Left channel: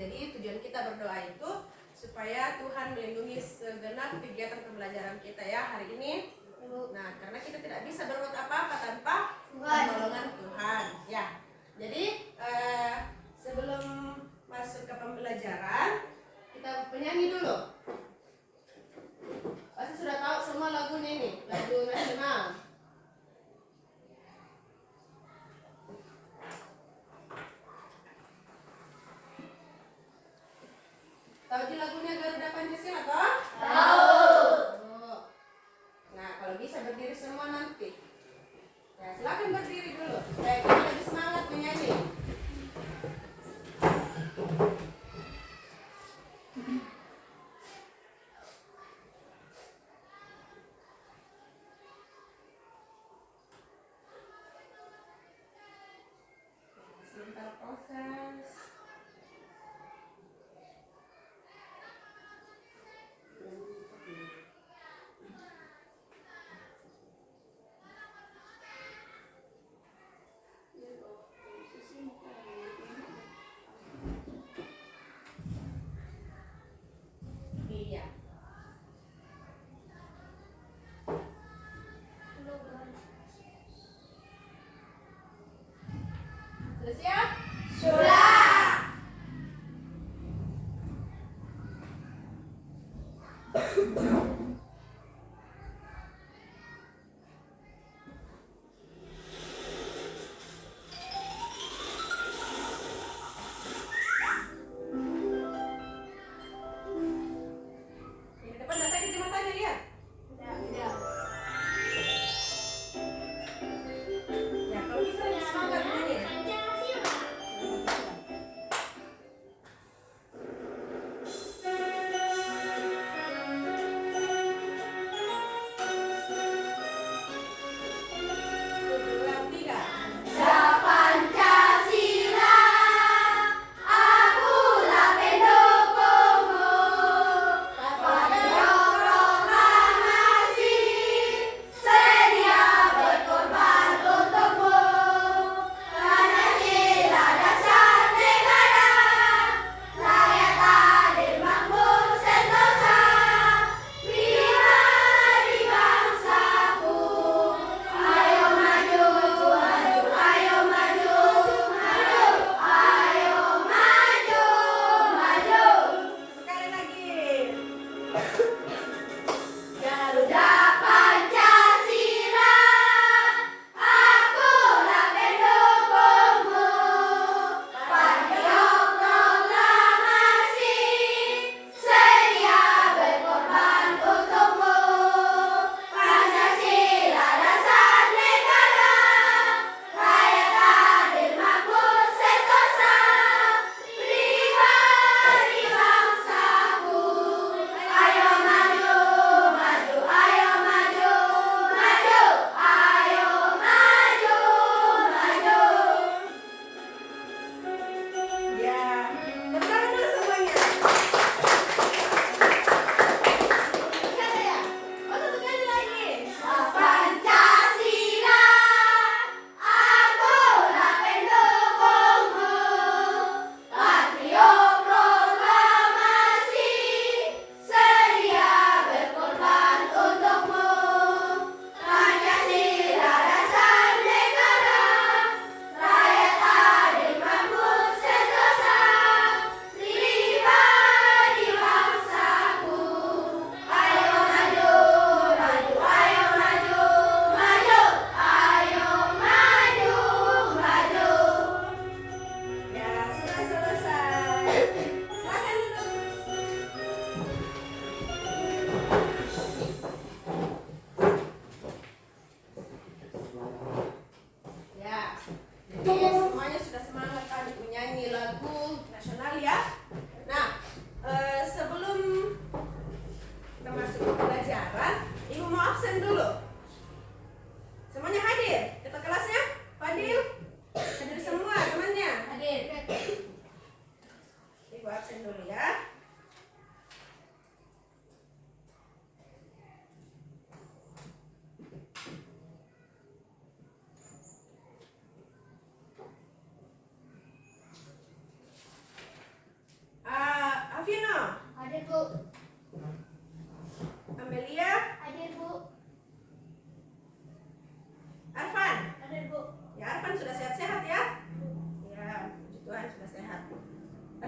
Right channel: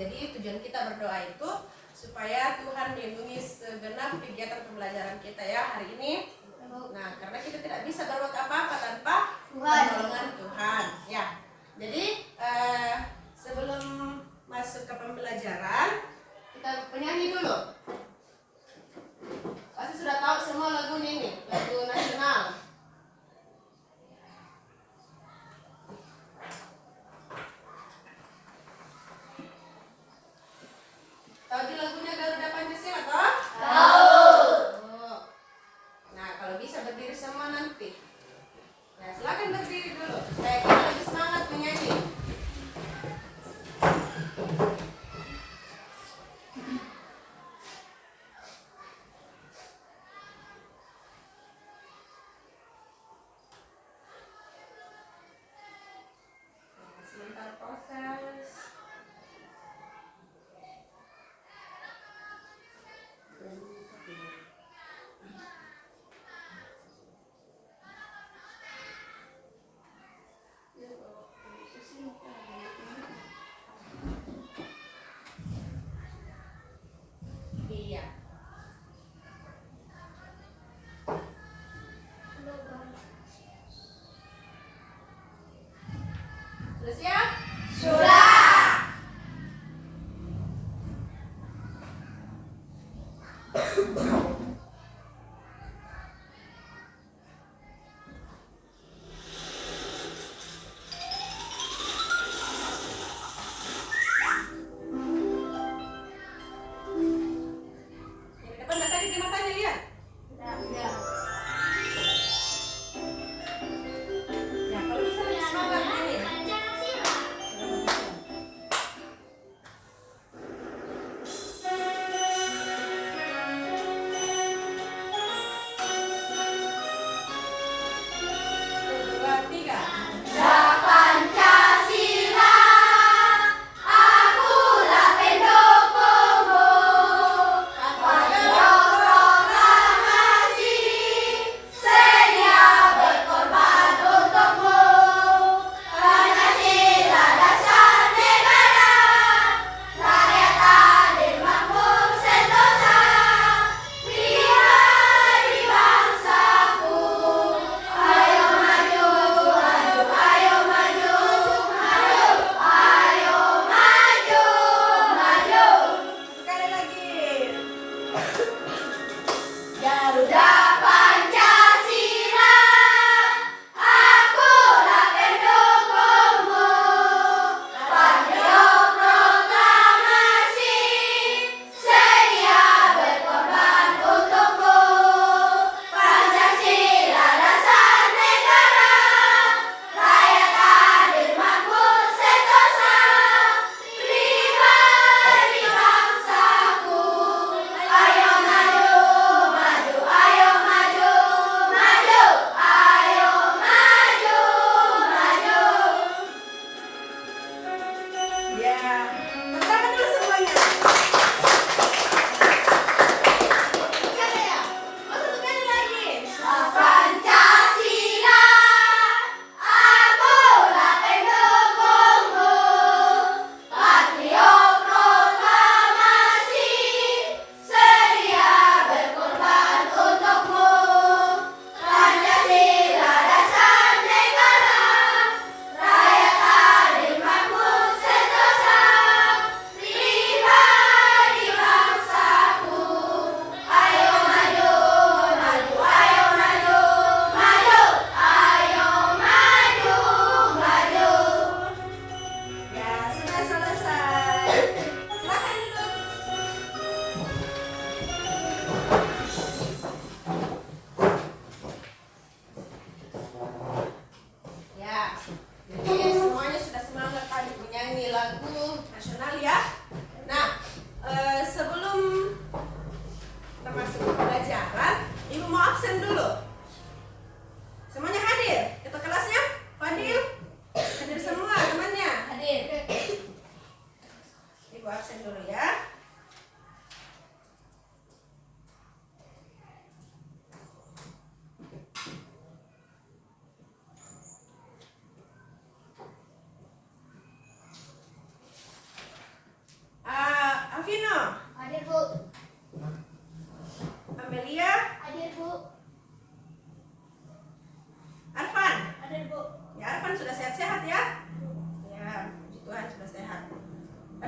Jadi tujuan kita berdoa itu supaya Tuhan melindungi segenap kegiatan pembelajaran kita ya hari ini. Nah, karena kita tidak bisa berbuat apa-apa tanpa pertolongan Tuhan ya. Jadi sebelum masuk ke pembelajaran, kita penyanyi dulu. Pasti sudah tahu semua lagu ini, lagu nasional. Tahu di lagunya Garuda Pancasila toh? Tahu. Oh. Nah, kalau bisa berdiri semua nanti.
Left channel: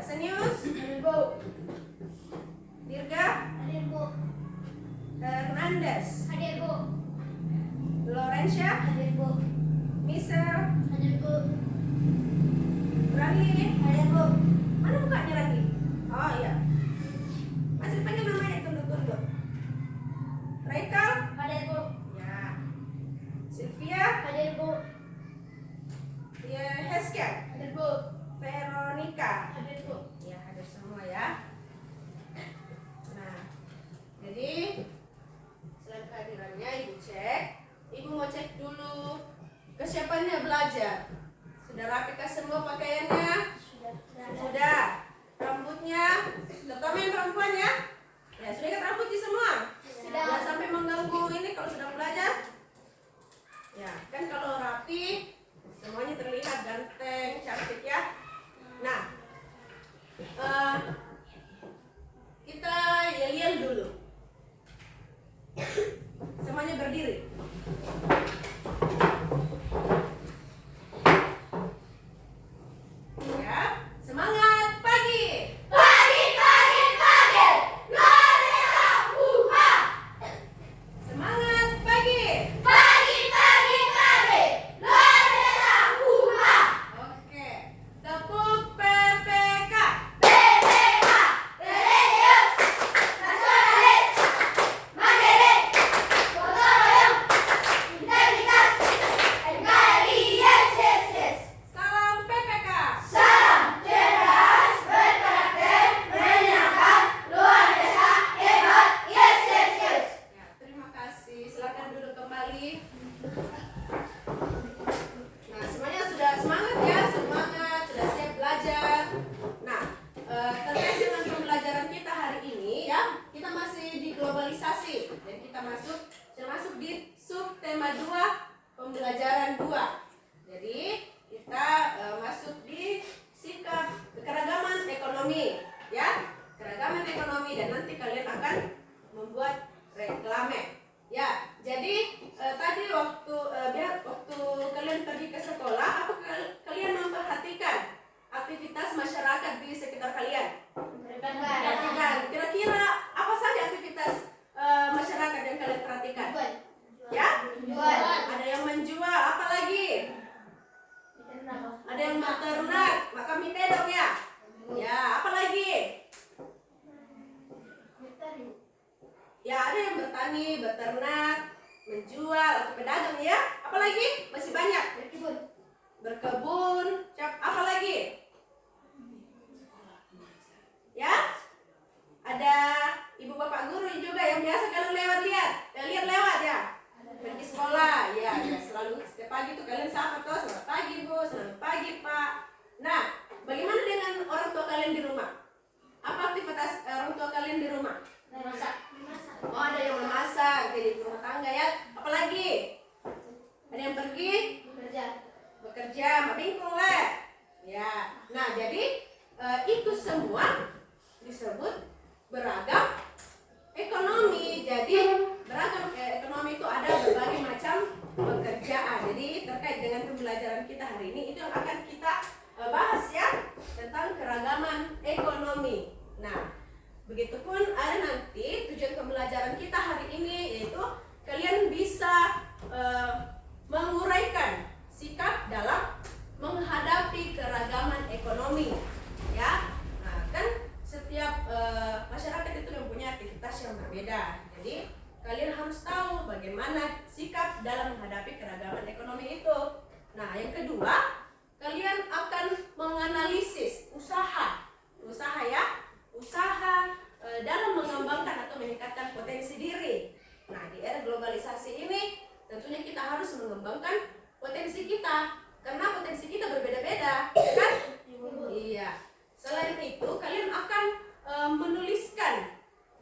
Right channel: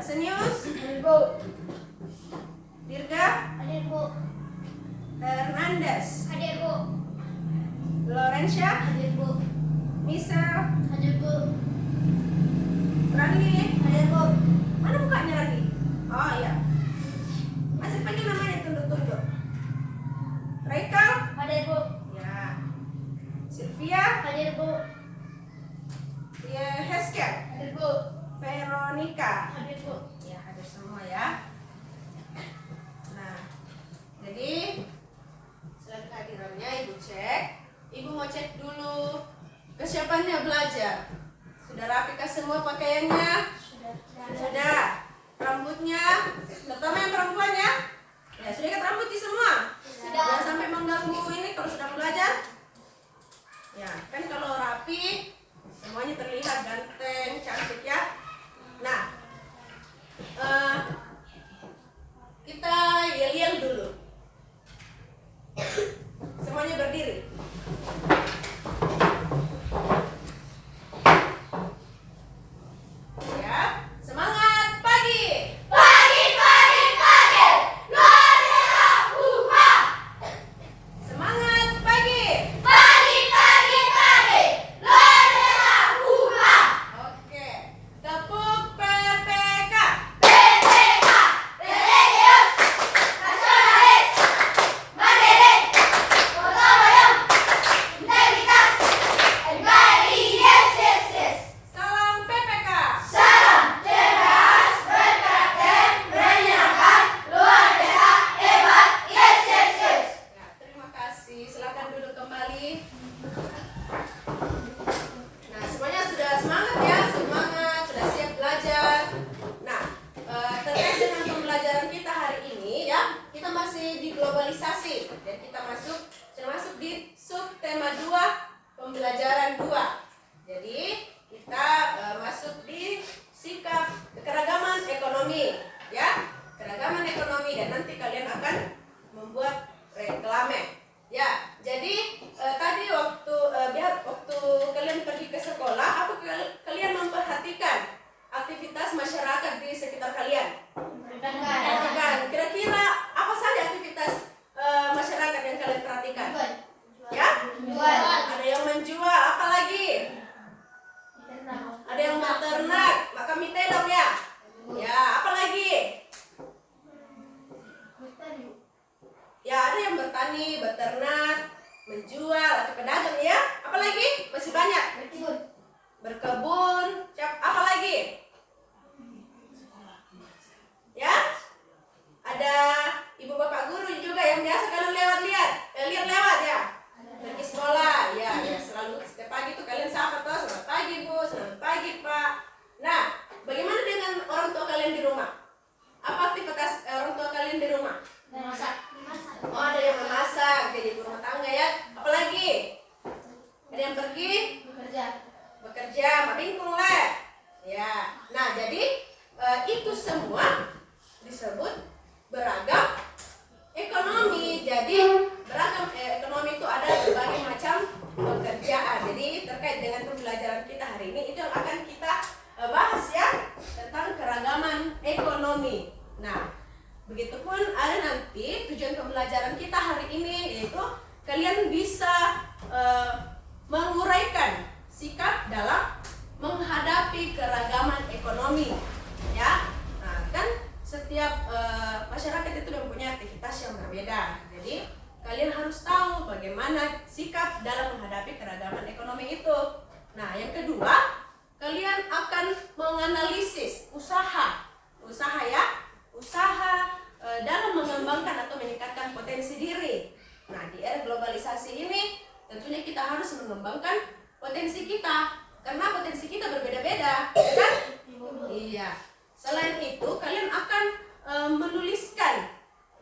Asenius, Hadir, Bu. Dirga, Hadir, Bu. Hernandez, Hadir, Bu. Lorencia, Hadir, Bu. Michelle, Hadir, Bu. Rani. Hadir, Bu. Mana mukanya Rani? Oh iya. Masih panggil namanya tunduk-tunduk. Raikal, Hadir, Bu. ya. Sylvia, Hadir, Bu. ya. Heskel, Hadir, Bu. Veronica. Hadir, Bu. Ya, hadir semua ya. Nah, jadi selain kehadirannya Ibu cek, Ibu mau cek dulu kesiapannya belajar. Sudah rapikah semua pakaiannya? Sudah. Sudah. Rambutnya, terutama yang perempuan ya. Ya, sudah ikat rambut di semua. Sudah. Jangan sampai mengganggu ini kalau sudah belajar. Ya, kan kalau rapi semuanya terlihat ganteng, cantik ya. Nah, kita yel-yel dulu. Semuanya berdiri. Ya, semangat pagi. Pagi, pagi, pagi. Luar biasa, buka. Semangat pagi. Pagi, pagi, pagi. Luar biasa, buka. Oke. Tepuk PPK. PPK, religius, nasionalis, mandiri, gotong royong, integritas, NKRI, yes. Salam PPK. Salam cerdas, berkarakter, menyenangkan, luar biasa, hebat, yes. Ya, terima kasih. Silakan duduk kembali. Nah, semuanya sudah semangat ya, semangat, sudah siap belajar. Nah, terkait dengan pembelajaran kita hari ini ya, kita masih di globalisasi dan kita sudah masuk di subtema 2 pembelajaran 2. Jadi kita masuk di sikap keragaman ekonomi ya, keragaman ekonomi, dan nanti kalian akan membuat reklame ya. Jadi tadi waktu waktu kalian pergi ke sekolah, apa kalian memperhatikan aktivitas masyarakat di sekitar kalian? Perhatikan kira-kira apa saja aktivitas masyarakat yang kalian perhatikan ya? Ada yang menjual, apa lagi? Ada yang beternak, maka mitedok ya. Ya, apa lagi? Ya, ada yang bertani, beternak, menjual atau pedagang ya. Apa lagi? Masih banyak. Berkebun, apa lagi? Ya? Ada ibu bapak guru juga yang biasa kalian lihat lewat ya. Pergi sekolah, ya selalu setiap pagi tuh kalian sapa tuh, selamat pagi Bu, selamat pagi Pak. Nah, bagaimana dengan orang tua kalian di rumah? Apa aktivitas orang tua kalian di rumah? Oh, ada yang memasak, jadi ibu rumah tangga ya. Apalagi? Ada yang pergi bekerja, mabingkung le. Ya. Nah, jadi itu semua disebut beragam ekonomi. Jadi beragam ekonomi itu ada berbagai macam pekerjaan. Jadi terkait dengan pembelajaran kita hari ini, itu yang akan kita bahas ya, tentang keragaman ekonomi. Nah, begitupun ada nanti tujuan pembelajaran kita hari ini, yaitu kalian bisa menguraikan sikap dalam menghadapi keragaman ekonomi ya. Nah, kan setiap masyarakat itu mempunyai aktivitas yang berbeda. Jadi kalian harus tahu bagaimana sikap dalam menghadapi keragaman ekonomi itu. Nah, yang kedua, kalian akan menganalisis usaha ya, usaha dalam mengembangkan atau meningkatkan potensi diri. Nah, di era globalisasi ini tentunya kita harus mengembangkan potensi kita, karena potensi kita berbeda-beda, ya kan? Iya. Selain itu, kalian akan menuliskan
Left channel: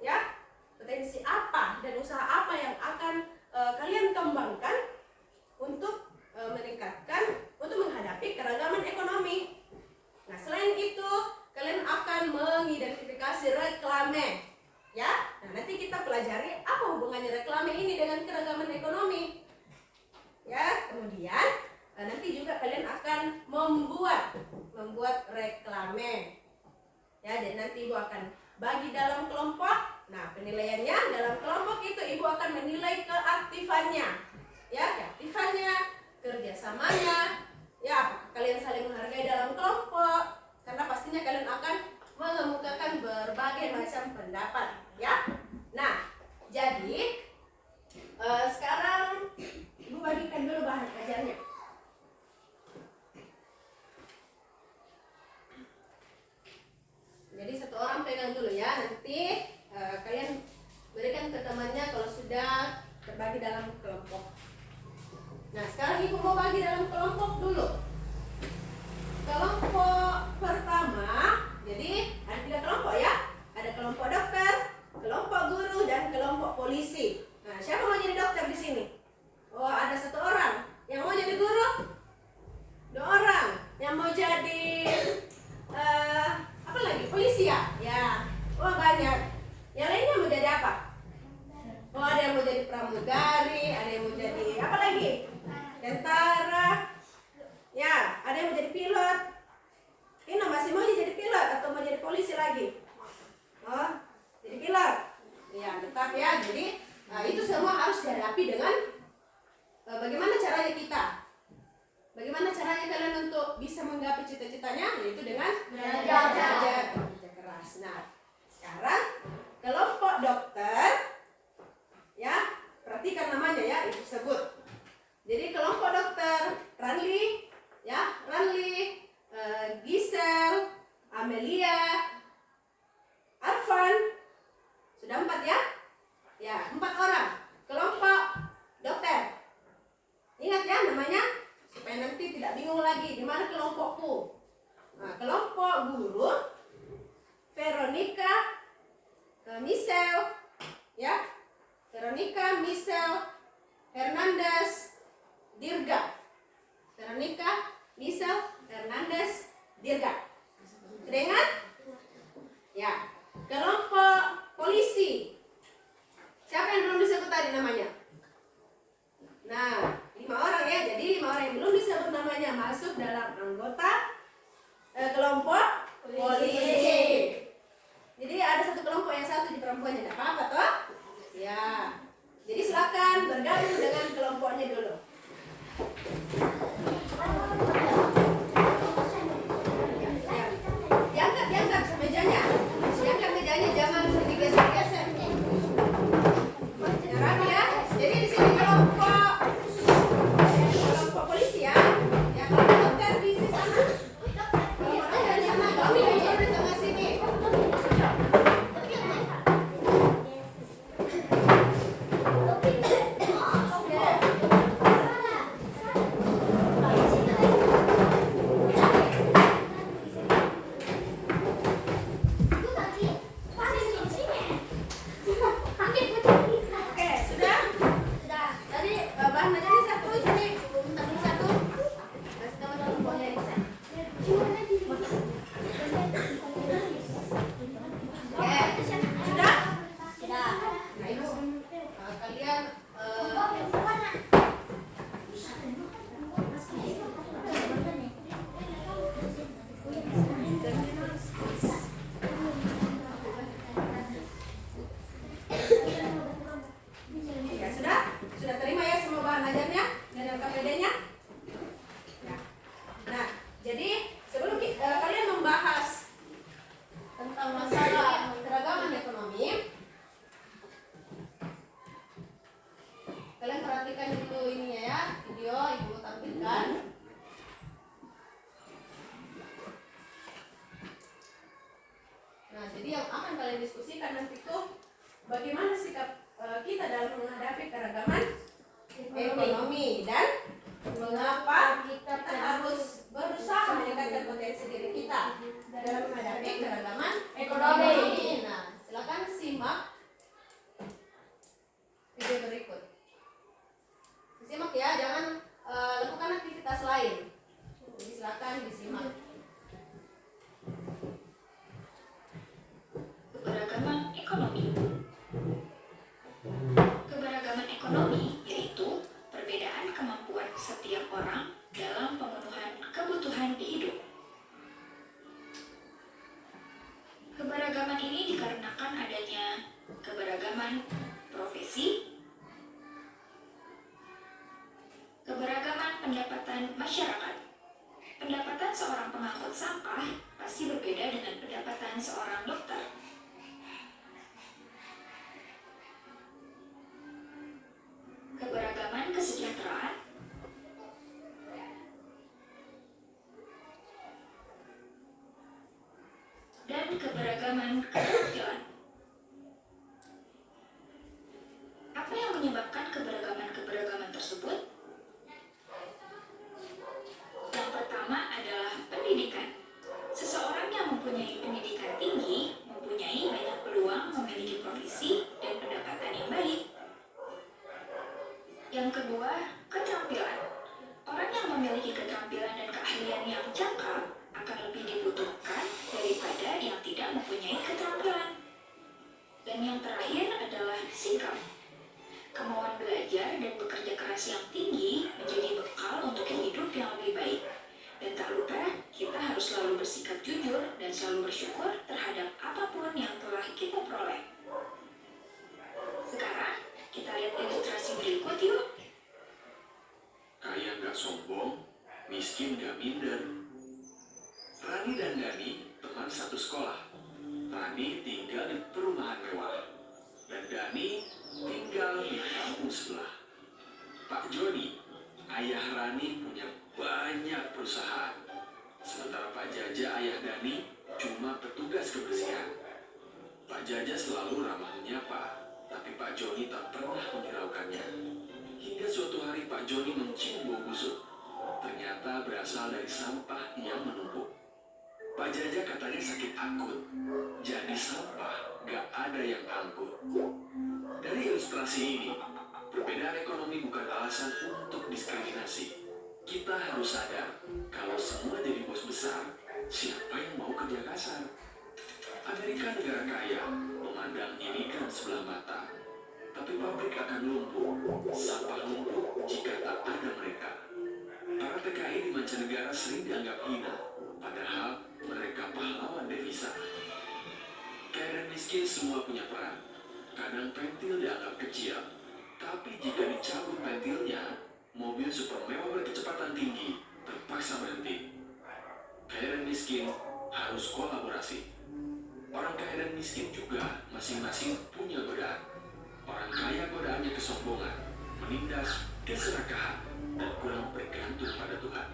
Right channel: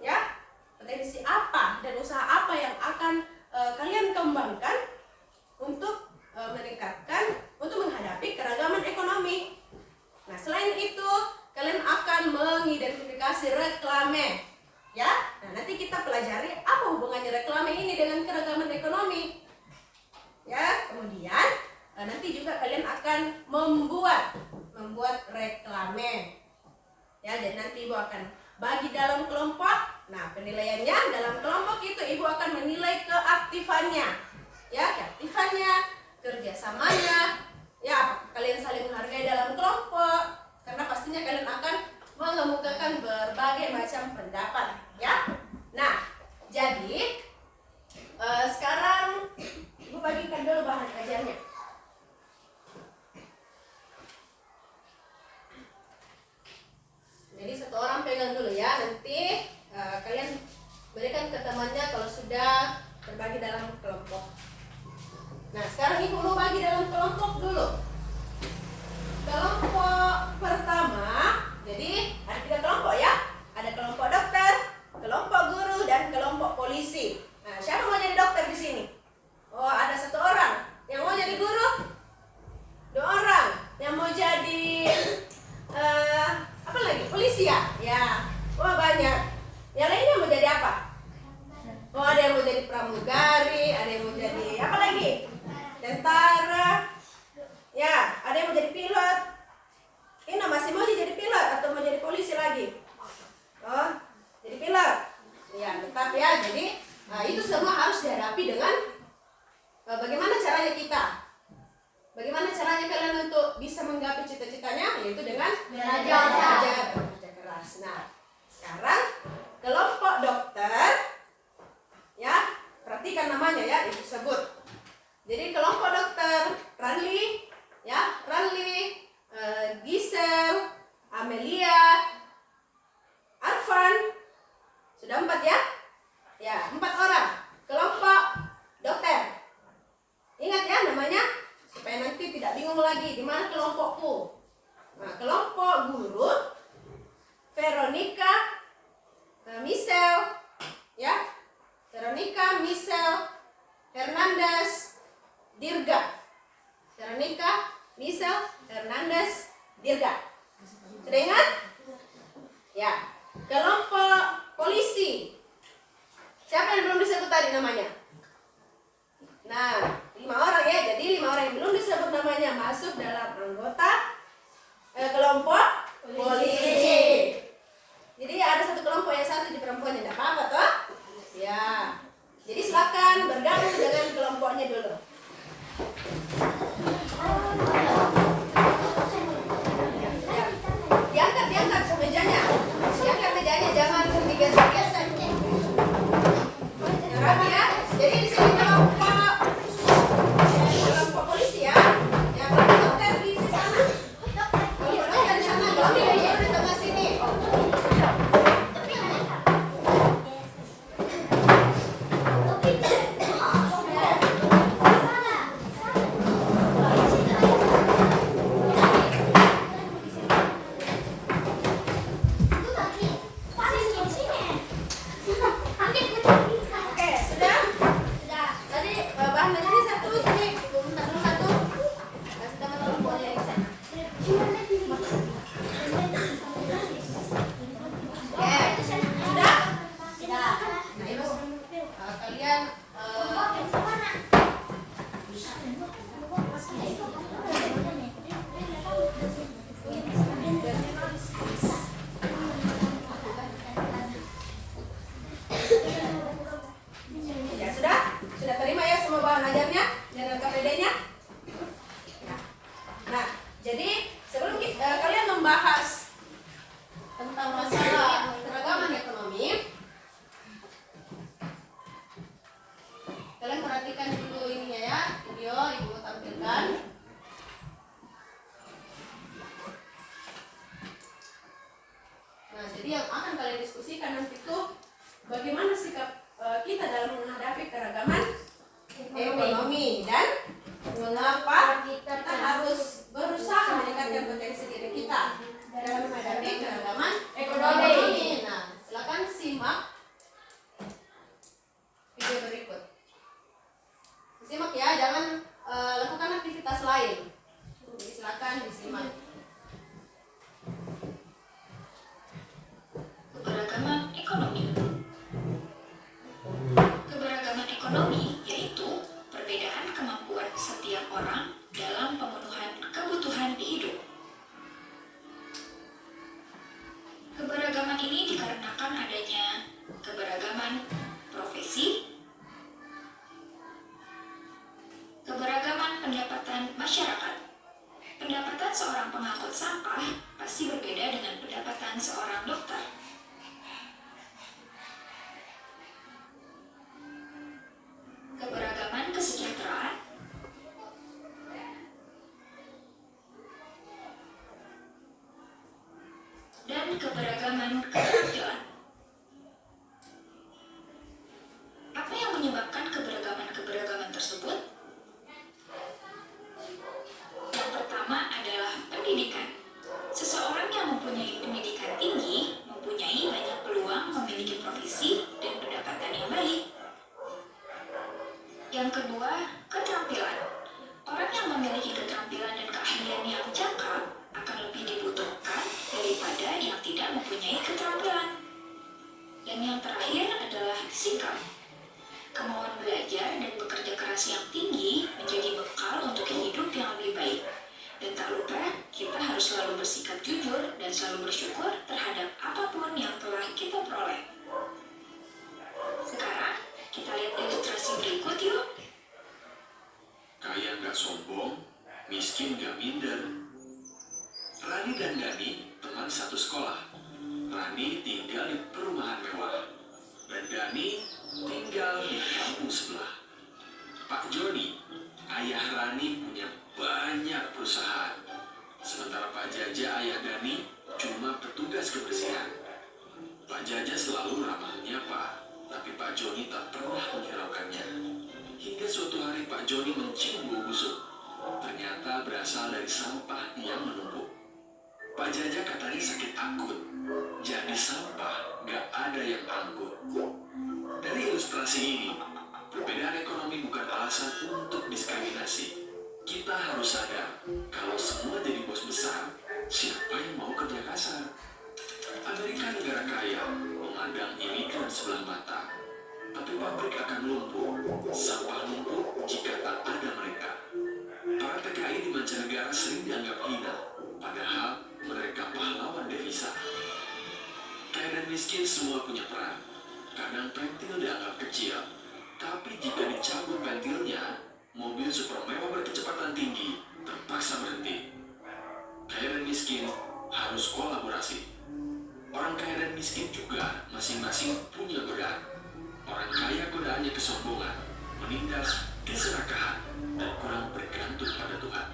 ya, potensi apa dan usaha apa yang akan kalian kembangkan untuk menghadapi keragaman ekonomi. Nah, selain itu, kalian akan mengidentifikasi reklame ya. Nah, nanti kita pelajari apa hubungannya reklame ini dengan keragaman ekonomi ya. Kemudian nanti juga kalian akan membuat reklame. nanti ibu akan bagi dalam kelompok. Nah, penilaiannya dalam kelompok itu ibu akan menilai keaktifannya, ya, keaktifannya, kerjasamanya, ya, apakah kalian saling menghargai dalam kelompok, karena pastinya kalian akan mengemukakan berbagai macam pendapat, ya. Nah, jadi sekarang ibu bagikan dulu bahan kajiannya. Jadi satu orang pegang dulu ya, nanti kalian berikan ke temannya kalau sudah terbagi dalam kelompok. Nah, sekarang ibu mau bagi dalam kelompok dulu. Kelompok pertama, jadi ada 3 kelompok ya. Ada kelompok dokter, kelompok guru, dan kelompok polisi. Nah, siapa mau jadi dokter di sini? Oh, ada 1 orang. Yang mau jadi guru? 2 orang. Yang mau jadi apa lagi? Polisi ya? Ya. Wah, banyak. Yang lainnya mau jadi apa? Oh, ada yang mau jadi pramugari, ada yang mau jadi apa lagi? Tentara. Ya, ada yang mau jadi pilot. Ini masih mau jadi pilot atau mau jadi polisi lagi? Oh, jadi pilot. Ya, tetap ya. Jadi, itu semua harus dihadapi dengan bagaimana caranya kita. Bagaimana caranya kalian untuk bisa menggapai cita-citanya? Yaitu dengan belajar kerja keras. Nah, sekarang kelompok dokter, ya, perhatikan namanya ya, itu sebut. Jadi kelompok dokter Ranli, ya, Ranli, Gisel, Amelia, Arfan, sudah 4 ya? Ya, 4 orang. Kelompok dokter. Ingat ya namanya, supaya nanti tidak bingung lagi di mana kelompokku. Nah, kelompok guru, Veronica, Michelle, ya, Veronica, Michelle, Hernandez, Dirga. Veronica, Michelle, Hernandez, Dirga. Sudah ingat? Ya. Kelompok polisi. Siapa yang belum disebut tadi namanya? Nah, 5 orang ya. Jadi 5 orang yang belum disebut namanya masuk dalam anggota kelompok polisi. Jadi ada 1 kelompok yang 1 di perempuan, tidak apa-apa toh? Ya. Jadi silakan bergabung dengan kelompoknya dulu. Diangkat mejanya. Diangkat mejanya, jangan digeser-geser. Yang rapi ya. Jadi di sini kelompok polisi ya. Yang kelompok dokter di sana. Kelompok dokter di sana. Kelompok guru di tengah sini. Oke, sudah? Tadi bahan aja satu sini. Ibu minta dulu 1. Kasih teman-teman boleh di sana. Oke, sudah? Nah, ibu kalian ya sudah terima ya semua bahan ajarnya dan KPD-nya. Nah, jadi sebelum kalian membahas tentang masalah keragaman ekonomi, kalian perhatikan dulu ininya ya, video ibu tampilkan. Nah, jadi yang akan kalian diskusikan nanti tuh bagaimana sikap kita dalam menghadapi keragaman ekonomi dan mengapa kita harus berusaha meningkatkan potensi diri kita dalam menghadapi keragaman ekonomi. Nah, silakan simak video berikut. Simak ya, jangan lakukan aktivitas lain. Jadi silakan disimak. Keberagaman ekonomi. Keberagaman ekonomi yaitu perbedaan kemampuan setiap orang dalam pemenuhan kebutuhan hidup. Keberagaman masyarakat. Pendapatan seorang pengangkut sampah pasti berbeda dengan pendapatan seorang dokter. Keberagaman kesejahteraan dan keberagaman keterampilan. Apa yang menyebabkan keberagaman tersebut? Yang pertama adalah pendidikan. Seseorang yang mempunyai pendidikan tinggi mempunyai banyak peluang memiliki profesi dan pendapatan yang baik. Yang kedua, keterampilan. Orang yang memiliki keterampilan dan keahlian yang cakap akan lebih dibutuhkan daripada yang tidak mempunyai keterampilan. Dan yang terakhir adalah sikap. Kemauan belajar dan bekerja keras yang tinggi menjadi bekal untuk hidup yang lebih baik. Dan tak lupa, kita harus selalu bersikap jujur dan selalu bersyukur terhadap apapun yang telah kita peroleh. Sekarang, kita lihat ilustrasi berikut yuk. Kaya nggak sombong, miskin nggak minder. Rani dan Dani teman satu sekolah. Rani tinggal di perumahan mewah, dan Dani tinggal di kampung sebelah. Pak Joni, ayah Rani punya banyak perusahaan. Sementara Pak Jaja, ayah Dani, cuma petugas kebersihan. Pak Jaja selalu ramah menyapa, tapi Pak Joni tak pernah menghiraukannya. Hingga suatu hari Pak Joni mencium bau busuk. Ternyata berasal dari sampah yang menumpuk. Pak Jaja katanya sakit akut. Jadi sampah gak ada yang angkut. Dari ilustrasi ini, perbedaan ekonomi bukan alasan untuk diskriminasi. Kita harus sadar, kalau semua jadi bos besar, siapa yang mau kerja kasar? Amerika negara kaya, memandang imigran sebelah mata. Tapi pabrik akan lumpuh, sampah lumpuh jika tak ada mereka. Para TKI di mancanegara sering dianggap hina, padahal mereka pahlawan devisa. Kaya dan miskin semua punya peran. Kadang pentil dianggap kecil, tapi jika dicabut pentilnya, mobil super mewah berkecepatan tinggi terpaksa berhenti. Kaya dan miskin harus kolaborasi. Orang kaya dan miskin juga masing-masing punya godaan. Orang kaya godaannya kesombongan, menindas, keserakahan, dan kurang bergantung pada Tuhan.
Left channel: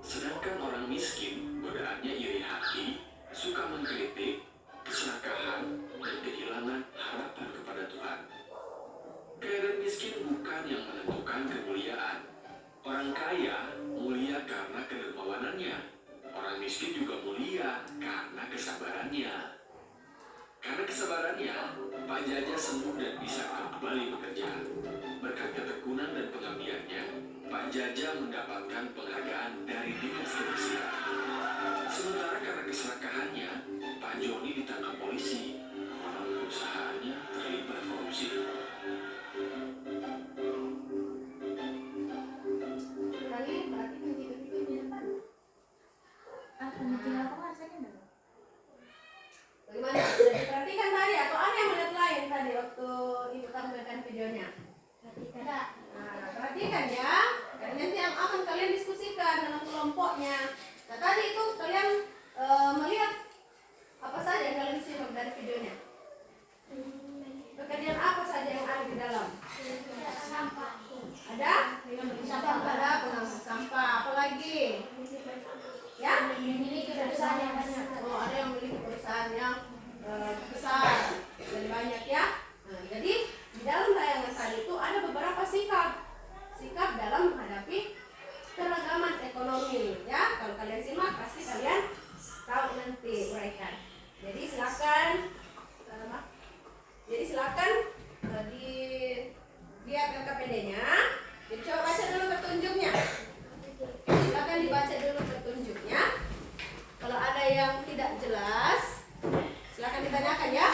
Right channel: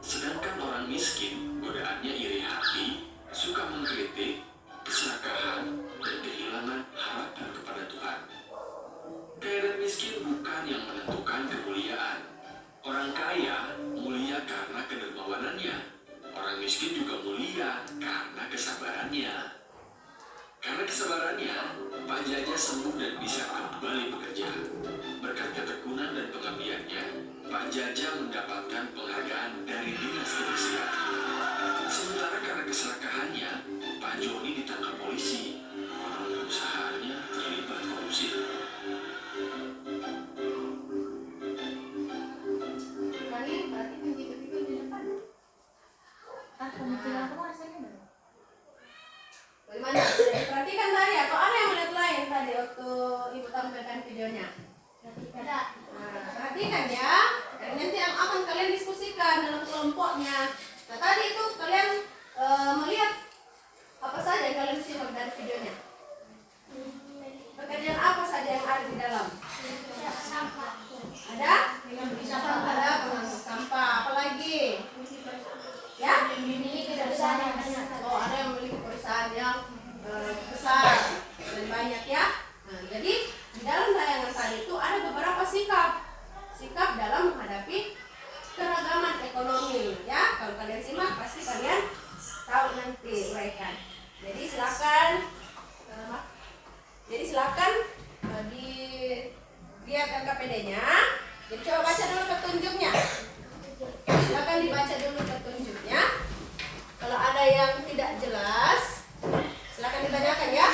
Sedangkan orang miskin godaannya iri hati, suka mengkritik, keserakahan, dan kehilangan harapan kepada Tuhan. Kaya dan miskin bukan yang menentukan kemuliaan. Orang kaya mulia karena kedermawanannya. Orang miskin juga mulia karena kesabarannya. Karena kesabarannya, Pak Jaja sembuh dan bisa kembali bekerja. Berkat ketekunan dan pengabdiannya, Pak Jaja mendapatkan penghargaan dari Dinas Kebersihan. Sementara karena keserakahannya, Pak Joni ditangkap polisi. Orang perusahaannya terlibat korupsi. Rani berarti mengikuti di depan. Bagaimana? Sudah diperhatikan tadi atau ada yang melihat lain tadi waktu ibu tampilkan videonya? Perhatikan ya. Dan nanti yang akan kalian diskusikan dalam kelompoknya. Nah tadi itu kalian melihat apa saja yang kalian simak dari videonya? Pekerjaan apa saja yang ada di dalam? Ada? Ada pengangkut sampah. Apa lagi? Ya? Memiliki perusahaan yang banyak. Oh, ada yang memiliki perusahaan yang besar, lebih banyak ya. Nah, jadi di dalam tayangan tadi itu ada beberapa sikap dalam menghadapi keragaman ekonomi ya. Kalau kalian simak pasti kalian tahu nanti uraikan. Jadi silakan dilihat LKPD-nya. Jadi coba baca dulu petunjuknya. Silakan dibaca dulu petunjuknya. Kalau ada yang tidak jelas, silakan ditanyakan ya.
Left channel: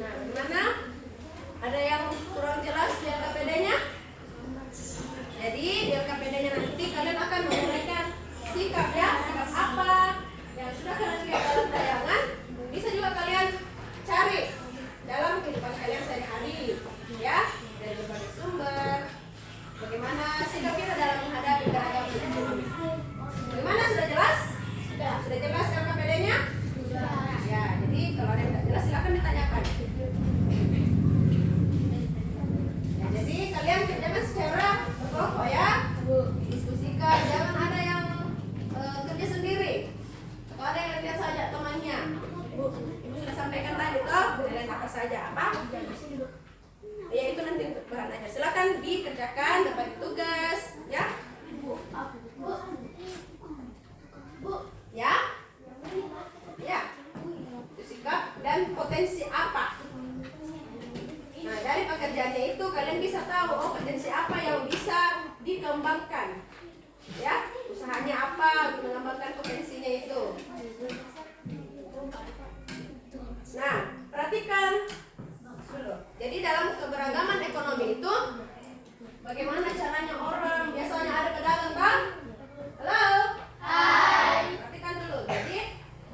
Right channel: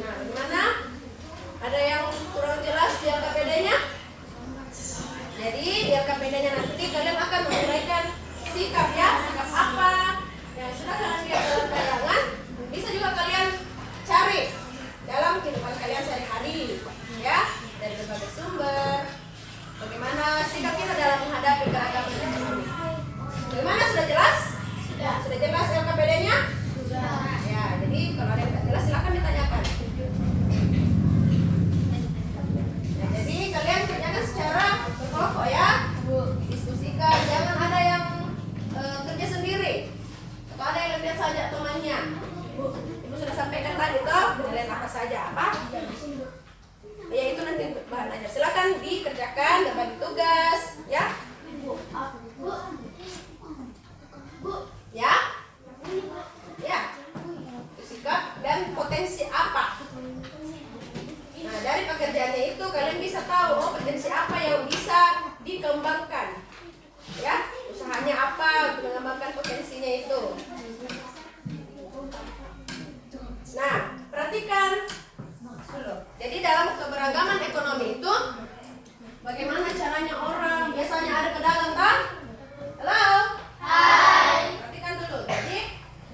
Nah, gimana? Ada yang kurang jelas di LKPD-nya? Jadi di LKPD-nya nanti kalian akan menguraikan sikap ya, sikap apa yang sudah kalian lihat dalam tayangan. Bisa juga kalian cari dalam kehidupan kalian. kerjakan, berbagi tugas, ya. Ya, ya. Sikap dan potensi apa? Nah, dari pekerjaannya itu kalian bisa tahu potensi apa yang bisa dikembangkan. Ya, usahanya apa untuk mengembangkan potensinya itu. Nah, perhatikan dulu. Jadi dalam keberagaman ekonomi itu bagaimana caranya orang biasanya ada pedagang, kan? Halo? Hai. Perhatikan dulu. Jadi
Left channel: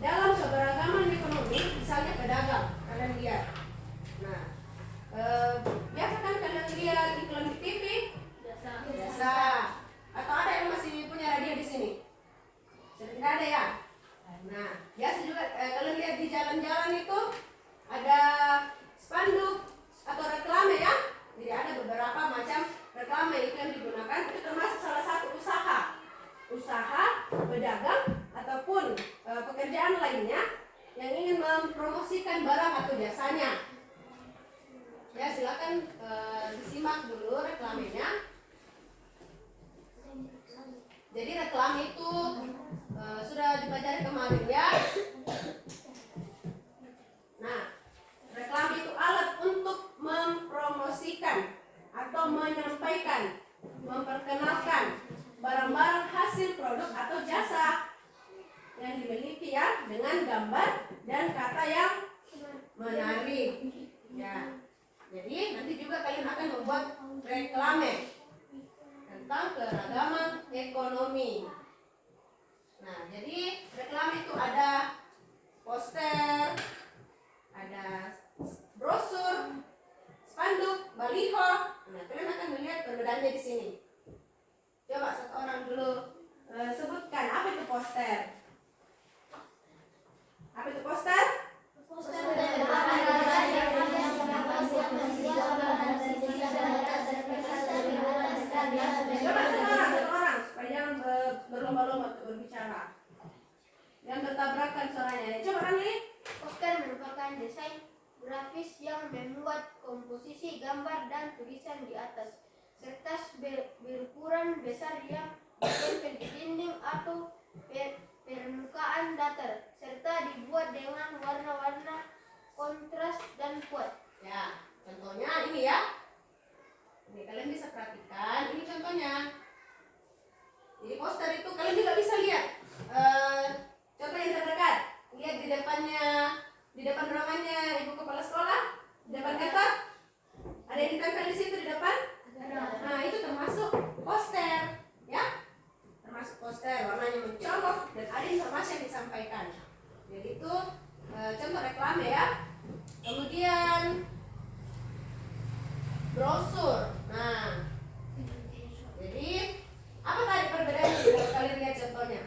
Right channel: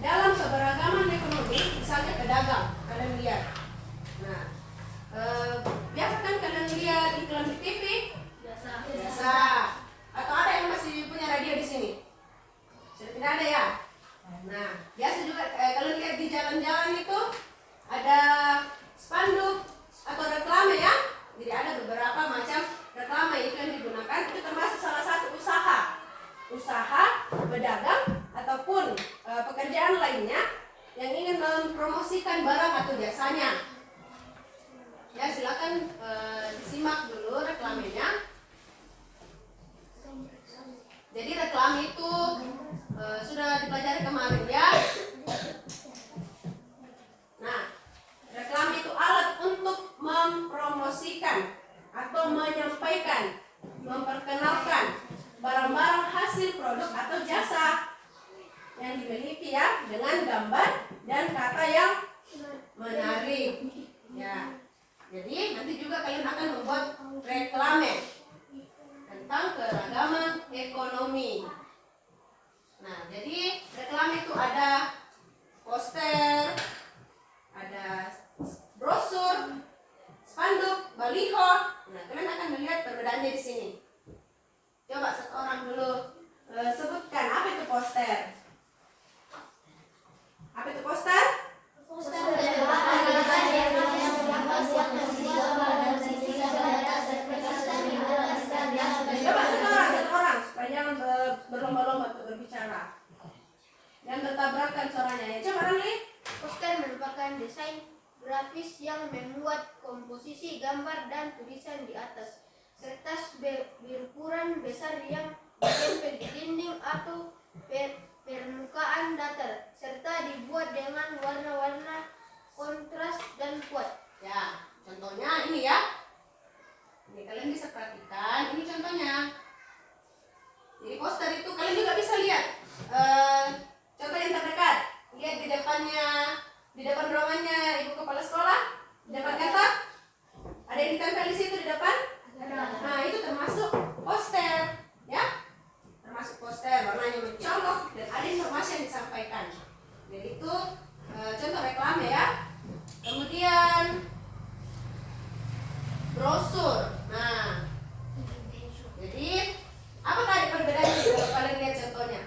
dalam keberagaman ekonomi, misalnya pedagang, kalian lihat. Nah, biasa kan kalian lihat iklan di TV? Biasa. Atau ada yang masih punya radio di sini? Sudah tidak ada ya? Nah, biasa juga kalian lihat di jalan-jalan itu ada spanduk atau reklame ya. Jadi ada beberapa macam reklame itu yang digunakan. Itu termasuk salah satu usaha berdagang ataupun pekerjaan lainnya yang ingin mempromosikan barang atau jasanya. Ya, silakan disimak dulu reklamenya. Jadi reklame itu sudah dipelajari kemarin ya. Nah, reklame itu alat untuk mempromosikan atau menyampaikan, memperkenalkan barang-barang hasil produk atau jasa yang dimiliki ya, dengan gambar dan kata yang menarik. Ya. Jadi nanti juga kalian akan membuat reklame tentang keragaman ekonomi. Nah, jadi reklame itu ada poster, ada brosur, spanduk, baliho. Nah, kalian akan melihat perbedaannya di sini. Coba satu orang dulu sebutkan apa itu poster. Apa itu poster? Coba satu orang supaya jangan berlomba-lomba untuk berbicara. Yang bertabrakan suaranya ya. Coba Ranli. Poster merupakan desain grafis yang memuat komposisi gambar dan tulisan di atas, serta berukuran besar yang ditempel di dinding atau permukaan datar, serta dibuat dengan warna-warna kontras dan kuat. Ya, contohnya ini ya. Ini kalian bisa perhatikan, ini contohnya. Jadi poster itu kalian juga bisa lihat. Contoh yang terdekat, lihat di depannya, di depan ruangannya ibu kepala sekolah, di depan kantor. Ada yang ditempel di situ di depan? Nah, itu termasuk poster, ya. Termasuk poster, warnanya mencolok dan ada informasi yang disampaikan. Jadi itu contoh reklame ya. Kemudian brosur. Nah, jadi apa tadi perbedaannya? Kalau kalian lihat contohnya,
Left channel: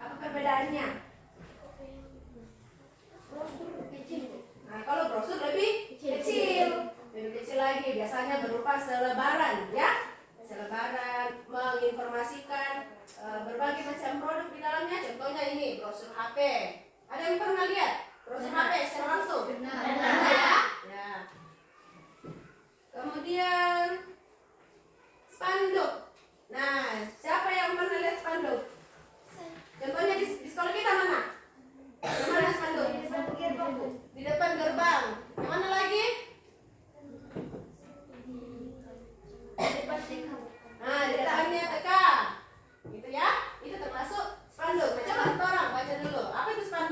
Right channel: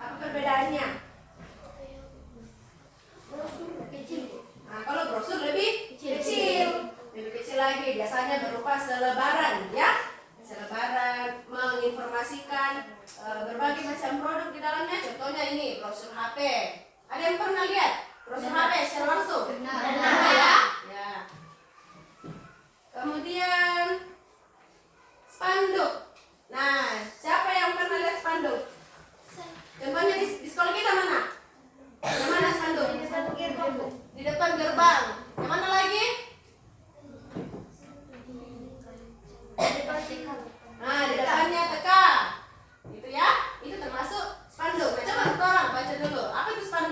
apa perbedaannya? Brosur kecil. Nah, kalau brosur lebih kecil, lebih kecil lagi. Biasanya berupa selebaran, ya. Selebaran menginformasikan berbagai macam produk di dalamnya. Contohnya ini brosur HP. Ada yang pernah lihat brosur HP secara langsung? Pernah ya? Ya. Kemudian spanduk. Nah, siapa yang pernah lihat spanduk? Contohnya di sekolah kita mana? Yang mana spanduk? Di depan gerbang. Yang mana lagi? Nah, di depannya TK. Gitu ya. Itu termasuk spanduk. Nah, coba kita orang baca dulu. Apa itu spanduk?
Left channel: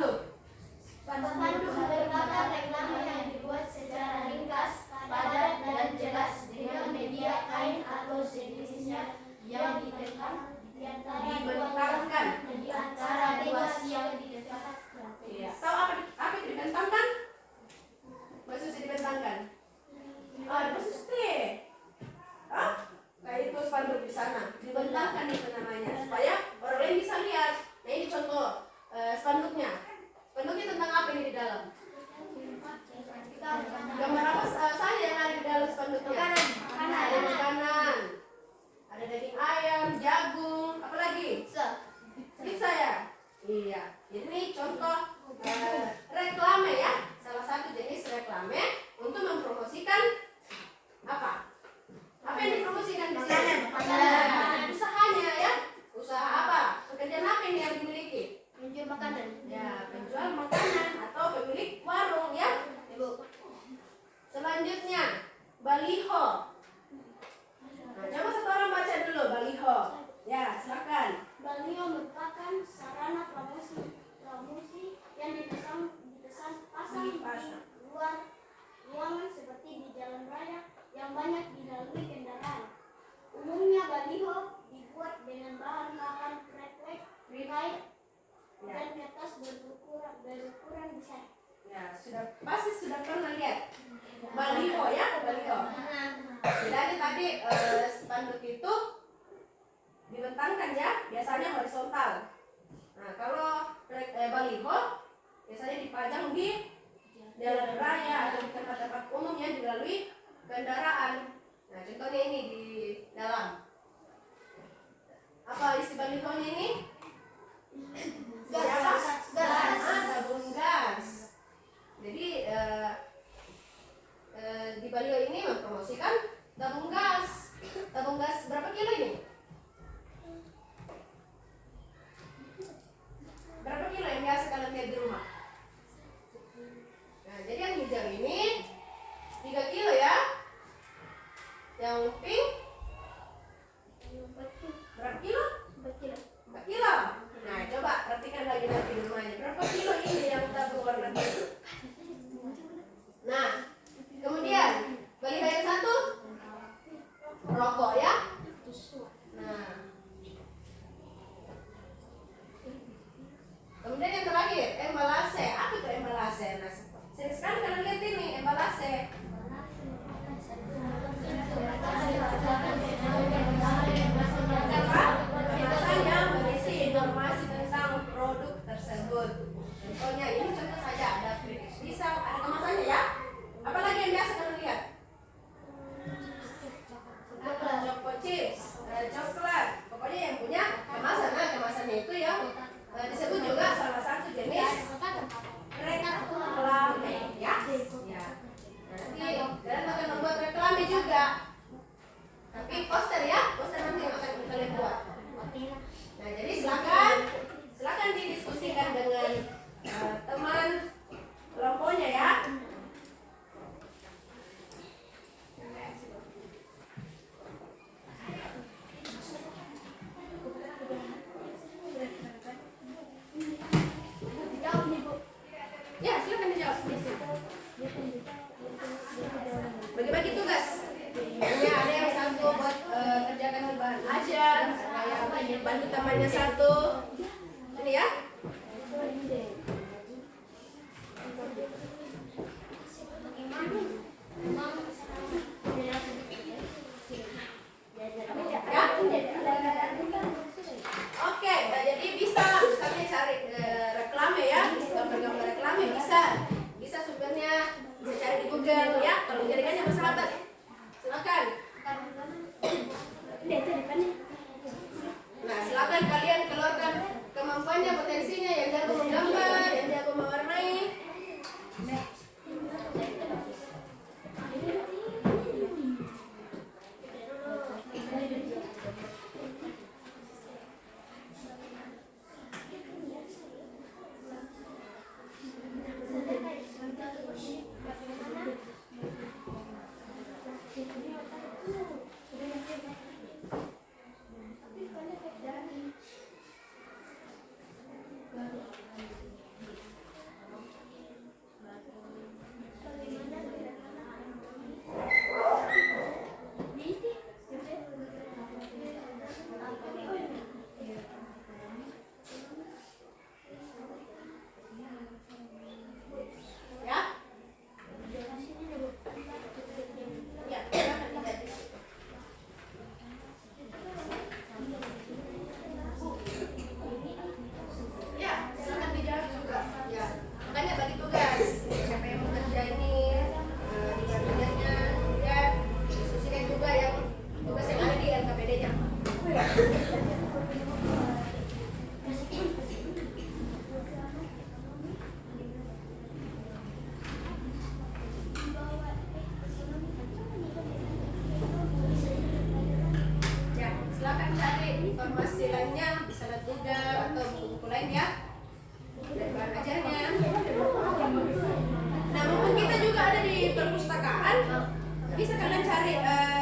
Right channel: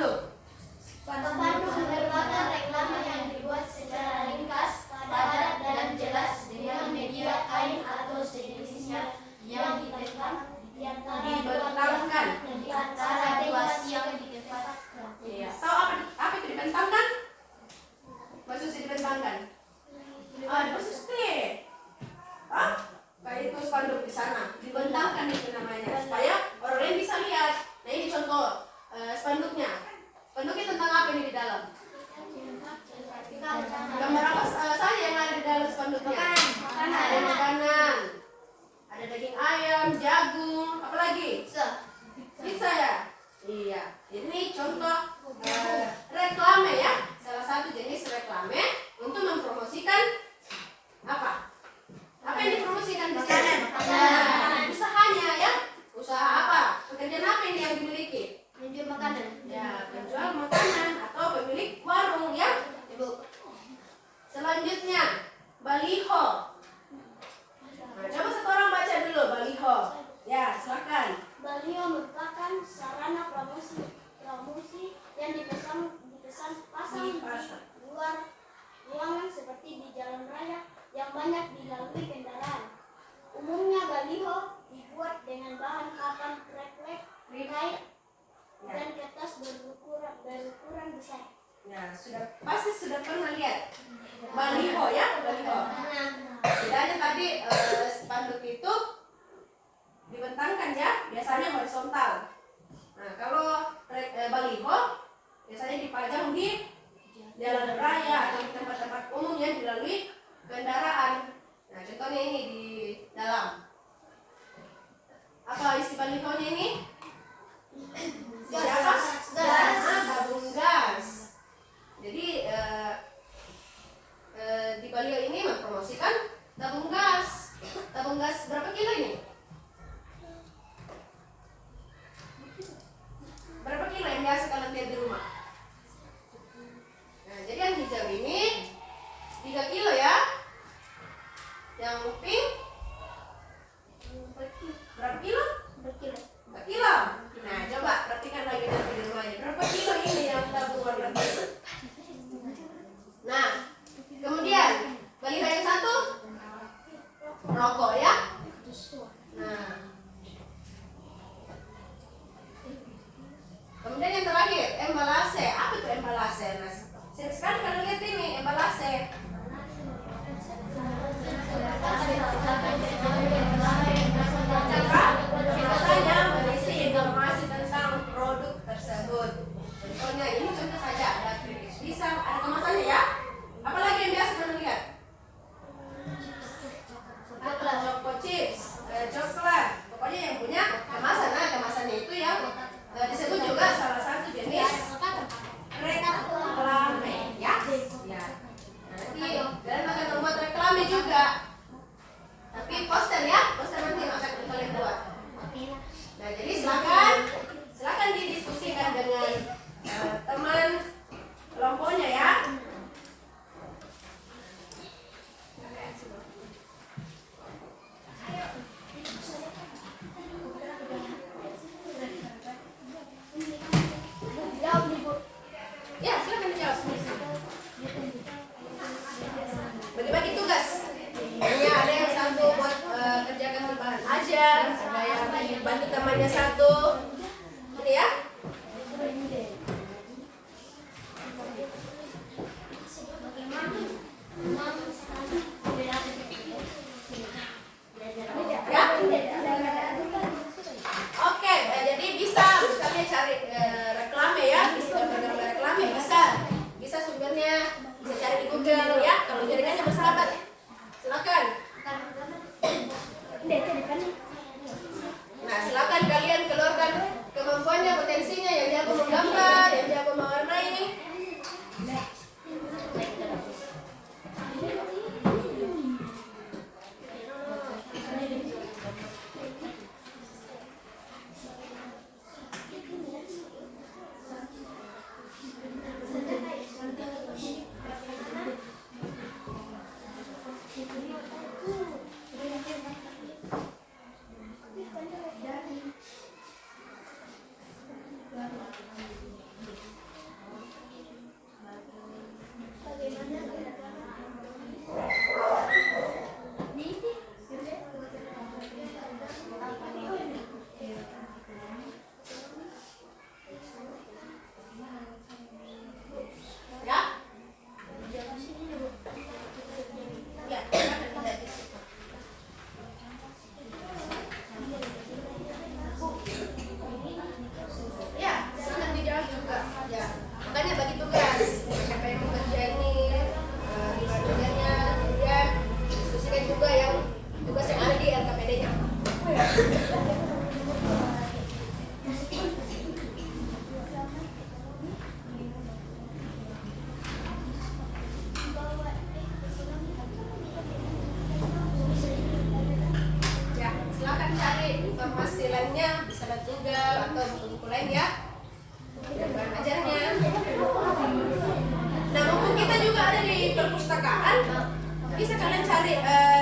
yang banyak dilalui kendaraan. Umumnya baliho dibuat dengan bahan papan refleks, tirai, dan kertas berukuran besar. Ya, pasti sudah pernah lihat baliho ya, baliho. Bedanya tadi spanduk itu dibentangkan ya, biasanya horizontal. Nah, kalau baliho biasanya dipajang di jalan raya atau di tempat-tempat umum yang dilalui kendaraan. Nah, contohnya ini di dalam. Apa isi balihonya ini? Gas. Tabung gas. Jadi di baliho ini mempromosikan tabung gas. Tabung gas berapa kilo ini? Berapa kilo yang biasa kalian lihat di rumah? Nah, jadi yang hijau ini 3 kilo ya. Yang pink berapa kilo? 4 kilo. Nah, coba perhatikan lagi nanti di rumahnya. Berapa kilo ini yang tabung warna biru? Nah, kemudian baliho yang satu rokok ya. Nah, kemudian yang terakhir embalase. Apa itu embalase? Nah, sering sekali kalian lihat ini embalase. Biasanya berisi informasi tentang produk tersebut. Contohnya ini contoh saja ada bisa ada kemasannya ya. Apalagi yang biasa kalian lihat? Choco chips, coklat. Pokoknya yang punya kemasan. Nah, kemasannya itu yang disebut juga salah satu jenis reklame ya. Ya. Nanti kalian akan membuat reklame juga. Tapi poster ya, poster nanti yang akan kalian buat. Nah, jadi silakan didiskusikan dengan teman kelompoknya ya. Ya, silakan dijawab. Bagi-bagi tugas. Ini ada yang satu buat kerjakan tambahan ajar, ada yang bantu temannya satu. Ini ya. Oke, jadi bisa misalnya cari reklame ya, bisa gambar reklame bisa sumbernya bisa cari di Google ya. Kalau jaringannya bersahabat, silakan. Nah, silakan kalian keluarkan kemampuannya, potensinya, yang jago menggambar, yang jago mewarnai. Informasi lainnya bisa lihat Google atau buku-buku lain ya. Dan bahan ajarnya. Nah, mumpung kita juga ada di perpustakaan, bisa kalian cari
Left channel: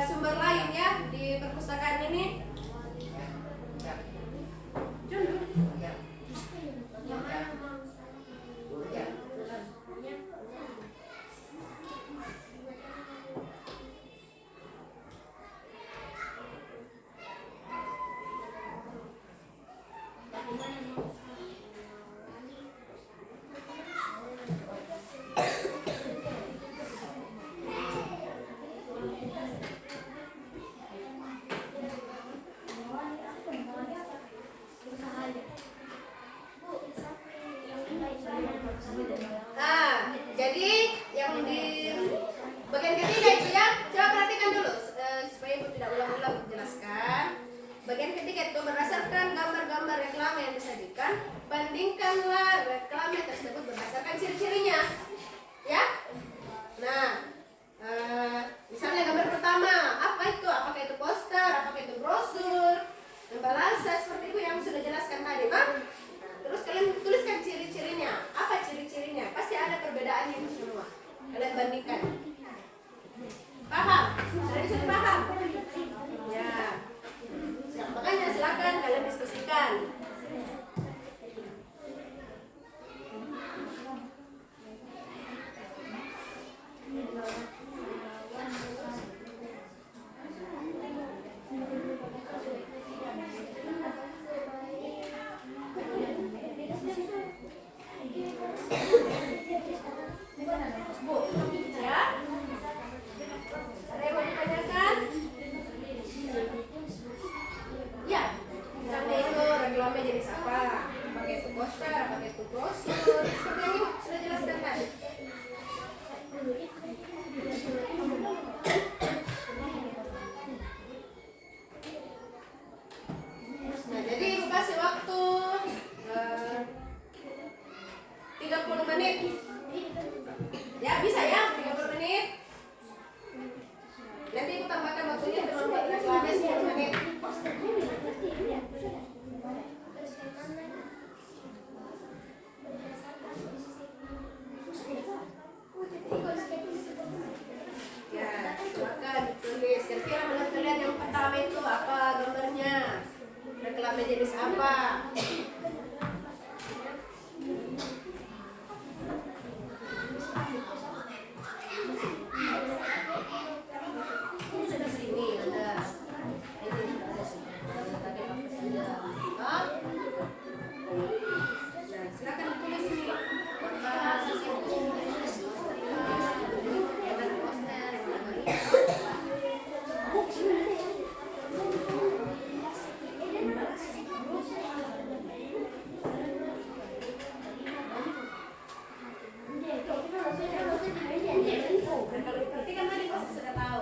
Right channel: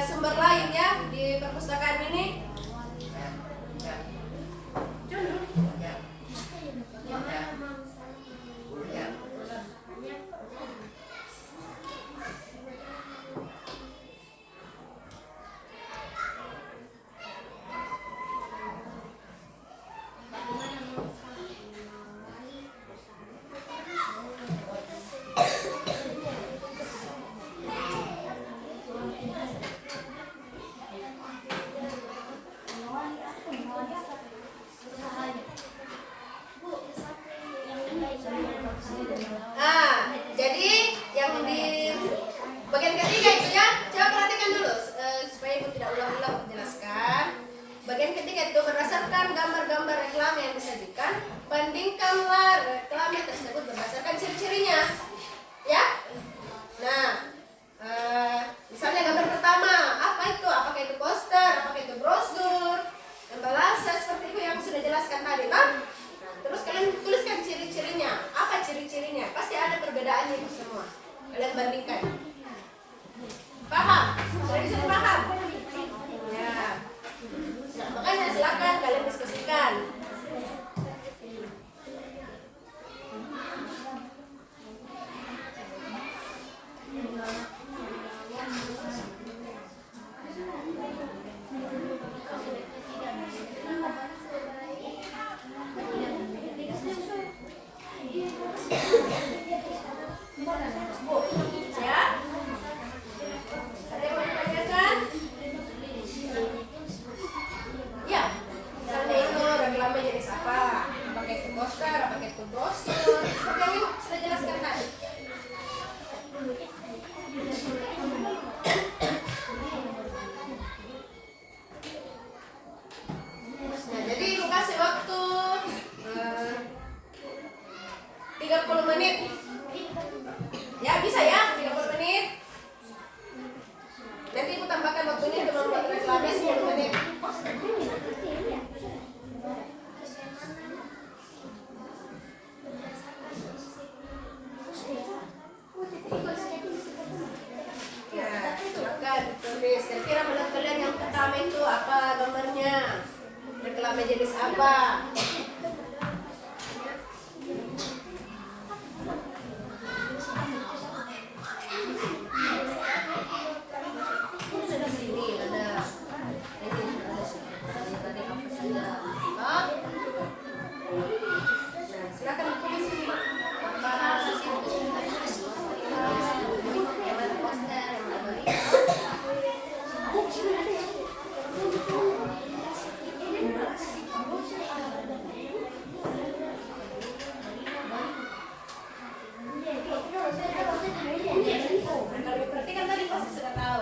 sumber lain ya di perpustakaan ini. reklame yang disajikan, bandingkanlah reklame tersebut berdasarkan ciri-cirinya. Ya. Nah, misalnya gambar pertama, apa itu? Apakah itu poster? Apakah itu brosur? Embalase seperti itu yang sudah jelaskan tadi, kan? Nah, terus kalian tuliskan ciri-cirinya. Apa ciri-cirinya? Pasti ada perbedaannya itu semua. Kalian bandingkan. Paham? Sudah bisa paham? Ya. Nah, makanya silakan kalian diskusikan. Ya? Ada yang mau ditanyakan? Ya, misalnya itu reklame jenis apa? Apakah itu poster, apakah itu brosur? Seperti yang sudah jelaskan tadi. Nah, jadi ibu kasih waktu 30 menit. Ya, bisa ya, 30 menit. Nanti ibu tambahkan waktunya untuk membuat reklame 10 menit. Ya, silakan tulis. Kira-kira menurut kalian yang pertama itu apa gambarnya? Reklame jenis apa? Sini ada. Ini ada sini. Tadi apa saja? Nah, silakan tulis sini. Berarti kan tadi pasti sudah tahu.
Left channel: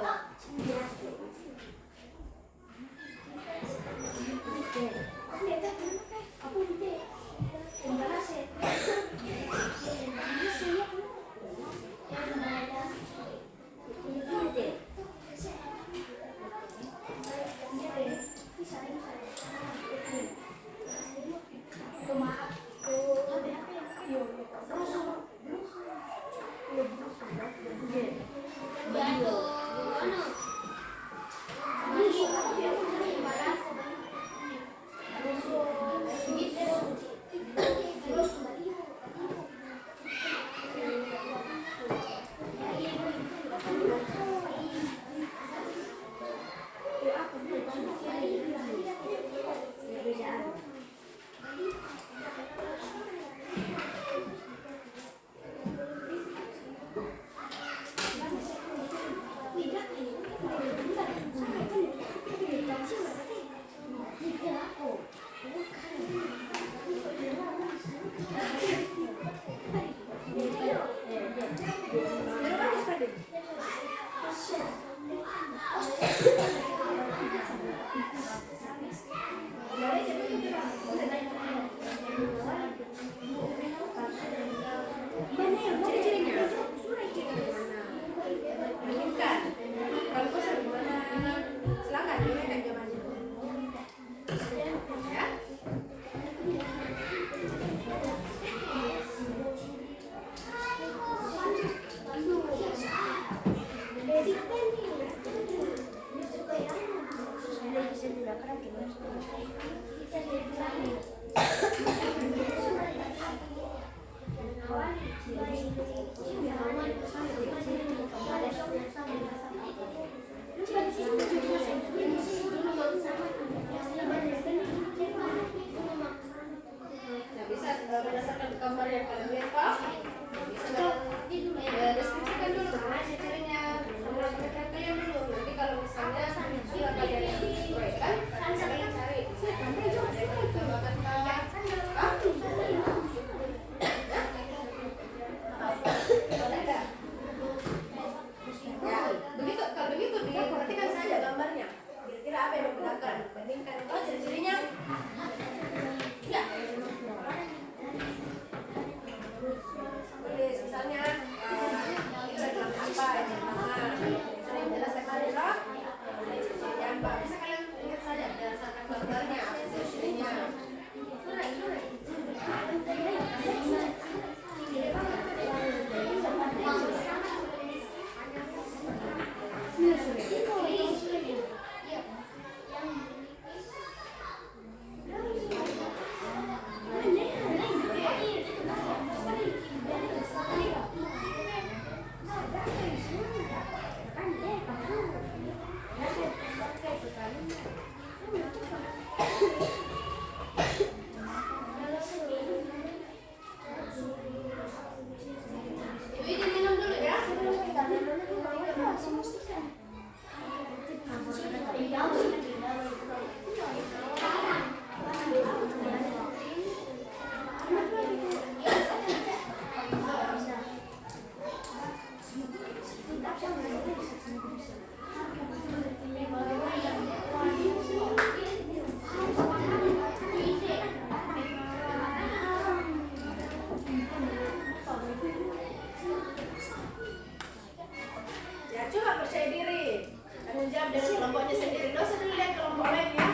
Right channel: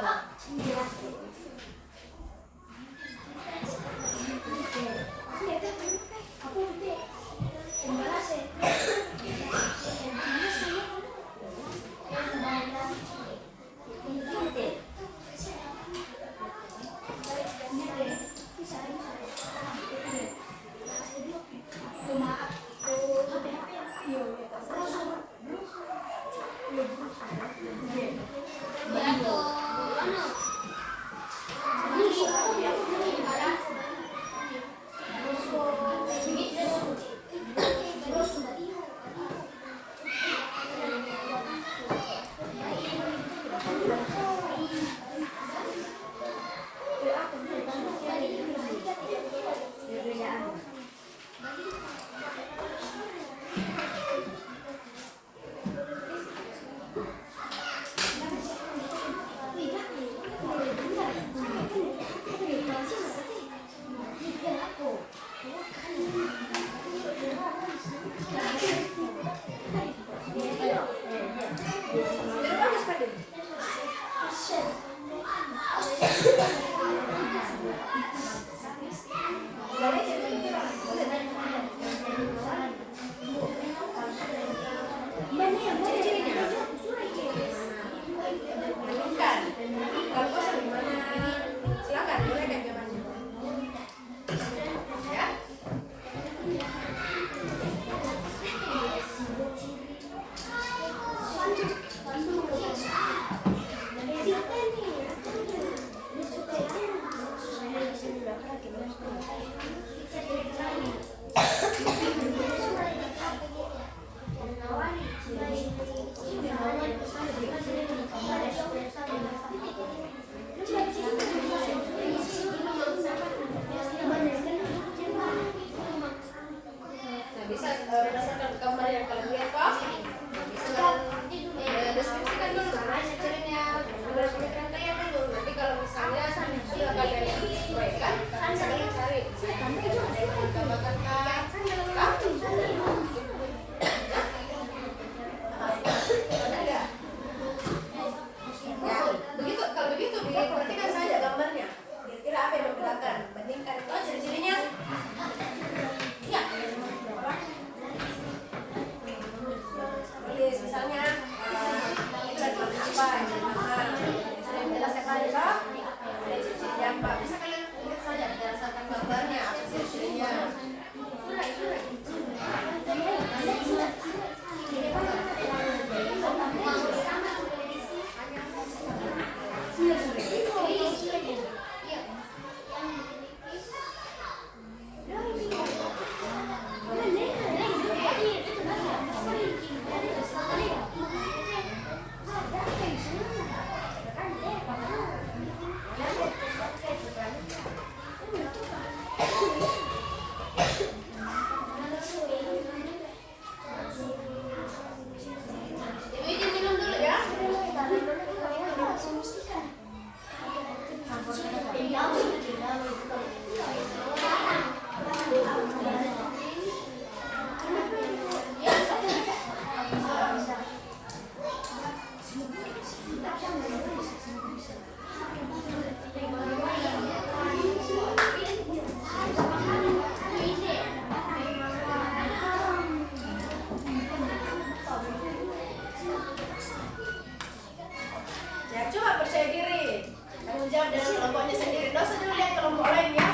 Ya coba percaya diri. Tanggung jawab dengan kelompoknya sendiri. Nggak usah dulu lihat kelompok lain ya.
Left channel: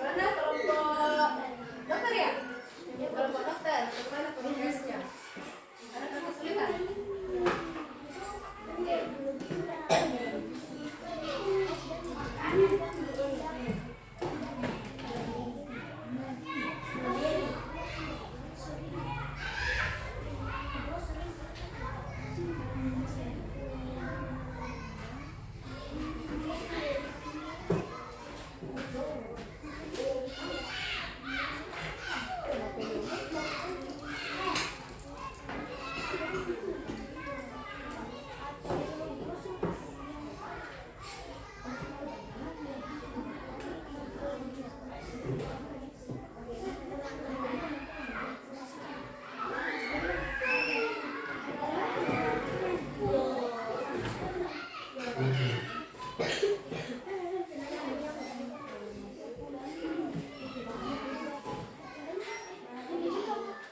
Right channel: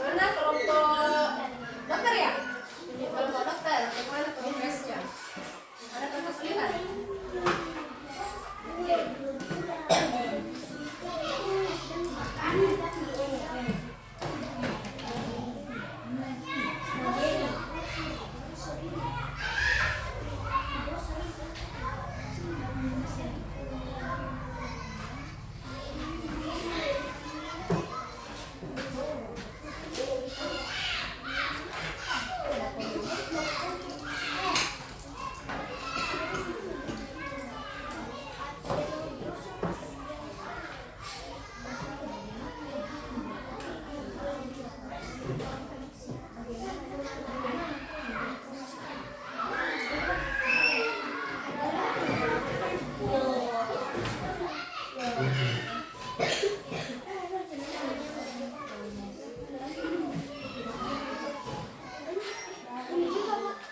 Mana kelompok dokter ya? Ini kelompok dokter. Bagaimana progresnya? Ada kelompok 9.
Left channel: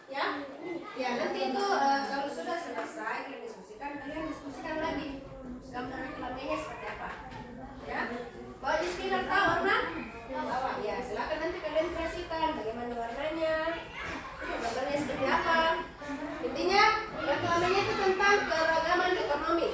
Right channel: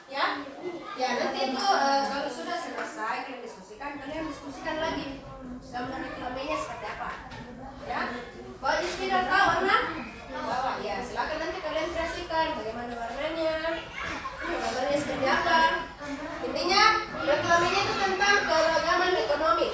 Ya, ya nanti itu kalau sudah selesai kalian diskusikan lagi gambar utamanya seperti apa, ya. Bawa di spidol tahu warna? Bawa, ya. Silakan nanti kalian kreasikan bagaimana warnanya, gambarnya seperti apa. Intinya reklamenya itu tentang keragaman ekonomi.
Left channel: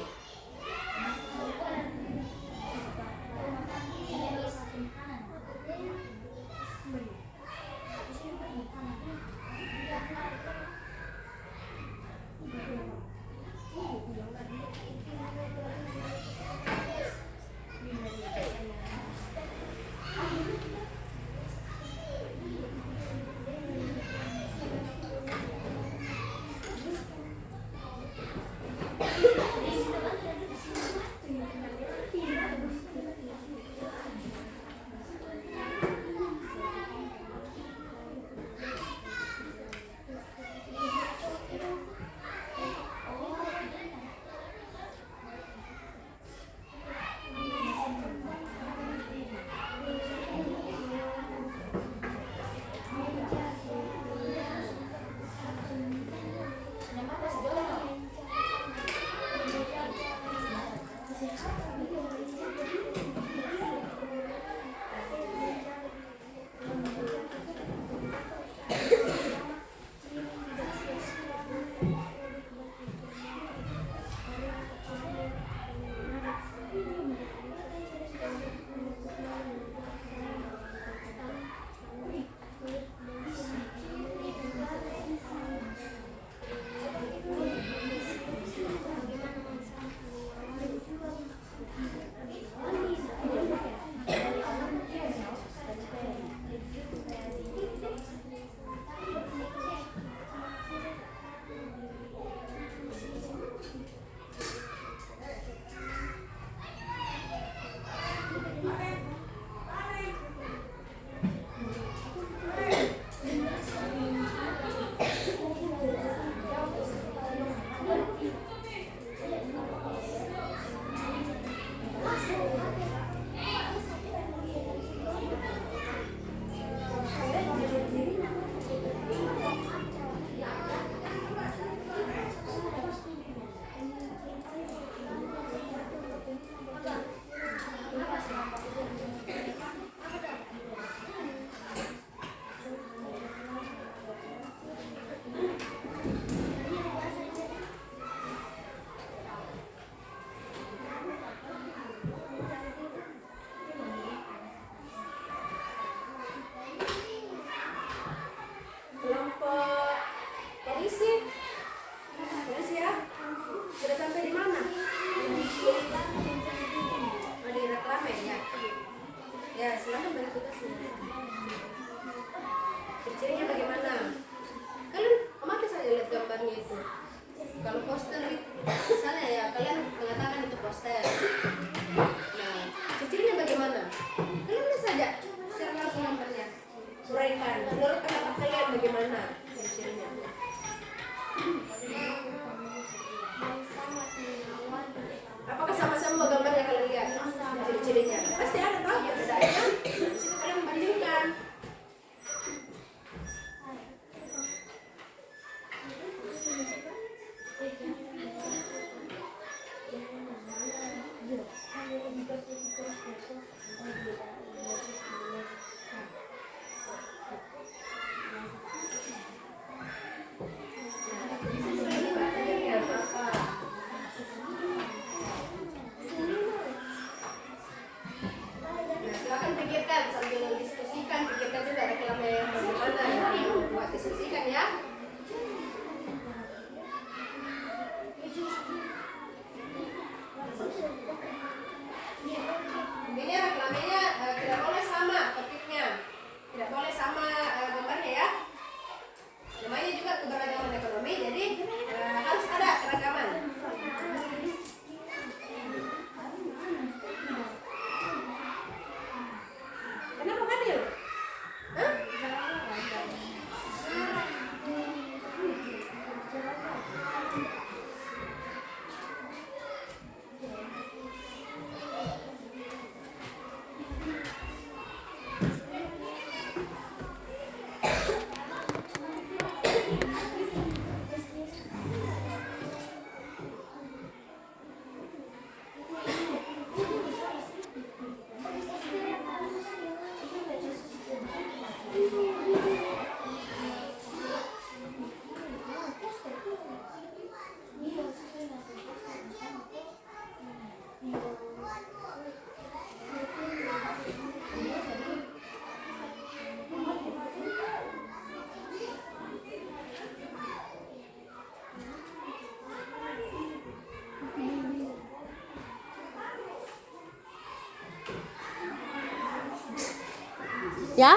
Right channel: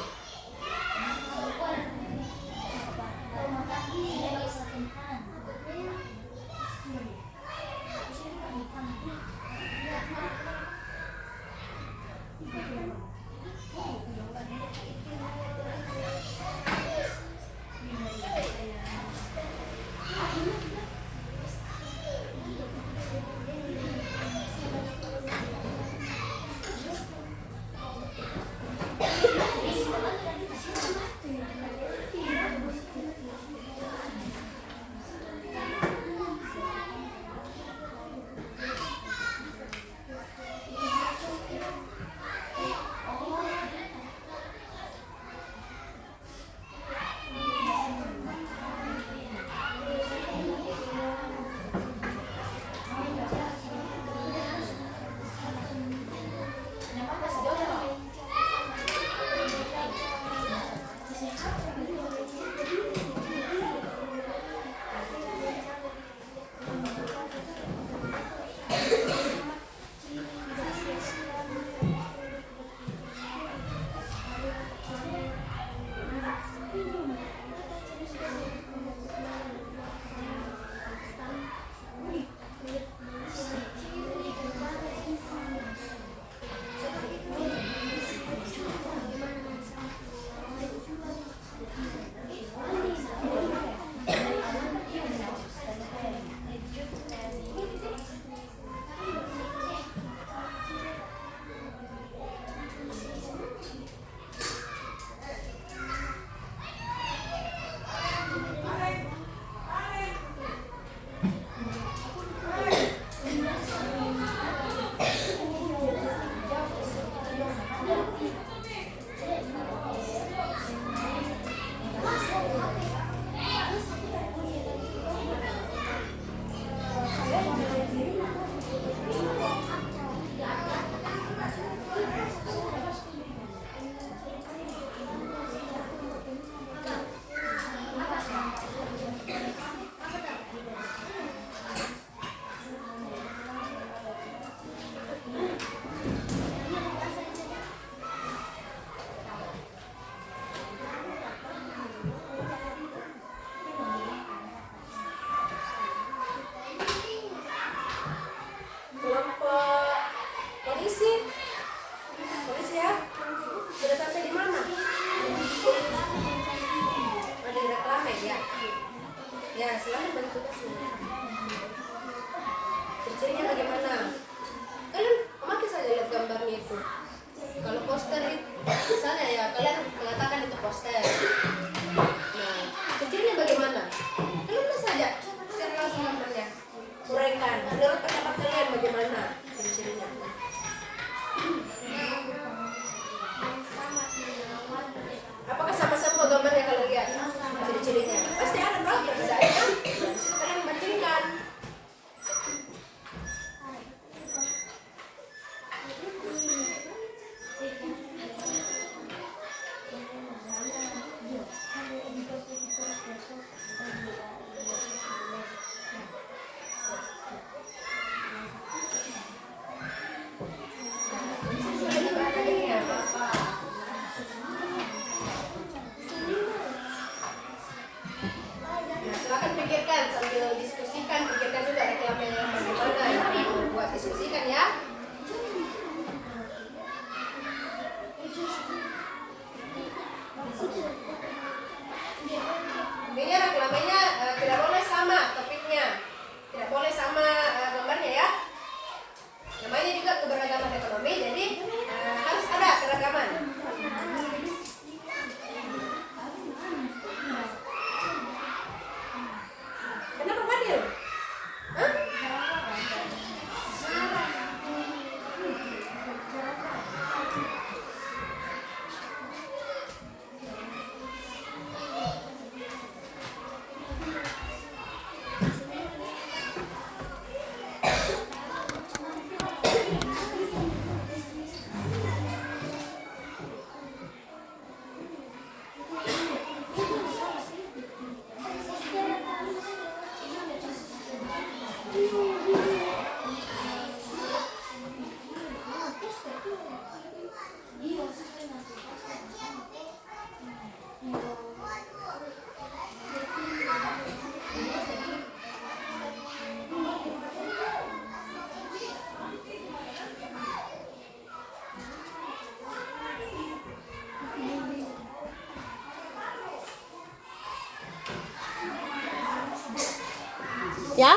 Ya?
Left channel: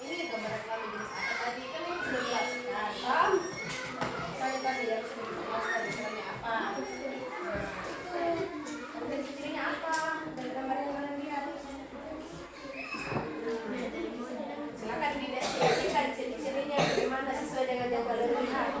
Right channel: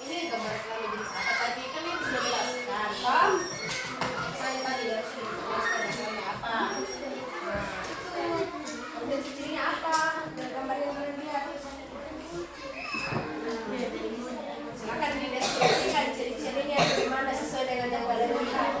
Ini gambar kali jenis apa tadi kan ini sudah jelaskan, Pak. Saya tadi dari sini jelaskan gambarnya apa. Dan cirinya apa? Dan gambar yang kalian lihat. Silakan dideskripsikan ciri-cirinya bagaimana sesuai dengan yang kalian lihat.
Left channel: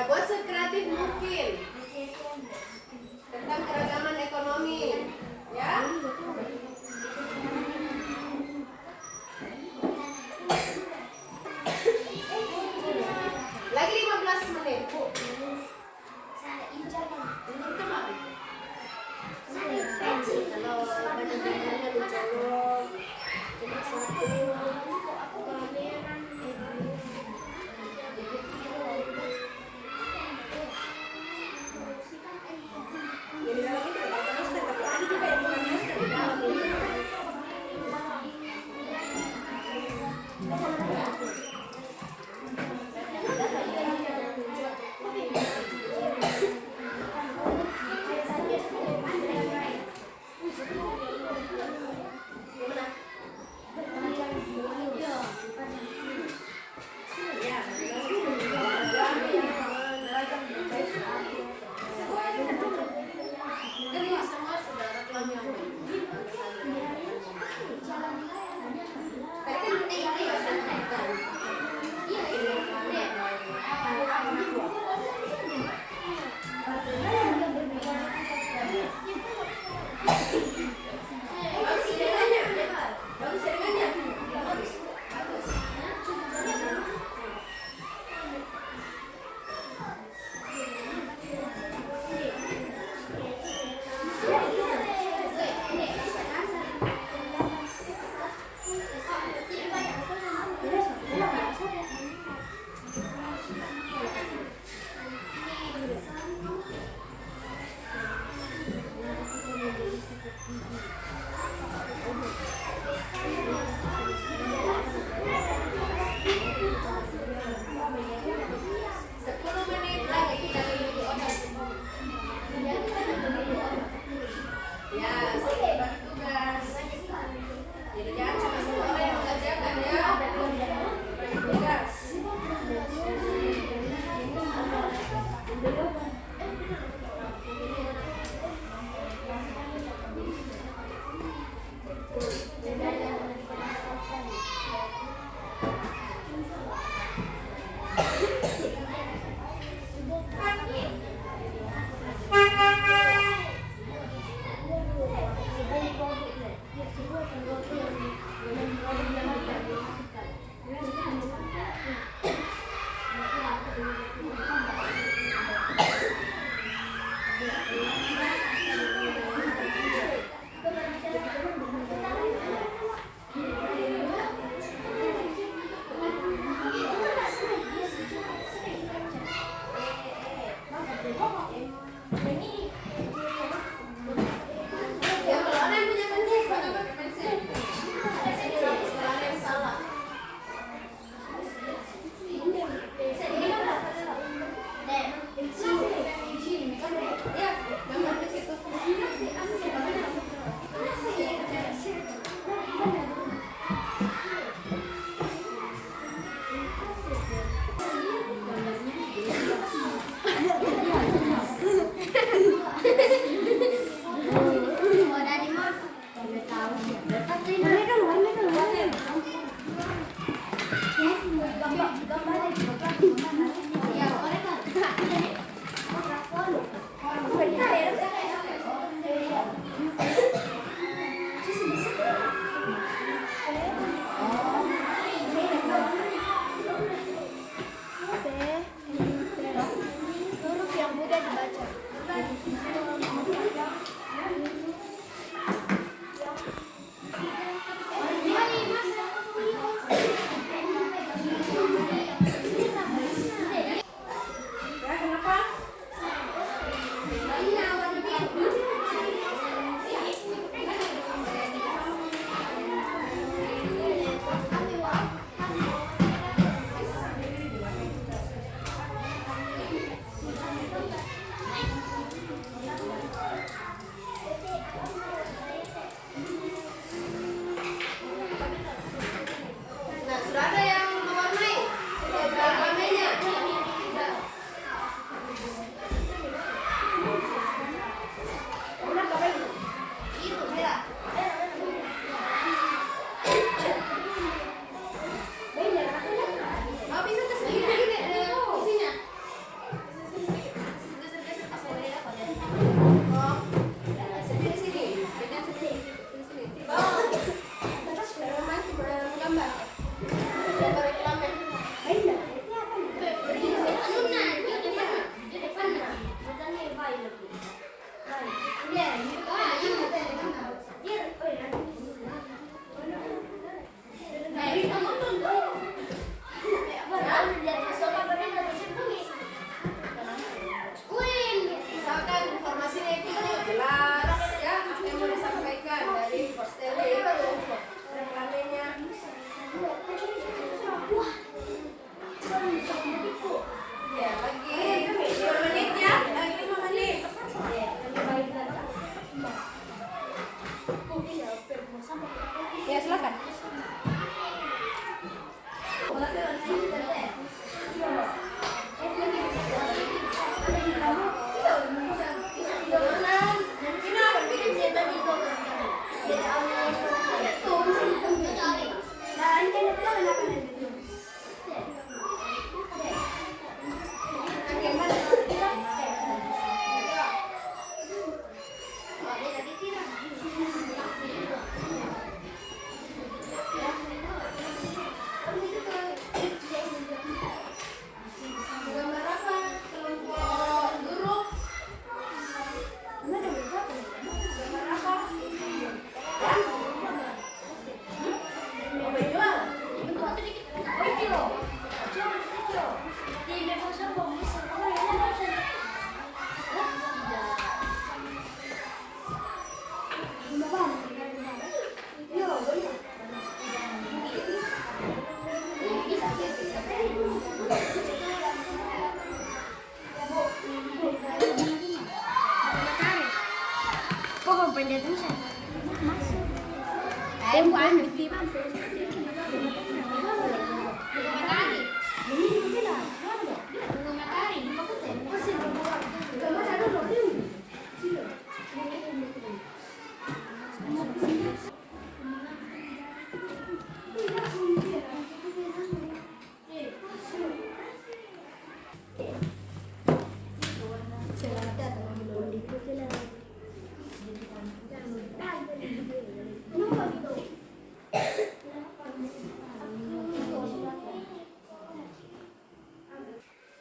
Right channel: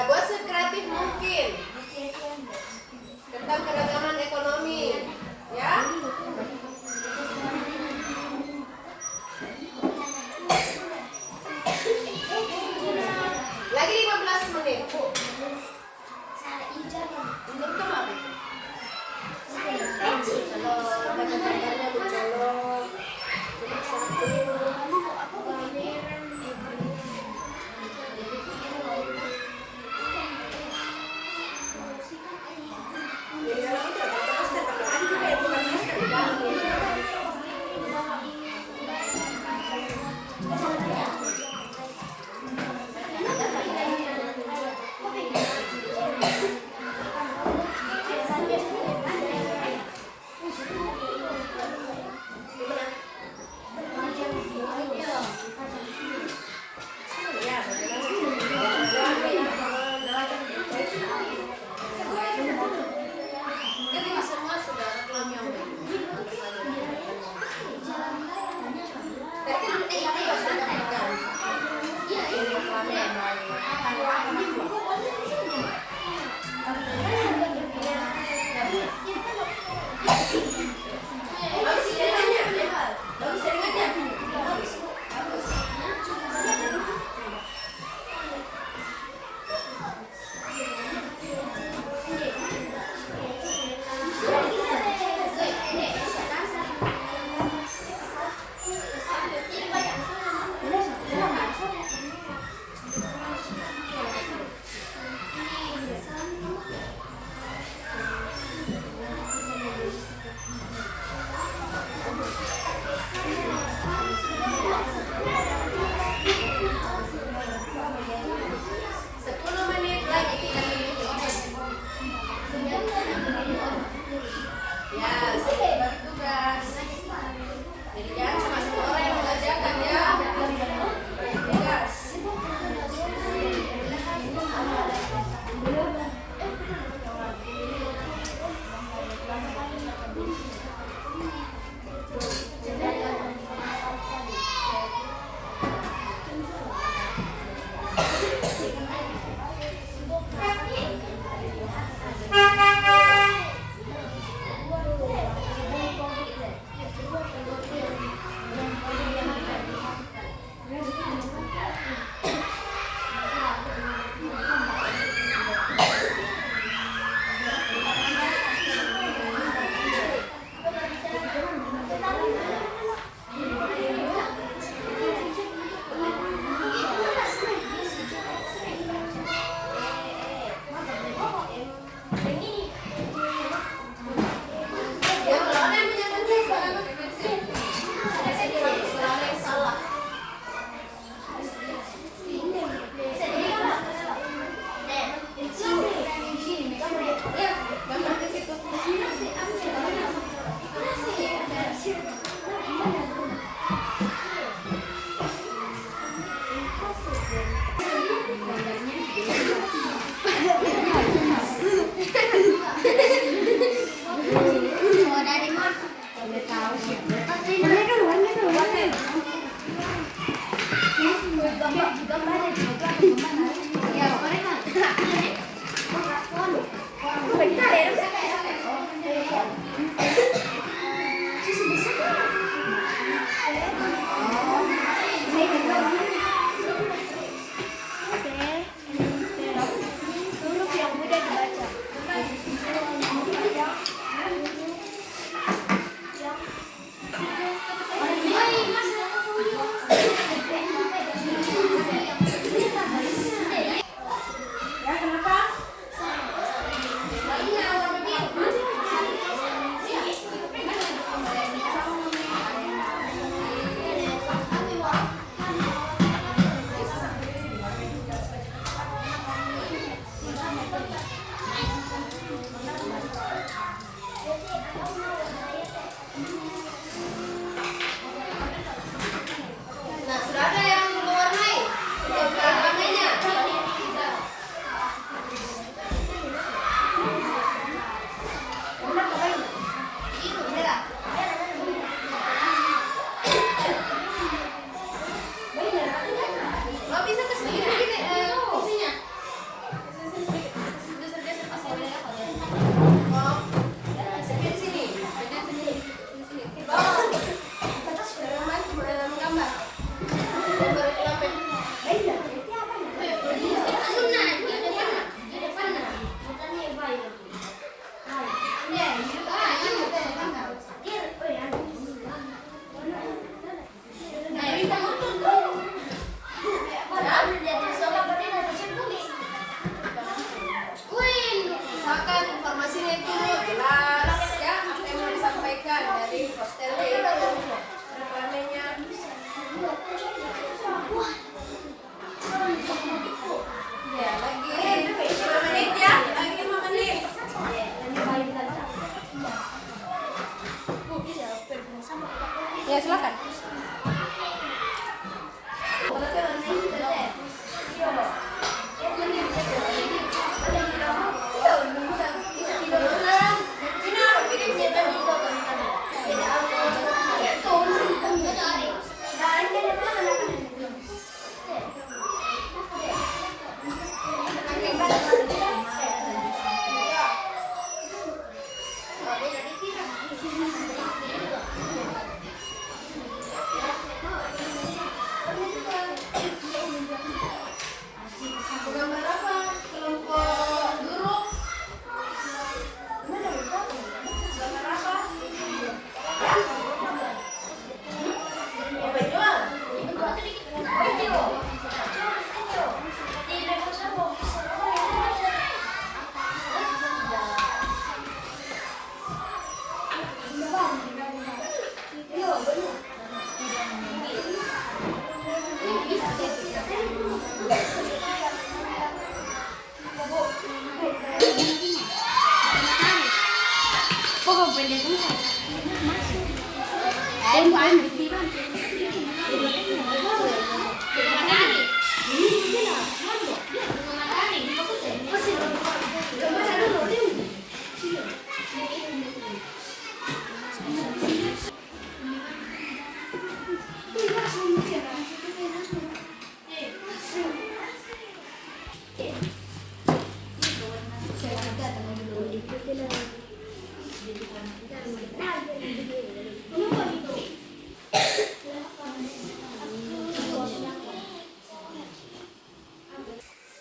Ya, buat sekreatif mungkin tentang keragaman ekonomi, ya. Lagi 15 menit, Bu. Menurut kamu apa? Kalau baca-bacanya dicolok,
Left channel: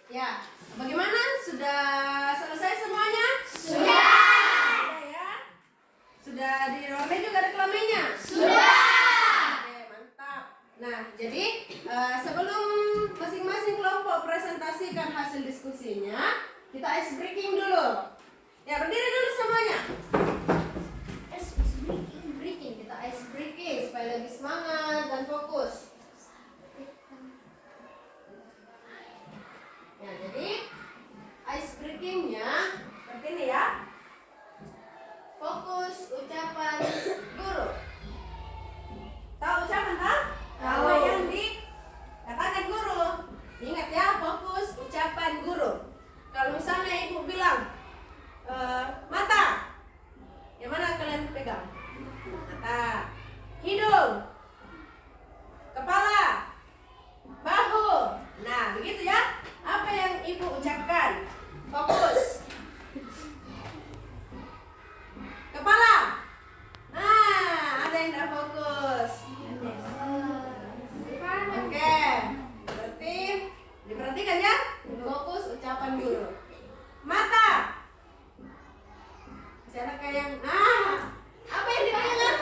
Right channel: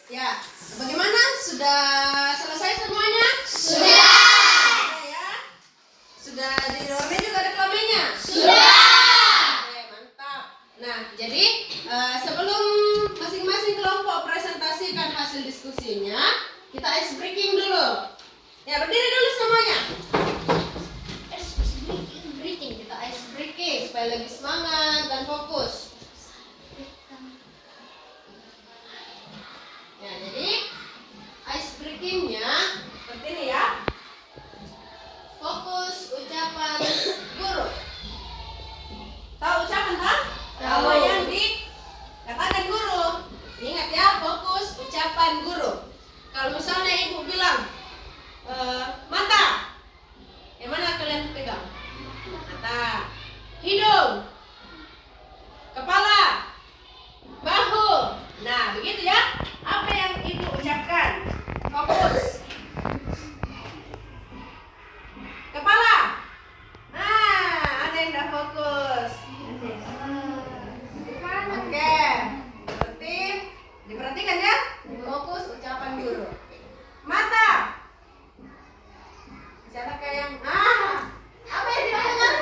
Ya, bagaimana? Sudah selesai semuanya? Sudah. Ya. Sudah di warna juga ada kelaminnya? Sudah. Oke, mantap. Nah, jadi sebelum masing-masing kelompok presentasikan hasil diskusinya, kita ice breaking dulu. Ya, berdiri dulu semuanya. Kita ice breaking supaya lebih semangat dan fokus. Ya, jadi ice breakingnya seperti ini ya. Fokus ucapan guru. Tahu ucapan tak? Tahu. Yang dikatakan guru. Ingat ya, fokus ucapan guru. Kalau misalnya ibu bilang mata, yang mana kalian pegang? Mata. Hidung, kepala, bahu. Nah, begitu ya. Apa yang ibu ucapkan? Fokus. Kepala. Nah, ada yang udah fokus. Oke. Berarti diperhatikan ya. Fokus ucapan guru. Mata. Siapa kayak yang apa yang dipegang?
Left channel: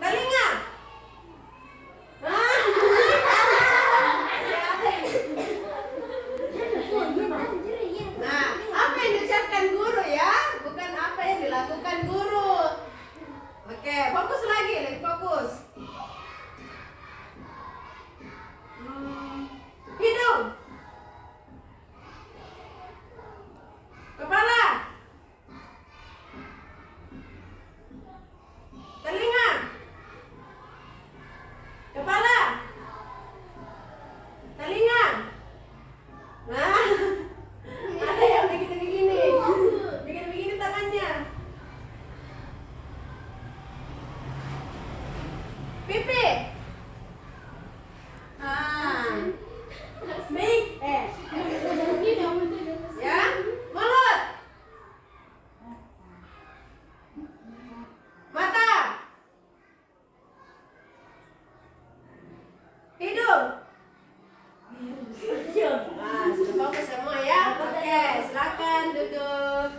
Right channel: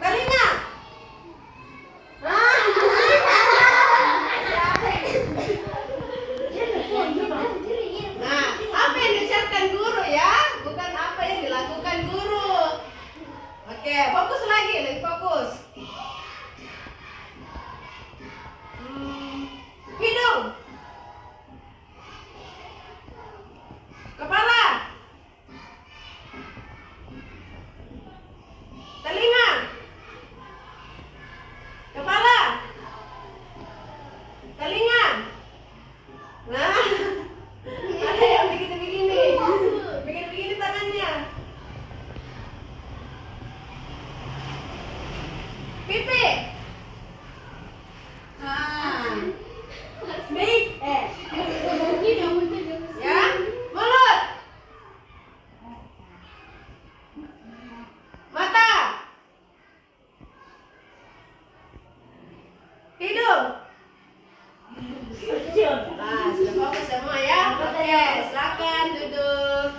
Telinga. Nah, apa yang diucapkan guru ya? Bukan apa yang dilakukan guru. Oke, fokus lagi, lebih fokus. Hidung, kepala, telinga, kepala, telinga. Nah, ada yang begini-begini, begini-begini tangannya. Pipi. Ya, mulut, mata, hidung. Nah, sudah fokus semua ya. Oke, silakan duduk.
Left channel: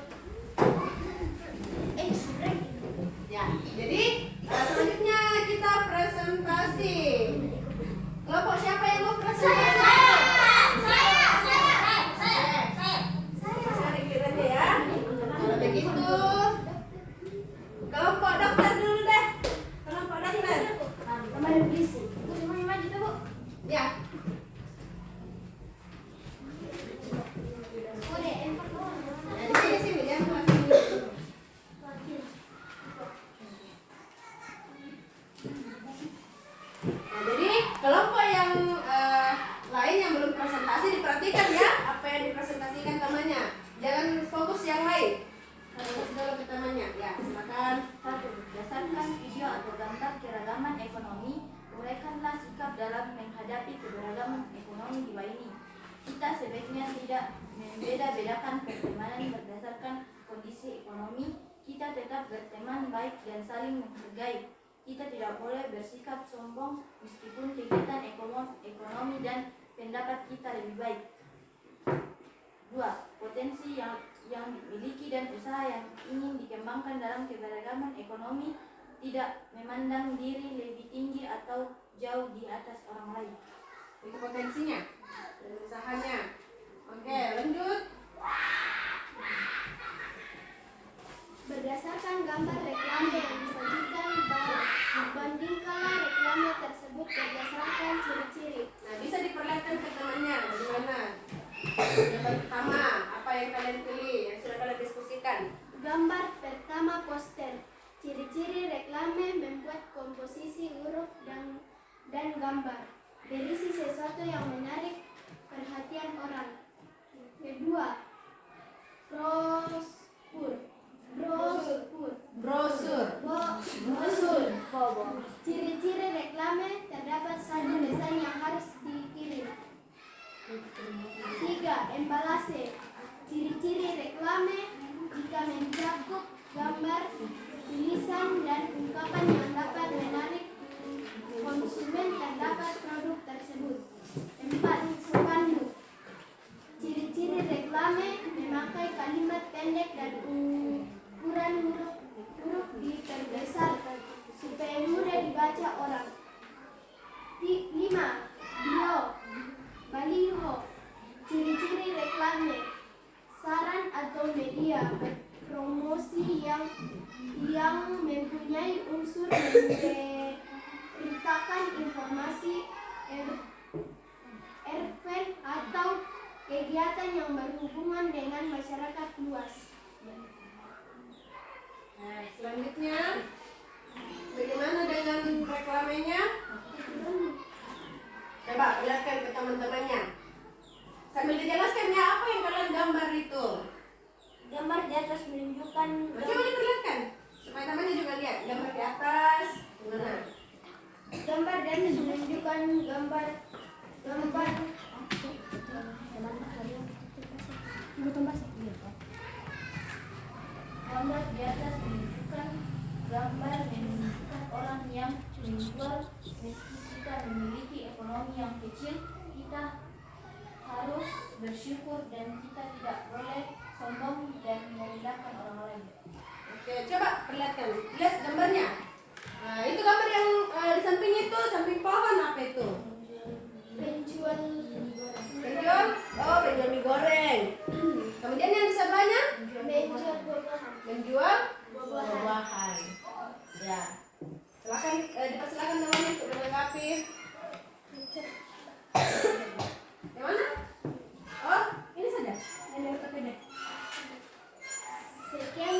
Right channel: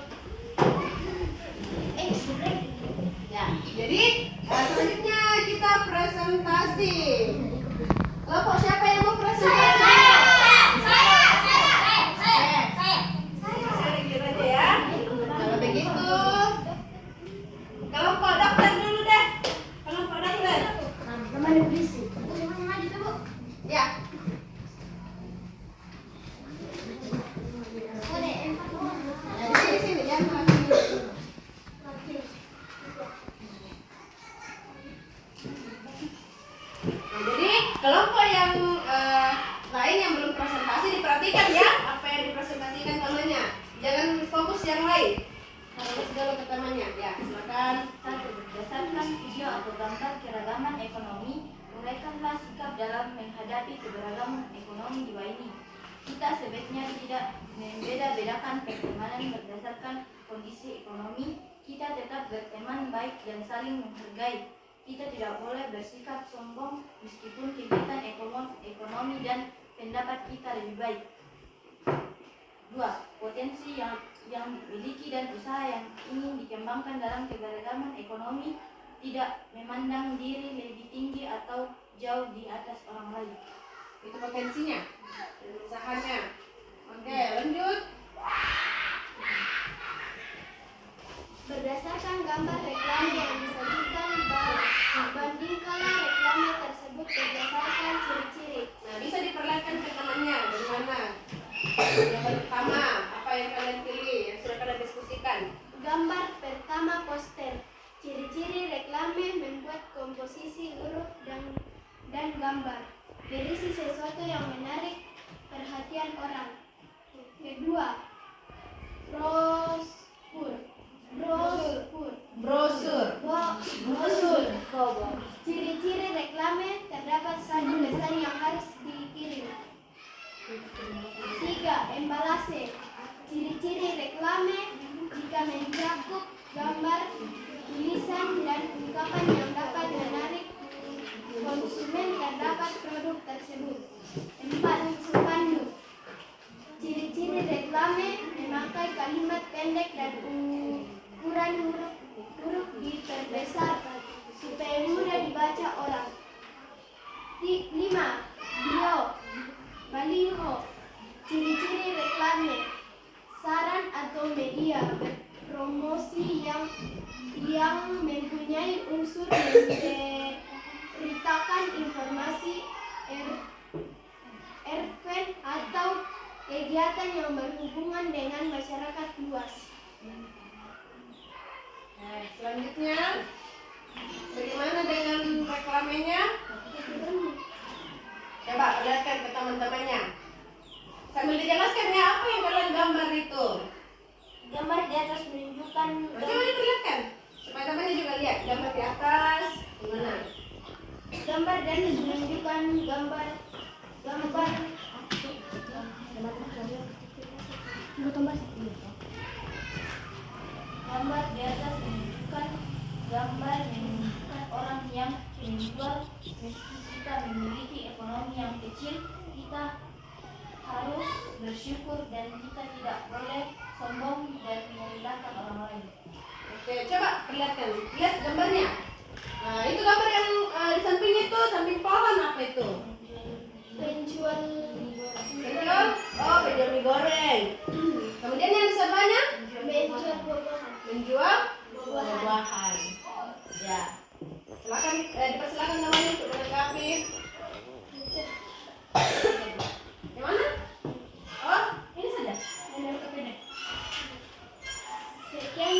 Ya, jadi selanjutnya kita presentasi. Kelompok siapa yang mau presentasi? Saya dikit aja ya. Kalau begitu, kelompok dokter dulu deh. Kelompok dokter. Ya. Jadi sini ya. Nah, jadi kelompok yang lain yang belum presentasi diperhatikan ya apa yang dipresentasikan temannya. Jangan fokus yang lain. Fokus dulu ke temannya. Ya, silakan. 1. Berdasarkan video atau gambar keragaman ekonomi, uraikanlah sikap dalam menghadapi keberagaman ekonomi di bawah ini. Kita sebaiknya tidak membeda-bedakan pertemanan berdasarkan kondisi ekonomi. Kita tetap berteman baik dan saling menghargai. Kita tidak boleh bersikap sombong meskipun kegiatan ekonomi dan pendapat kita lebih baik. 2. Potensi yang dimiliki dan usaha yang ingin dikembangkan dalam keberagaman ekonomi, tidak memandang diri lebih tinggi atau jauh di atas orang lain. Itu potensinya dan usahanya. Oke, lanjut. Berdasarkan gambar reklame yang disajikan, bandingkanlah reklame tersebut berdasarkan ciri-ciri. Nah, bisa diperlihatkan ke temannya bagaimana. Yang pertama, apa yang kalian pilih? Yang 3. Embalase. Ciri-ciri reklame jika mencakup gambar, tulisan, dan ungkapan yang dapat menarik konsumen terhadap produk tersebut. 4. Spanduk. Ciri-ciri reklame memakai kalimat pendek dan ukuran huruf diperbesar supaya mudah dibaca orang. 5. Baliho. Ciri-ciri reklame, saran atau media promosi yang mempunyai unsur memberitakan informasi, event atau kegiatan yang berhubungan dengan masyarakat luas. Selanjutnya, bagaimana dengan reklamenya? Coba lihatkan ke teman-temannya. Sambil dijelaskan ya, apa yang kalian gambar itu? Gambar di atas menunjukkan Coba diperlihatkan supaya temannya juga lihat gambar di atas gimana. gambar dan menunjukkan gambar Gambar di atas menunjukkan gambar menunjukkan orang yang menjual. Meski kita memiliki ekonomi yang kecil, kita harus bersyukur dan kita tidak boleh sombong dan merendahkan orang lain. Oke, coba perlihatkan. Lihat gambarnya. Nah, itu gambar yang di samping itu, samping pohon apa itu? penjual Penjual? Oh, penjual mie goreng. Kemudian yang di sebelahnya? Menjual buah-buahan. Ya. Silakan dipersilakan namanya untuk melengkapi. Yang mana? Oh, ini saja. Yang lengkap ini. Sekian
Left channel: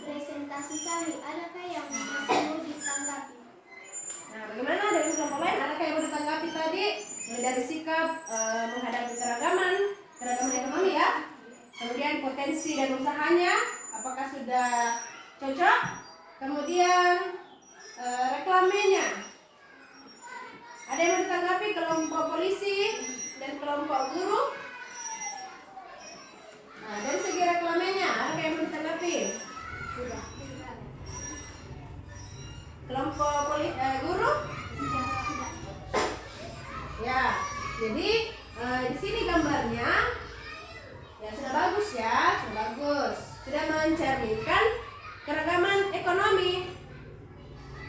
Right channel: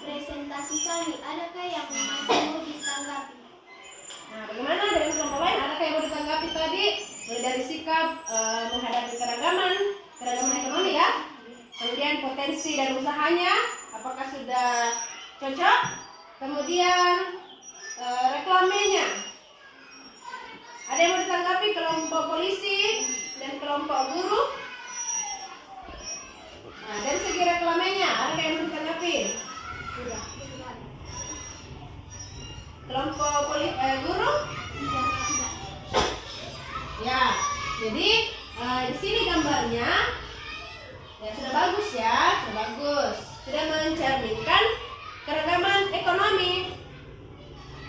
presentasi kami. Adakah yang masih mau ditanggapi? Nah, bagaimana dari kelompok lain? Adakah yang mau ditanggapi tadi? Mulai dari sikap menghadapi keragaman ekonomi ya. Kemudian potensi dan usahanya, apakah sudah cocok? Kemudian reklamenya. Ada yang mau ditanggapi kelompok polisi dan kelompok guru? Nah, dari segi reklamenya, ada yang mau ditanggapi? Kelompok guru? Ya, jadi di sini gambarnya ya sudah bagus ya, sudah bagus, sudah mencerminkan keragaman ekonomi.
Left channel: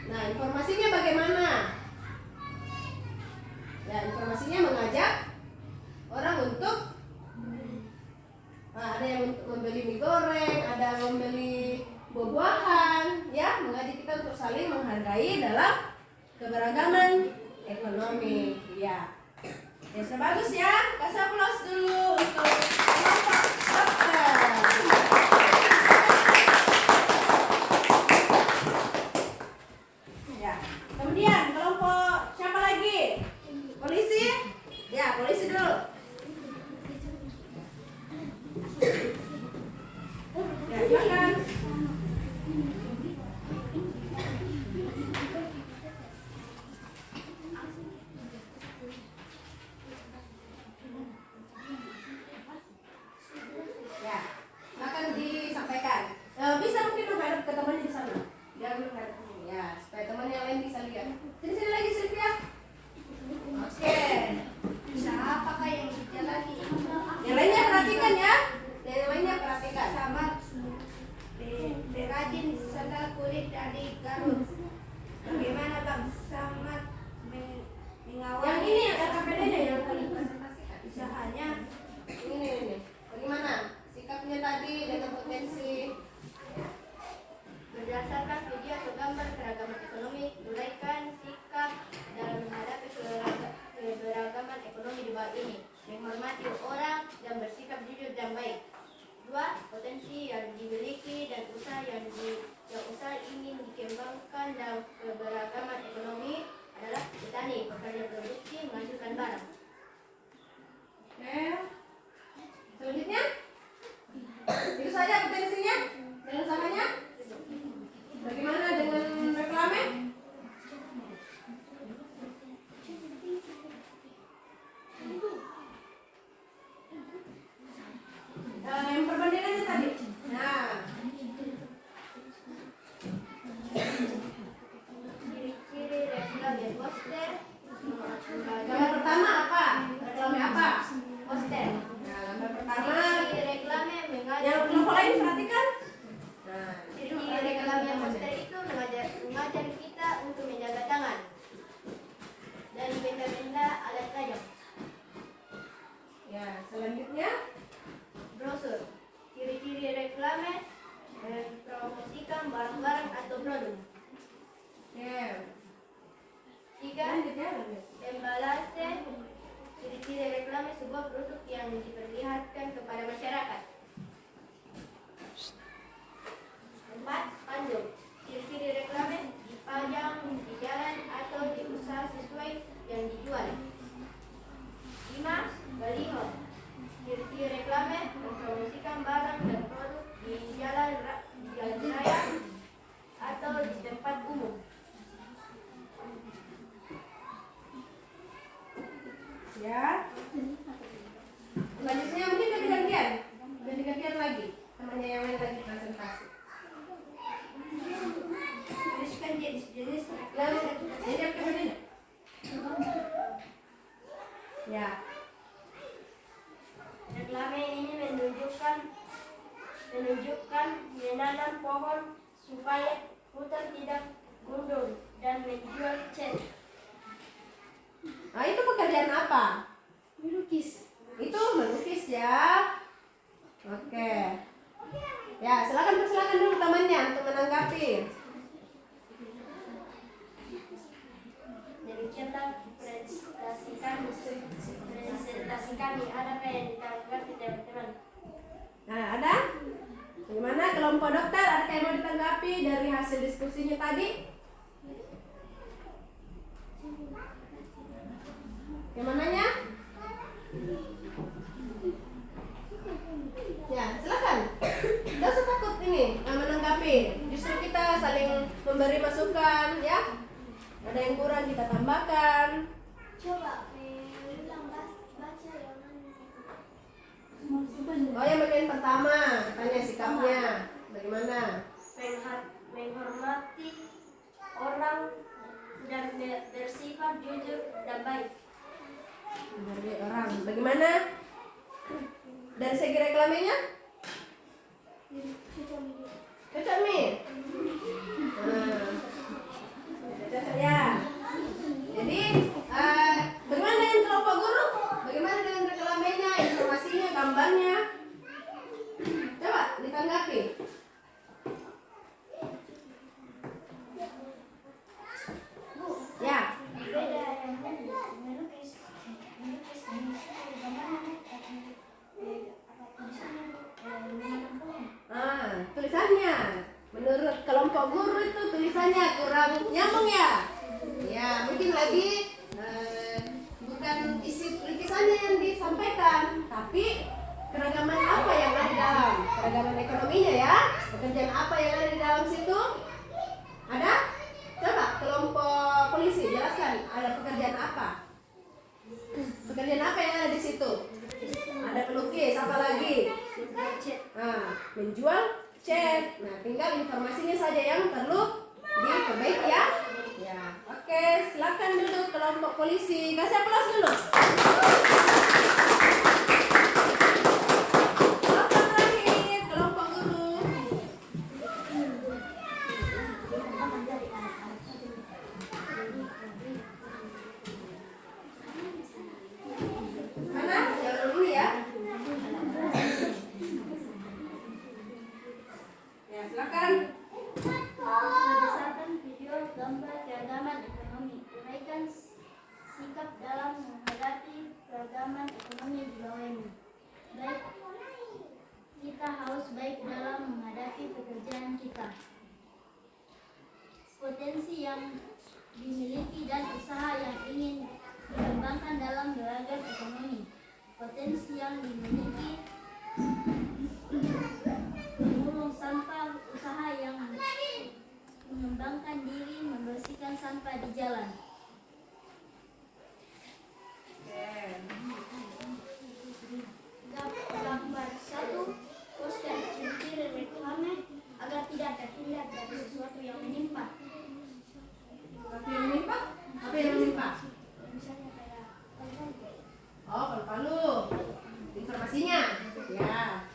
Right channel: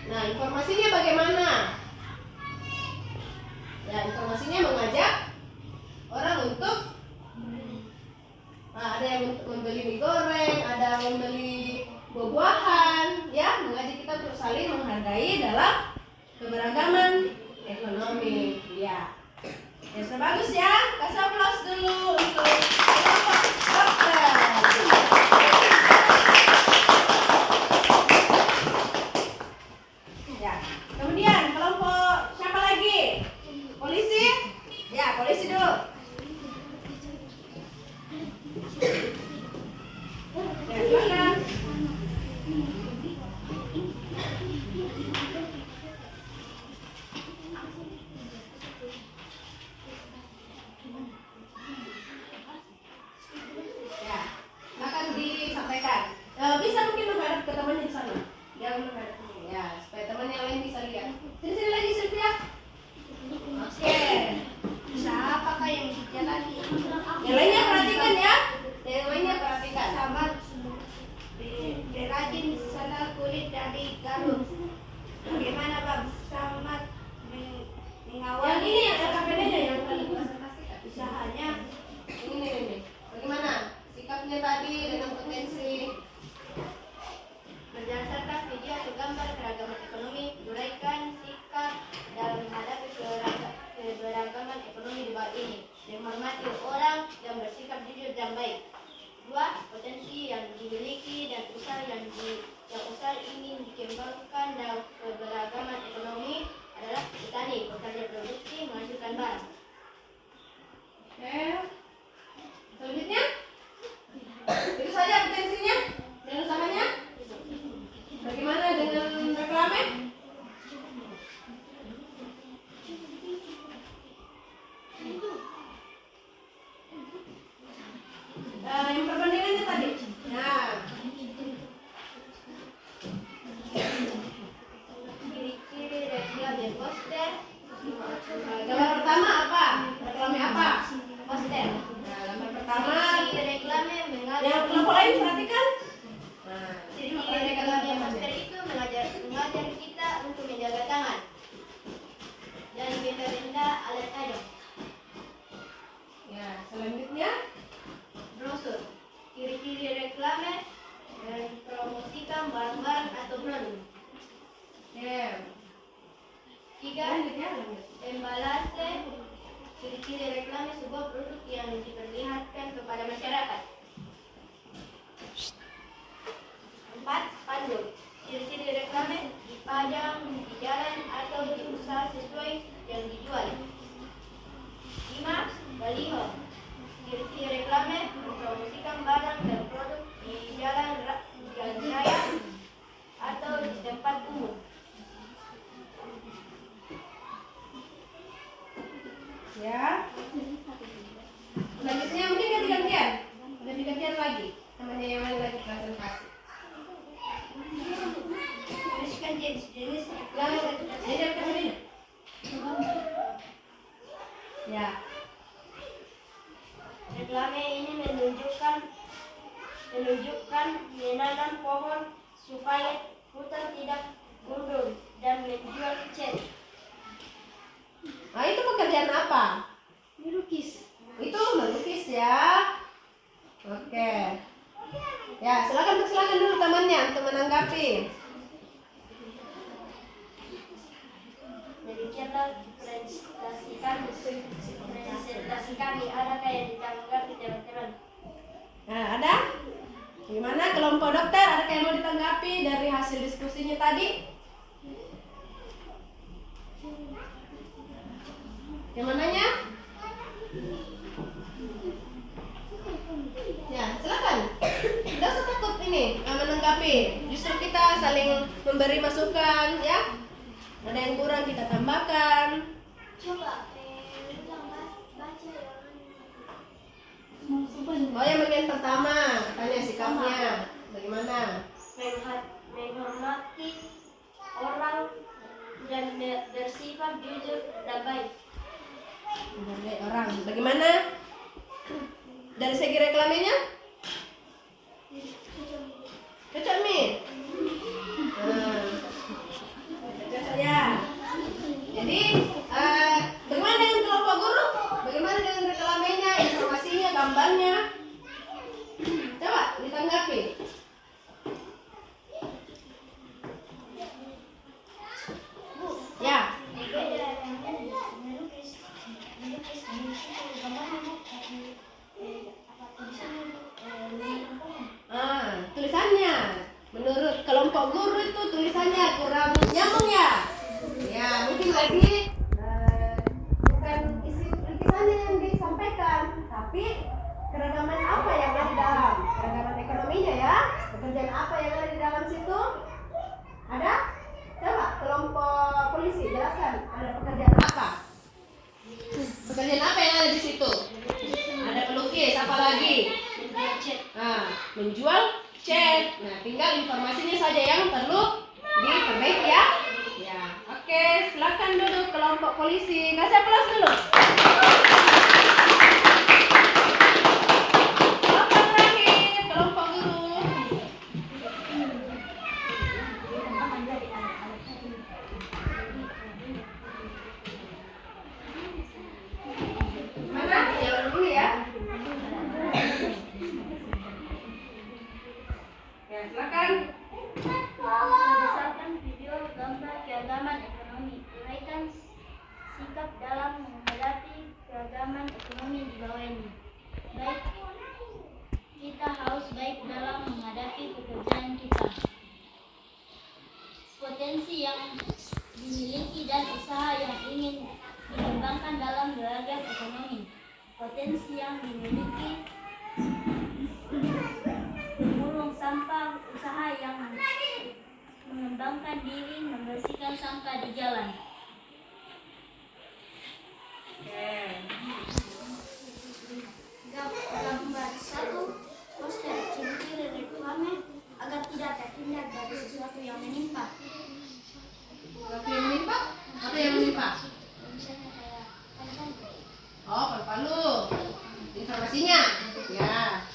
Nah, informasinya bagaimana? Ya, informasinya mengajak orang untuk ada yang membeli mie goreng, ada yang membeli buah-buahan, ya, mengajak kita untuk saling menghargai dalam keberagaman ekonomi. Ya, ya sudah bagus ya. Kasih aplaus dulu untuk kelompok dokter. Ya, kemudian kelompok siapa lagi? Polisi? Ya, polisi dulu. Ya, silakan. ciri-ciri reklame sebuah produk yang diperlihatkan kepada masyarakat. 4. Spanduk. Ciri-ciri reklame dipajang di jalan atau di usaha sesuai yang dijual. 5. Baliho. Ciri-ciri reklame mempromosikan barang dan produk di jalan raya atau di tempat umum. Ya. Selanjutnya mungkin ganti-gantian lagi. Temannya yang lain lagi presentasi. Tuliskan jenis Lalu, reklame. ini temannya. Ya. Reklame ini menunjukkan menanam pohon supaya hutan tidak gundul dan menjual cat. Nah, itu pekerjaan apa? Melukis. Itu melukis ya. Oke. Ya, silakan dulu temannya untuk menanggapi. Demikianlah presentasi kami. Adakah yang ditanggapi teman-teman? Nah, ada? Gimana kelompok dokter? Ada yang mau ditanggapi dari hasil diskusinya tadi? Yang mananya? Ya, silakan. Tidak usah takut ini menanggapi. Justru kita saling memberi masukan, ya. Ada yang kurang kita tambahkan. Coba Oh, yang bagian pertama, katanya sikapnya bagaimana? menghormati orang dan bersifat jujur dan baik. Menghargai orang. Bagaimana? Dari segi reklamenya? Cocok nih. Cocok ya. Jadi, bagaimana dengan kelompok guru? Bagaimana dengan reklamenya, informasinya, gambarnya? Coba ditanggapi. Ya. Tulisannya menurut kelompok guru itu tulisannya kurang nyambung ya. Ya, mungkin lagi bukan isi tulisannya yang disampaikan, tapi keragaman apa yang ada di dalam, keragaman ekonominya ya, pekerjaan apa yang ada di dalam situ. Ada? Coba kelompok polisi jelaskan ada pekerjaan apa. Pekerjaan apa yang ada di situ? Ada pelukis, apa lagi? Nah, menjual cat. Nah, tinggal informasinya saja yang perlu diperbaiki ya. Ya, oke, silakan duduk kelompok polisi. Kasih aplaus dulu. Kelompok terakhir, kelompok guru. Mana? Jalan dulu ya. Ya, silakan. Berdasarkan video gambar keragaman ekonomi, uraikan sikap dalam menghadapi keragaman ekonomi di bawah ini. Baik, kita harus baik dalam menghadapi pekerjaan kita. Potensi yang dimiliki dan usaha yang ingin dikembangkan dalam beragam ekonomi. Potensi yang dimiliki memulung sampah, usaha yang mengembangkan diri, membersihkan sampah di jalan. Gambar 1, poster ciri-ciri reklame agar tidak terhindar dari sesuatu yang menimpa. Sesuatu yang menimpa? Apa yang menimpa? Misalnya kayak palu-palu. Oh, palu-palu. Informasinya. Ya.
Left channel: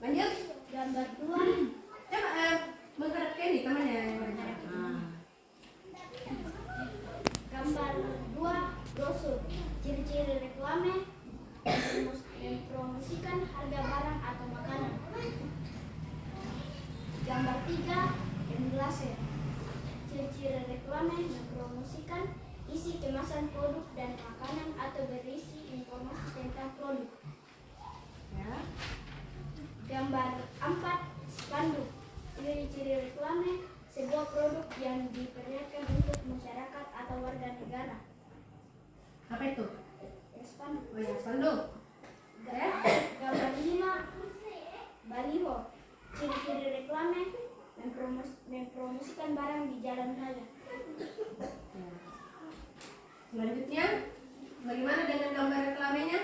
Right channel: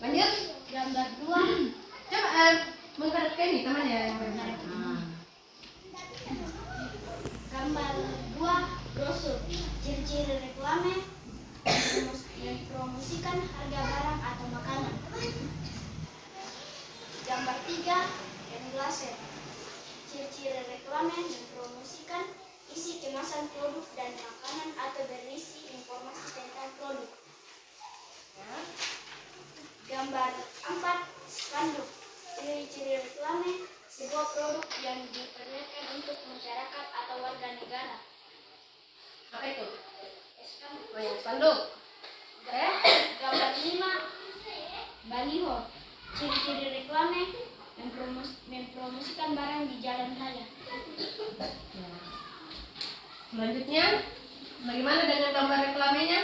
Lanjut. Gambar 2, Coba menghadap ke ini temannya yang benar. gambar 2, brosur ciri-ciri reklame mempromosikan harga barang atau makanan. Gambar 3, englase ciri-ciri reklame mempromosikan isi kemasan produk dan makanan atau berisi informasi tentang produk. Gambar 4. Spanduk. Ciri-ciri reklame sebuah produk yang diperlihatkan untuk masyarakat atau warga negara. Apa itu? Spanduk. Oh ya, spanduk. Gambar 5. Baliho. Ciri-ciri reklame mempromosikan barang di jalan raya. Ya. Selanjutnya, bagaimana dengan gambar reklamenya?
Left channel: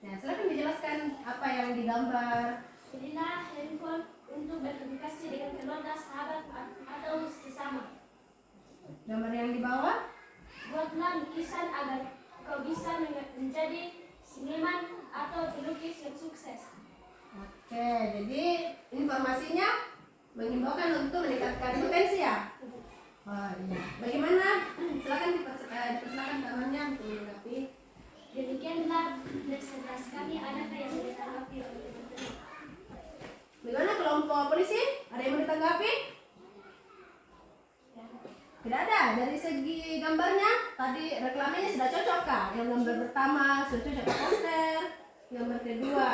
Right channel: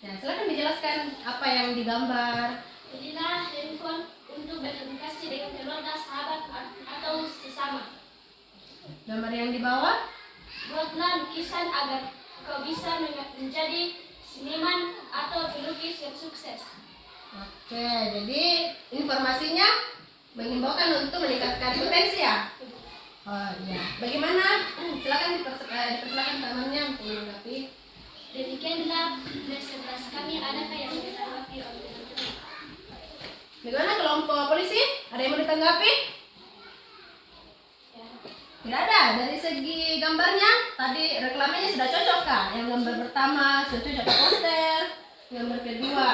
Ya, silakan dijelaskan apa yang digambar. Belilah handphone untuk berkomunikasi dengan keluarga, sahabat, atau sesama. Gambar yang di bawah. Buatlah lukisan agar kau bisa menjadi seniman atau pelukis yang sukses. Oke, jadi informasinya mengimbaukan untuk meningkatkan potensi ya. Oh iya. Bagaimana? Silakan dipersilakan temannya untuk menanggapi. Demikianlah presentasi kami. Adakah yang ditanggapi oleh teman-teman? Bagaimana kelompok polisi? Ada yang mau ditanggapi? Tidak ada. Dari segi gambarnya, tadi reklamenya sudah cocok kah? Yang gambar pertama sudah cocok ke poster. Gambar kedua,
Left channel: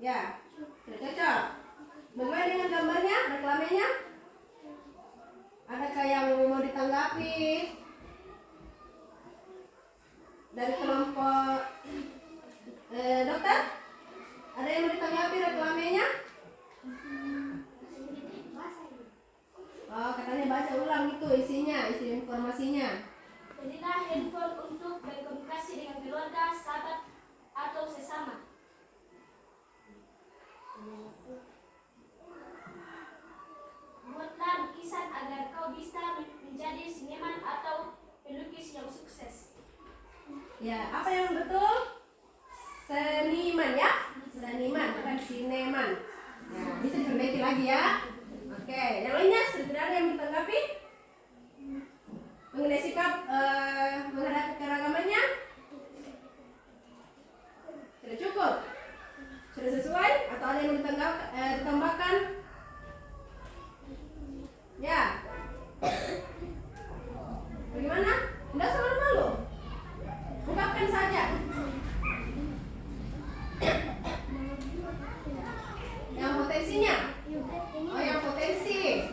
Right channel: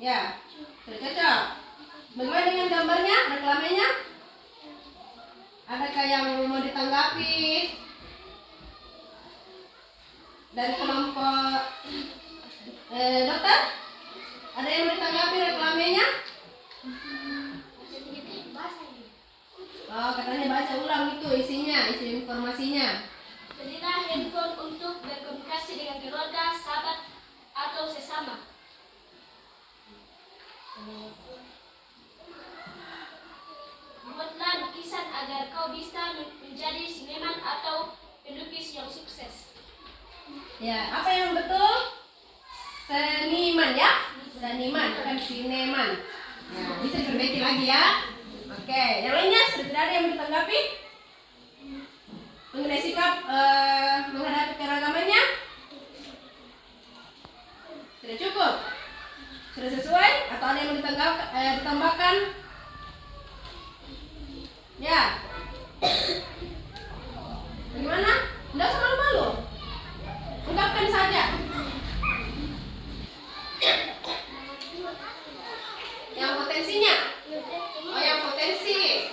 ya sudah cocok. Bagaimana dengan gambarnya, reklamenya? Adakah yang mau ditanggapi? Dari kelompok dokter, ada yang mau ditanggapi reklamenya? Oh, katanya baca ulang itu isinya, isi informasinya. Belilah handphone untuk berkomunikasi dengan keluarga, sahabat, atau sesama. Buatlah lukisan agar kau bisa menjadi seniman atau pelukis yang sukses. Ya, apa yang betul? Seniman ya? Seniman, bukan sineman. Ya, bisa diperbaiki lagi ya. Oke, yang lainnya sudah tidak ada yang ditanggapi? Mengenai sikap menghadapi keragamannya? Sudah cukup? Sudah sesuai? Atau ada yang mau ditambahkan? Ya. Bagaimana? Tidak usah malu-malu. Ungkapkan saja. Yang potensinya? Oh, yang potensi.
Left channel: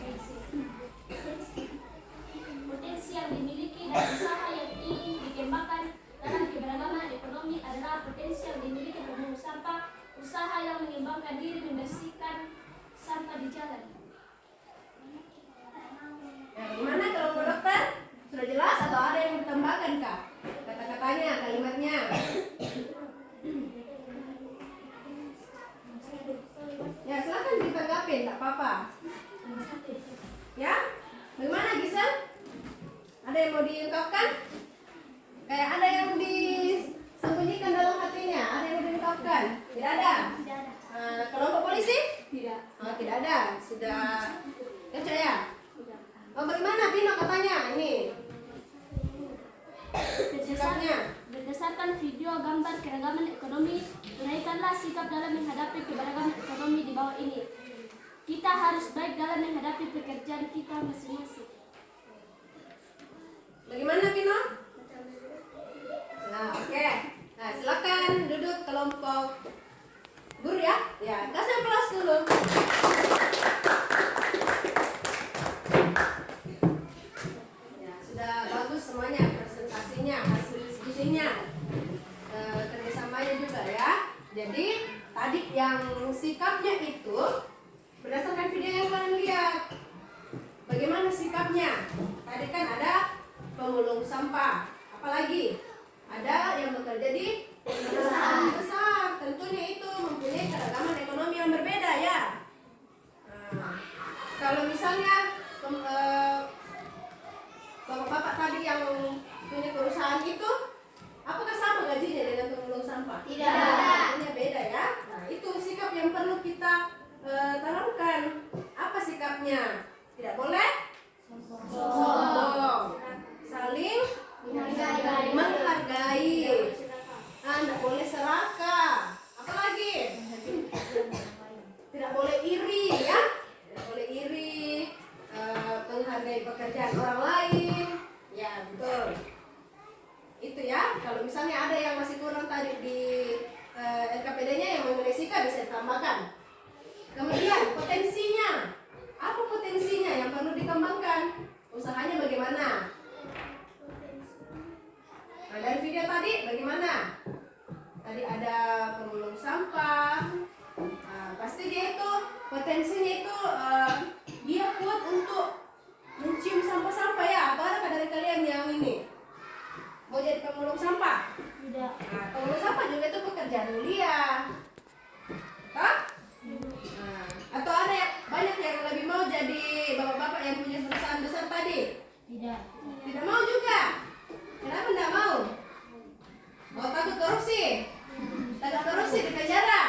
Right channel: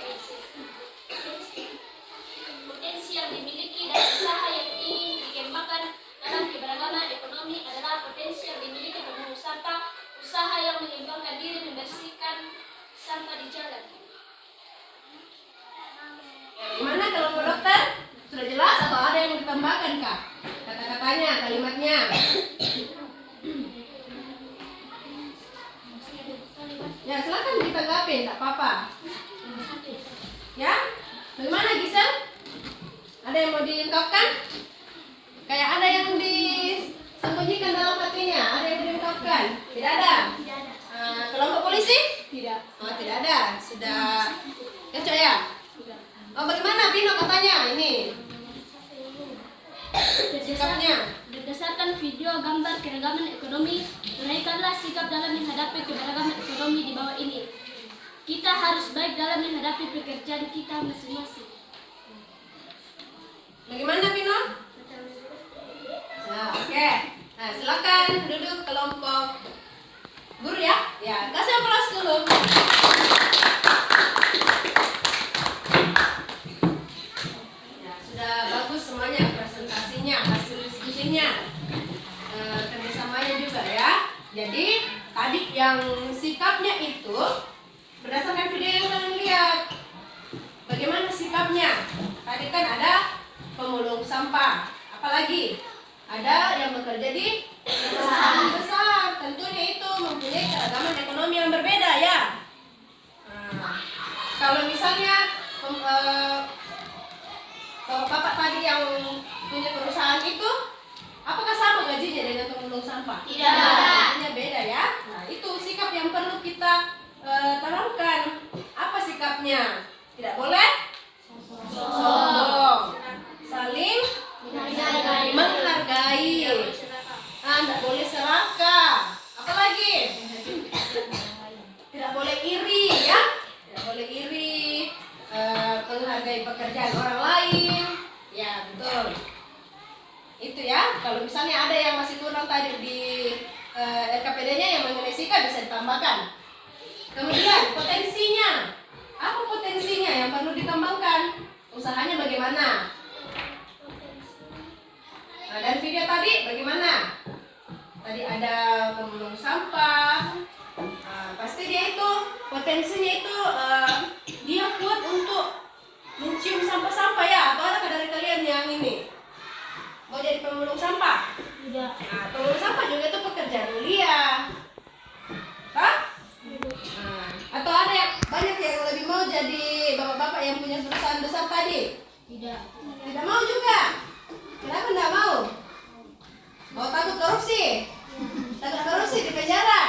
Potensi yang dimiliki dan usaha yang ingin dikembangkan dalam keberagaman ekonomi adalah potensi yang dimiliki pemungut sampah, usaha yang mengembangkan diri membersihkan sampah di jalan. Ya, bagaimana kalau menurut dokter? Sudah jelas atau ada yang mau ditambahkan kah? Kata-katanya, kalimatnya. Ya, silakan ditanggapi, tak apa-apa. Ya, bagaimana Gisel? Ada yang mau diungkapkan? Kayak ada yang disembunyikan dalam hatinya, ada yang diungkapkan? Tidak ada? Kelompok polisi? Tidak. Oh, tidak ada. Sudah cocok ya? Oh, bagaimana Pino katanya ini? Sikapnya? Berdasarkan video gambar keragaman ekonomi, uraikanlah sikap dalam menghadapi keberagaman ekonomi di bawah ini. Kita harus baik dalam menghadapi pekerjaan kita masing-masing. Bagaimana Pino? Nah, oke. Nah, silakan duduk kelompok guru ya. Ya, kasih aplaus dulu. Ya, sudah bagus semuanya presentasinya, hasil diskusinya, kerjasamanya juga ya. Jadi tadi yang sikapnya itu berdasarkan video yang kalian lihat. Bagaimana sikapnya? Tadi kan ada pemulung sampah, apalagi ada yang bekerja di perusahaan besar, tentunya itu mempunyai keragaman ekonomi yang berbeda ya. Nah, kalau misalnya bapak-bapak tadi yang punya perusahaan itu, apakah sama gajinya dengan pemulung sampah? Tidak. Gajinya beda ya. Nah, itu sikap yang perlu kita tanamkan. Apa sikapnya? Tidak boleh sombong, saling menghargai, tidak boleh serakah, apalagi tidak boleh iri ya. pekerjaan orang lain. Ya, betul. Itu ya, kalau misalnya ada yang masih kurang tadi di LKPD-nya yang mengenai sikap bisa ditambahkan. Kemudian potensinya, apa potensinya yang perlu dikembangkan? Usahanya bagaimana? Nah, dari video tadi bagaimana? Tadi ada pemulung sampah. Pasti dia itu potensinya itu dia kuat untuk mencium sampah-sampah ya. Atau ada dari kalian yang ini mau jadi pemulung sampah? Tidak. Nah, pemulung sampah juga itu pekerjaan mulia. Hah? Atau ada yang banyak yang lebih mau jadi bapak-bapak yang punya perusahaan besar tadi? Tidak. Tidak mau juga. Kenapa tidak mau? Mau takut korupsi? Takut korupsi di penjara?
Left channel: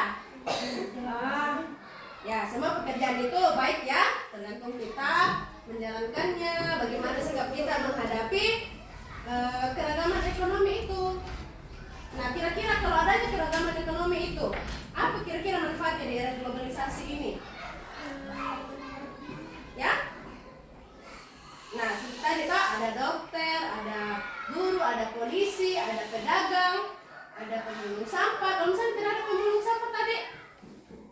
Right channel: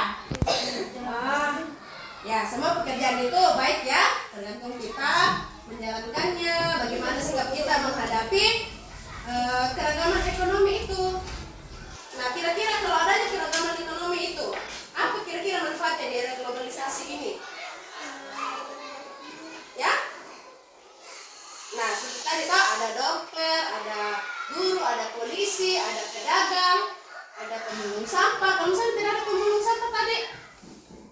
Ya, semua pekerjaan itu baik ya, tergantung kita menjalankannya. Bagaimana sikap kita menghadapi keragaman ekonomi itu. Nah, kira-kira kalau adanya keragaman ekonomi itu, apa kira-kira manfaatnya di era globalisasi ini? Ya? Nah, seperti tadi toh ada dokter, ada guru, ada polisi, ada pedagang, ada pemulung sampah. Kalau misalnya tidak ada pemulung sampah tadi,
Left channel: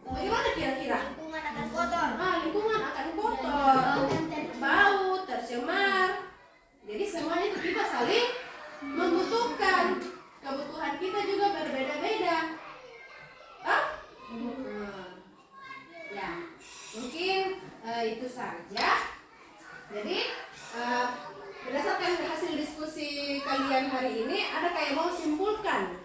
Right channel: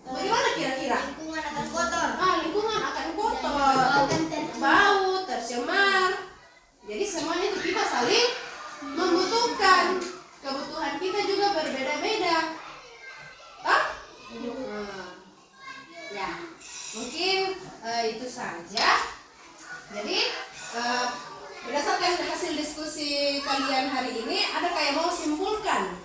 bagaimana kira-kira? Lingkungan akan kotor. Lingkungan akan kotor, bau, tercemar. Jadi semuanya itu kita saling membutuhkan. Kebutuhan kita juga berbeda-beda. Ya, mungkin itu saja. Jadi berdasarkan hasil diskusi kalian hari ini, adakah yang mau simpulkan?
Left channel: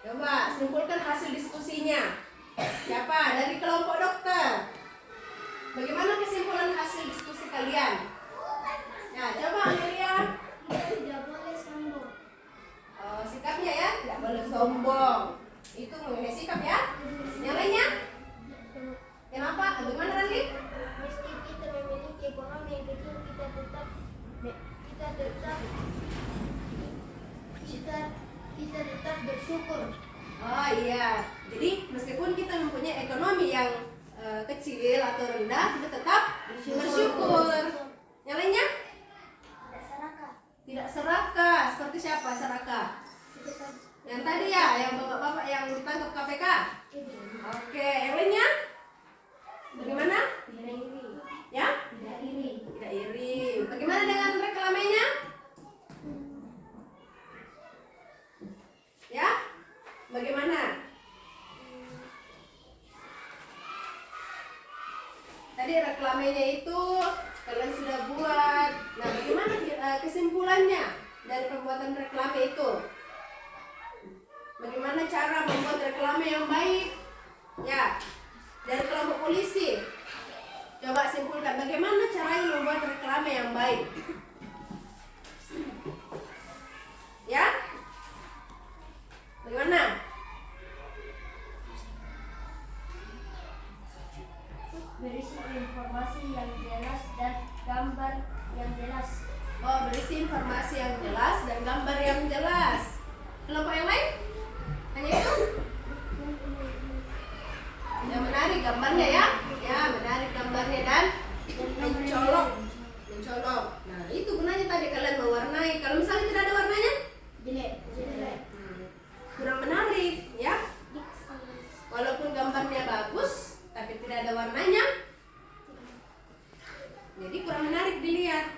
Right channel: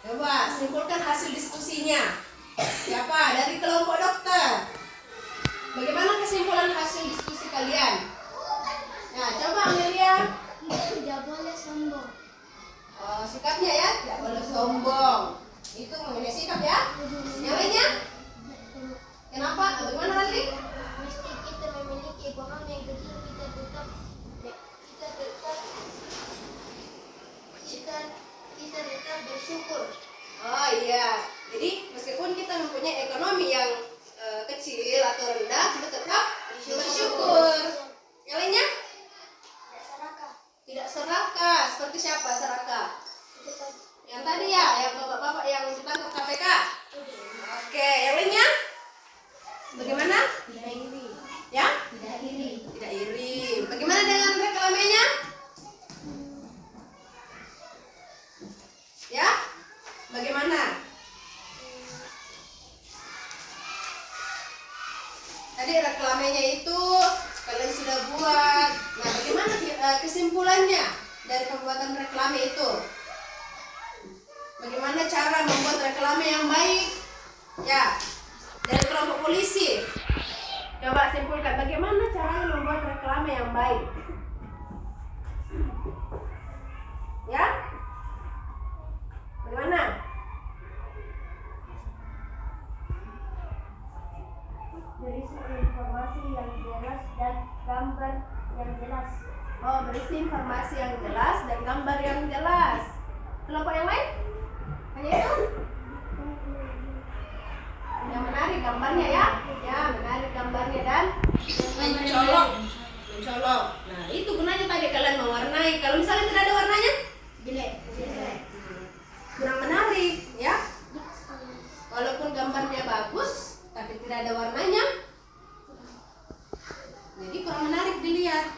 Coba simpulkan hasil diskusinya. Siapa? Dari kelompok dokter. Bagaimana kesimpulan hasil diskusi kalian? Nah, coba Amelia. Kita tidak boleh sombong. Sikapnya ya, tidak boleh sombong. Itu mengenai sikap ya. Yang lainnya? Kenapa? Bagaimana lagi? Meski kita memiliki ekonomi yang kecil, kita tetap bersyukur. Oh iya, jadi meskipun kita mempunyai ekonomi yang kecil atau rendah, kita tetap bersyukur. Yang lainnya? Tidak serakah. Seperti siapa serakah? Yang tadi ya, yang bapak-bapak yang ditangkap KPK. Oke, yang lainnya? Bagaimana? Tidak iri. Ya? Tidak iri. Tidak iri. Bagaimana dengan reklamenya? Ya? Bagaimana? Tadi reklamenya itu kalian sudah buat. Nah, bagaimana kesimpulannya dari pembuatan reklame itu? Bagaimana cara membuat reklame yang baik? Ya, dari kelompok polisi. Coba simpulkan bagaimana caranya membuat reklame yang baik. Ya? Bagaimana? Berisi informasi yang jelas dan gambar yang jelas. Oh, berisi informasi yang jelas dan gambar yang jelas. Kelompok yang lain? Hanya itu? Yang menarik gambarnya ya? Ya, menarik gambarnya dan mencolok. Mencolok. Nah, itu gunanya tadi kalian mewarnai. Kalau misalnya tidak ada warnanya? Jelek. Kurang menarik, ya? Walaupun gambarnya bagus, tapi tidak ada warnanya, jadi kurang menarik dilihat.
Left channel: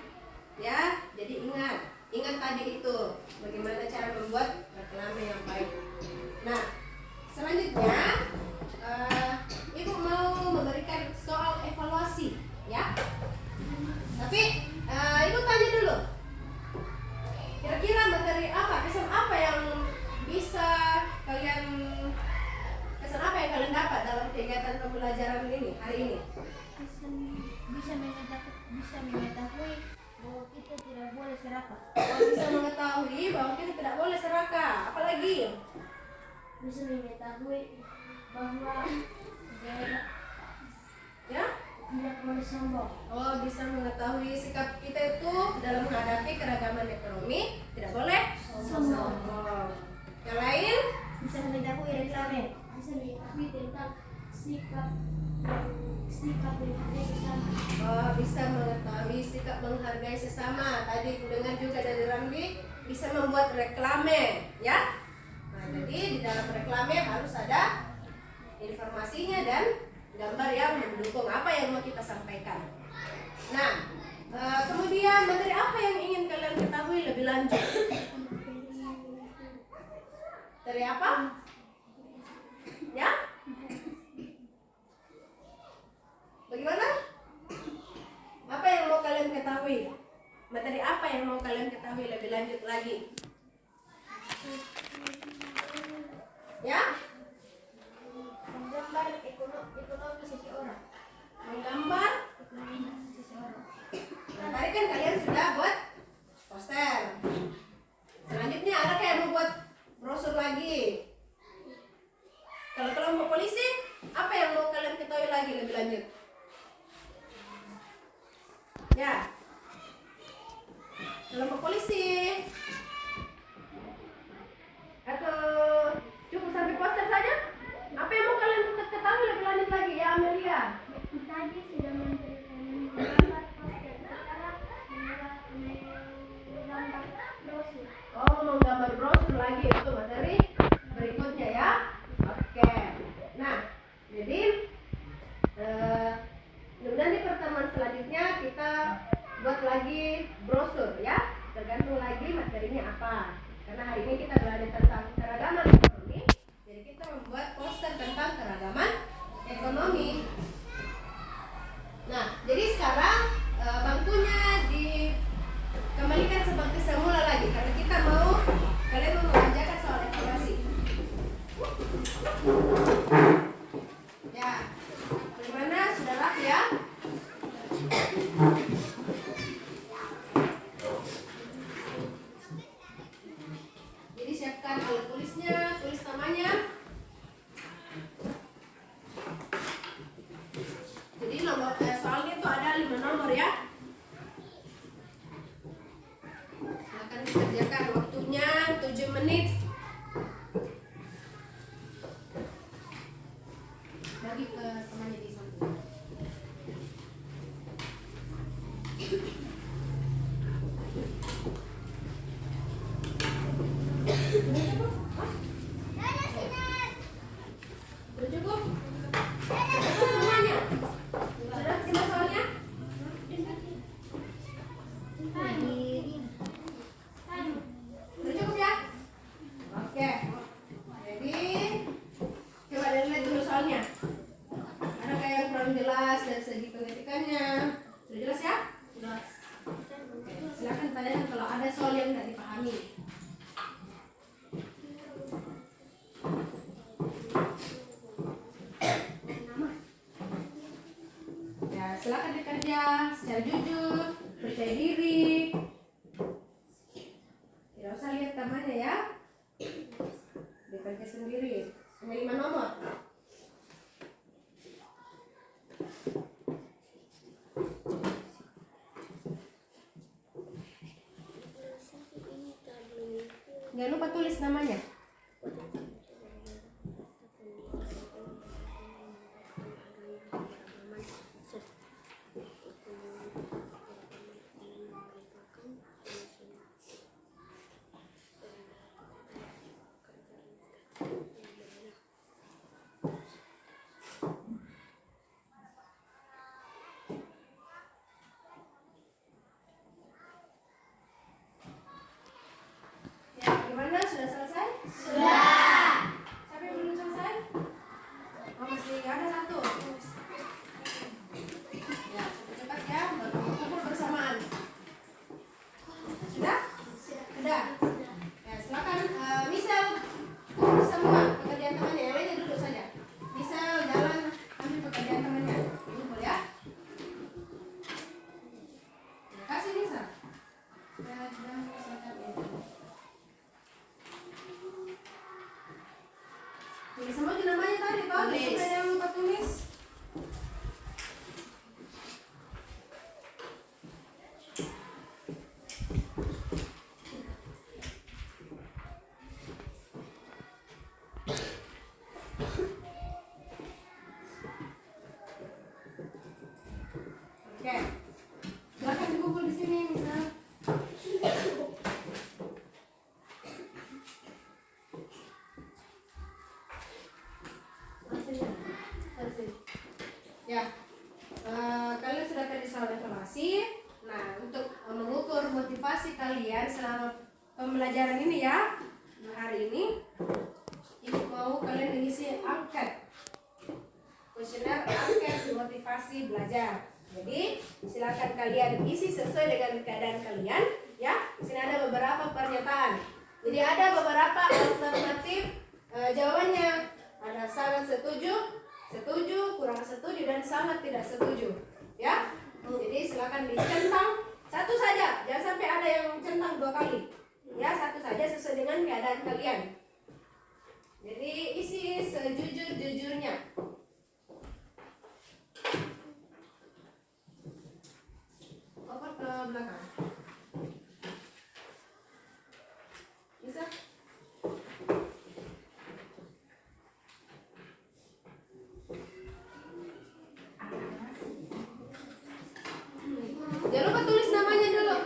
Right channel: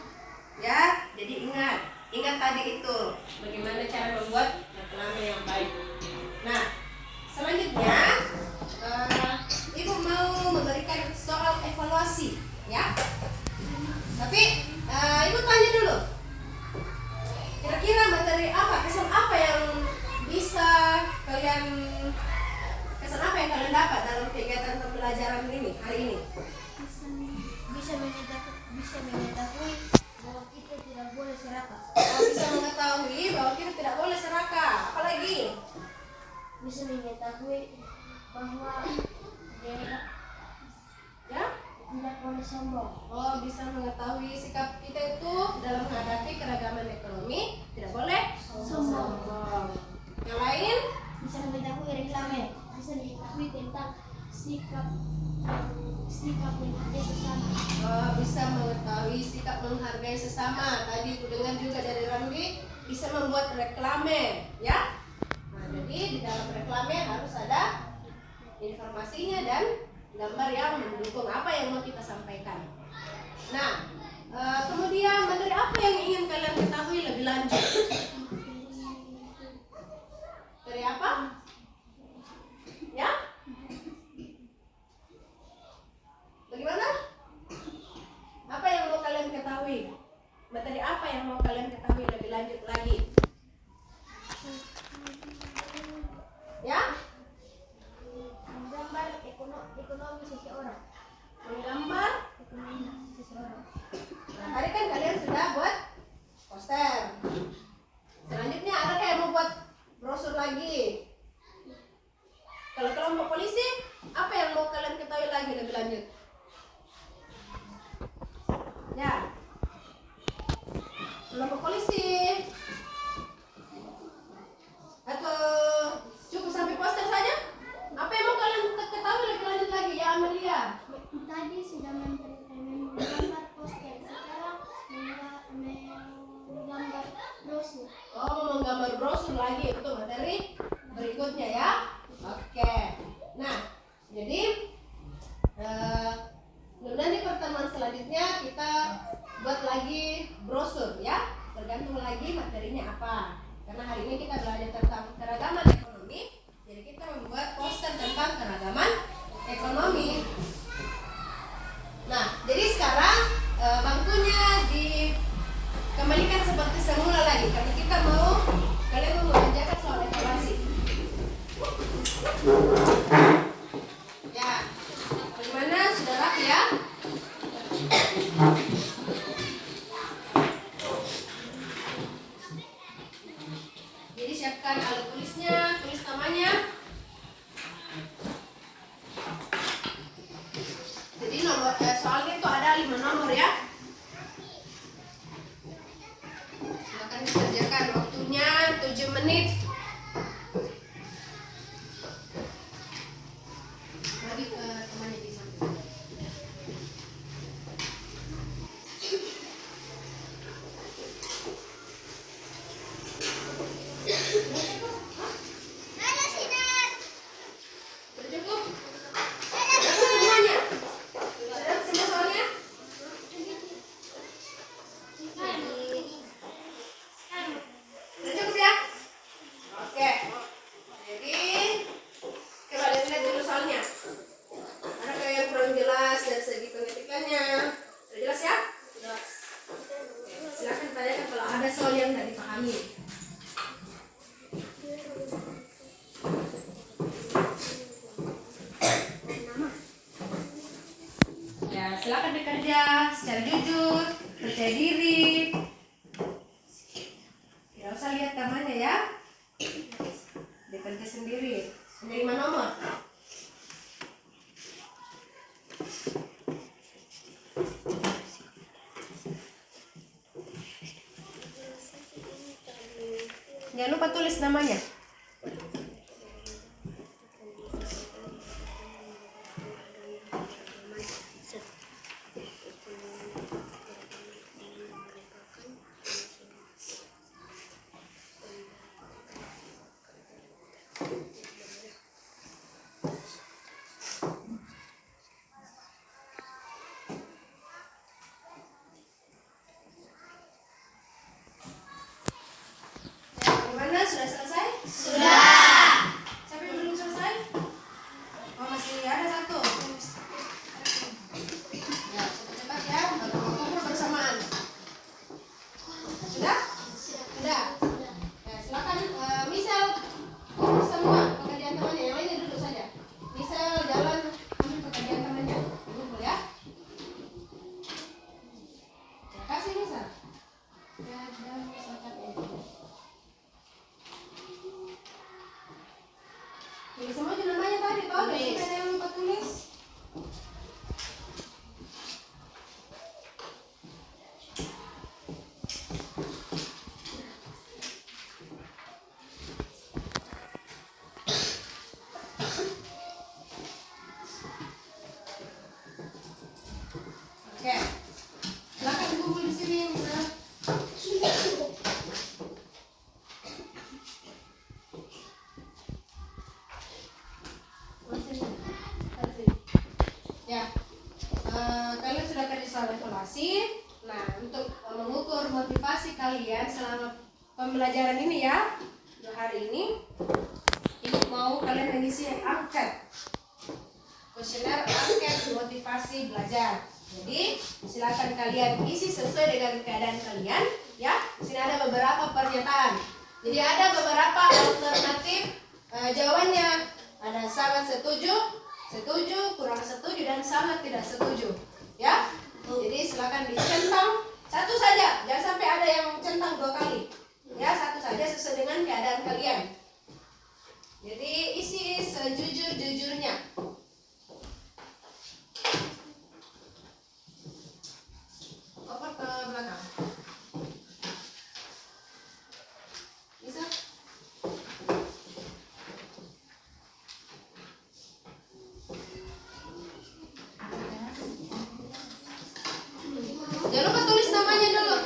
Ya, jadi ingat tadi itu bagaimana cara membuat reklame yang baik. Nah, selanjutnya Ibu mau memberikan soal evaluasi, ya. Tapi Ibu tanya dulu, kira-kira materi apa, kesan apa yang bisa kalian dapat dalam kegiatan pembelajaran ini hari ini? Bisa mengetahui bahwa kita tidak boleh serakah. Bisa mengetahui bahwa kita tidak boleh serakah. Apalagi? Bisa mengetahui bahwa Ya? tidak boleh sombong. Oh, bisa mengetahui sikap kita itu dalam menghadapi keragaman ekonomi tidak boleh sombong. Yang lain? Bisa mengetahui reklame. Bisa mengetahui tentang sikap menghargai sesama. Bisa mengetahui sikap menghargai sesama. Tadi ku dengar juga dari Ramli bisa membuat reklame, ya. Nah, jadi di dalam reklame harus ada informasinya dan gambar yang mendukung apa yang mau kita sampaikan. Nah, kemudian materi apa yang ingin kalian ketahui lebih lanjut? Dari apa? Ya? Bagaimana? Apa yang mau kalian ketahui? Materi apa yang mau kalian ketahui lebih lanjut lagi? Ya? Menggambar ekonomi seseorang. Menggambar. Ekonomi seseorang. Nah, tadi kan kalian sudah buat poster. Selanjutnya ada kayak mau buat brosur lagi. Kalau kelompok polisi, apa yang mau kalian ketahui lagi lebih lanjut? Ya, kelompok polisi. Atau cukup sampai poster saja? Apa yang mau kalian ketahui lebih lanjut lagi ya, Amelia? Tadi sudah memberikan menggambar poster, sekarang menggambar brosur. Oh, mau gambar brosur lagi, itu materi berikutnya ya. Oke. Nah, jadi mudah-mudahan di pertemuan selanjutnya kita buat lagi brosur ya. Tergantung lagi materinya apa. Karena hari ini kita belajar tentang keragaman ekonomi, jadi kita membuat poster tentang keragaman ekonomi. Nah, jadi sekarang bangkunya dikembalikan seperti semula lagi karena kita mau kalian mau mengerjakan soal evaluasi. Ya, bagaimana sudah rapi ya? Jadi siapkan alat tulisnya, tulis namanya. Jadi nomor soalnya itu ada 5 nomor ya. Silakan dikerjakan, waktunya 7 menit. Bagi ke temannya di samping. Sudah cukup? Sudah semuanya? Sudah semua soalnya? Sudah cukup ya? Oke. Jadi coba lihat dulu soalnya. Ada kayak yang kurang jelas dari segi pengetikannya. Sudah jelas ya? Sudah. Oke. Silakan tanyakan kalau ada soal yang tidak dipahami. Ya, silakan bekerja secara jujur, percaya diri. Tidak usah lihat temannya ya. Bekerja sendiri. Hanya 5 nomor. Jangan lupa tulis namanya. Gimana? Sudah selesai? Sudah. Siapa yang belum selesai? Oh, masih ada satu. Ya, cepat-cepat ya, baru mengukur bersamaan. Sudah? Sudah. Ya, silakan misal semua pekerjaan temannya, yang lainnya duduk saja. Misal jalan ambil pekerjaan temannya. Kumpul ya. Ya, kasih misal. Dan misalkan ini. Jadi semua juga namanya tadi toh, sampai ada yang lupa tulis. kalian selama pembelajaran ini ya, 2 hari ini, Ibu mau kalian mengisi angket, kuesioner angket motivasi belajar. Jadi silakan kalian isi sesuai dengan keadaan kalian ya. Di sini ada beberapa pernyataan. Jadi ada beberapa alternatif jawabannya. Ada sangat setuju, setuju, kurang setuju, dan sangat tidak setuju. Ya. Jadi silakan dicentang satu saja. Jangan sampai ada yang centang 2 kali. Ya, satu saja sesuai dengan keadaan kalian. Jadi isi sejujur-jujurnya. Oper ke belakang. Bisa? Jangan lupa tulis namanya dulu.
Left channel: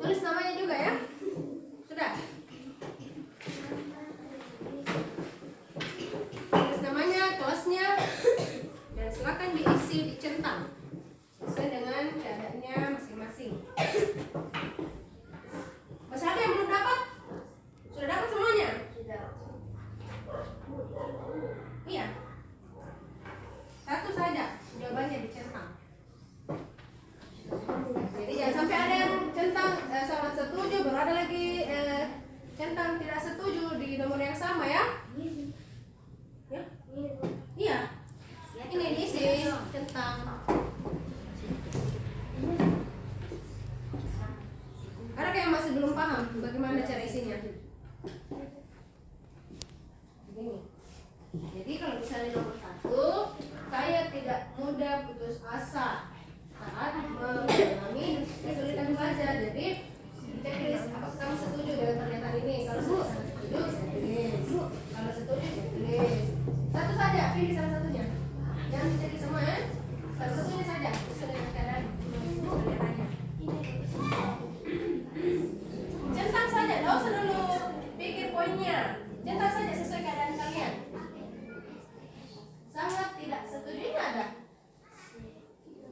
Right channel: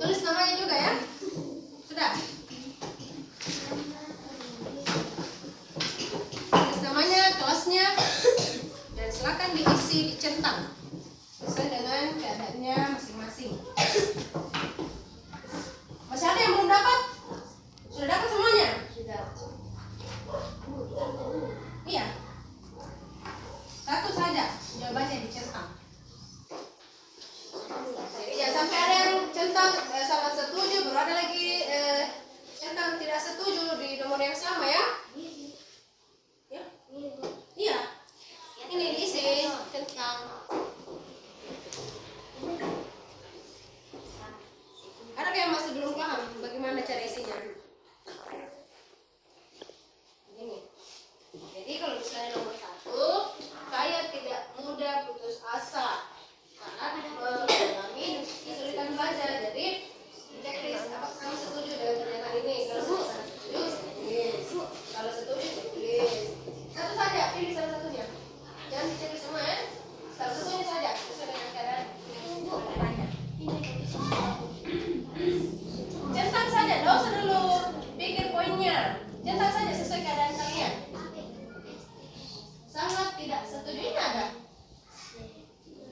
Tulis namanya juga ya. Sudah? Tulis namanya, kelasnya, dan silakan diisi, dicentang sesuai dengan keadaannya masing-masing. Masih ada yang belum dapat? Sudah dapat semuanya? Iya. Satu saja jawabannya dicentang. Jadi jangan sampai ada yang centang sangat setuju, baru ada lagi centang tidak setuju di nomor yang sama ya. Ya? Iya. Ini diisi centang. Ada yang masih belum paham bagaimana cara isinya? Begini. Jadi kalau misalnya nomor 1, saya tidak mudah putus asa saat mengalami kesulitan belajar. Jadi checklist apakah kamu setuju dengan pernyataan ini? Kalau setuju, tulis. Kalau setuju, tulis. Satu saja, pilih salah satunya. Jangan dicek semua ya. Salah satunya saja sesuai dengan keadaan. Centang saja, tidak usah dulu pikir poinnya. Centang saja sesuai keadaan kalian. Sangat tidak setuju ini ada.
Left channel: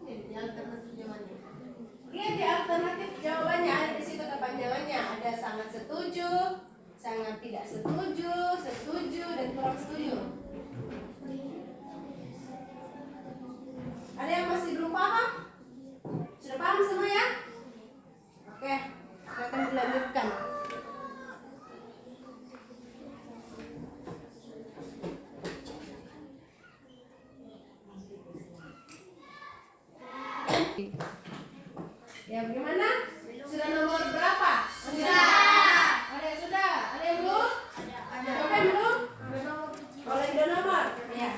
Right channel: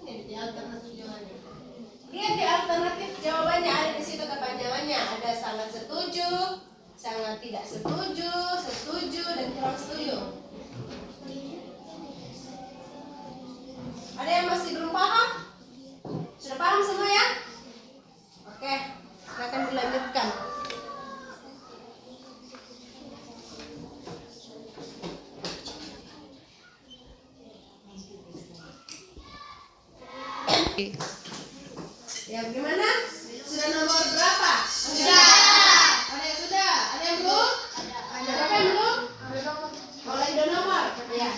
Ini di alternatif jawabannya. Lihat di alternatif jawabannya, ada di situ kepanjangannya. Ada sangat setuju, sangat tidak setuju, setuju, dan kurang setuju. Ada yang masih belum paham? Sudah paham semua ya? Oke, silakan dilanjutkan. Ya, bagaimana? Sudah nomor berapa? Sudah. Ada yang sudah? Ada yang belum? Ada. Berapa yang belum? Mulai dari nomor. Ya.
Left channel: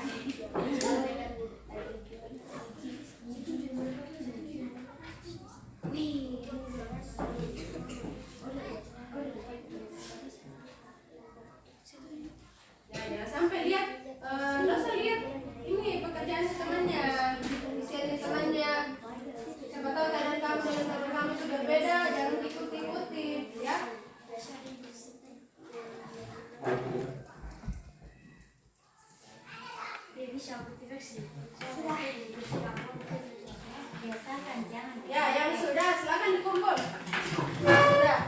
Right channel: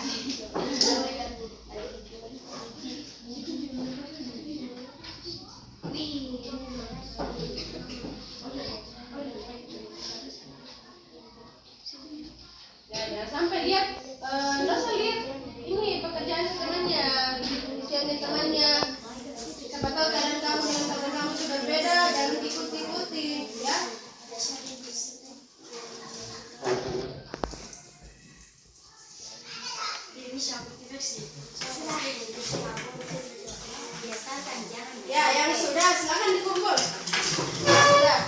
Ya, sampai lihat, nggak usah lihat ini pekerjaan temannya, isiannya temannya. Siapa tahu keadaan kamu dengan teman kamu itu berbeda, jangan ikuti-ikuti, ya. Ya, yang sudah silakan dikumpul. Sudah.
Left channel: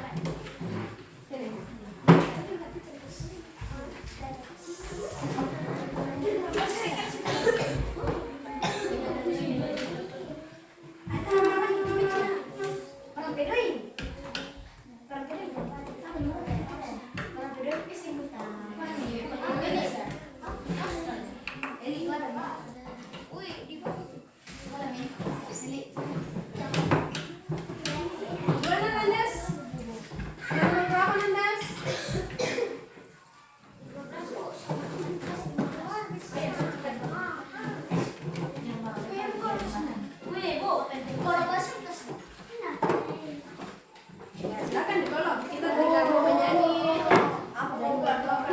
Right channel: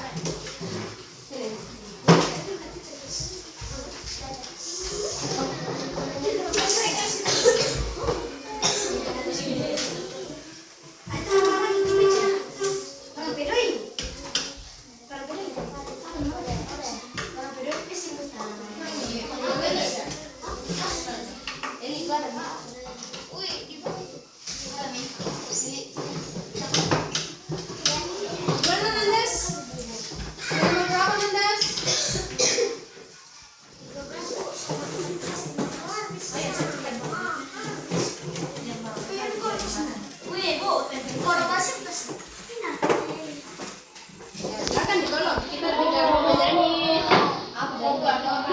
Sini. Gimana Nandes? Nomor berapa Nandes? Ya, silakan ditolong. Kita tidak mau menyanyi apa apa.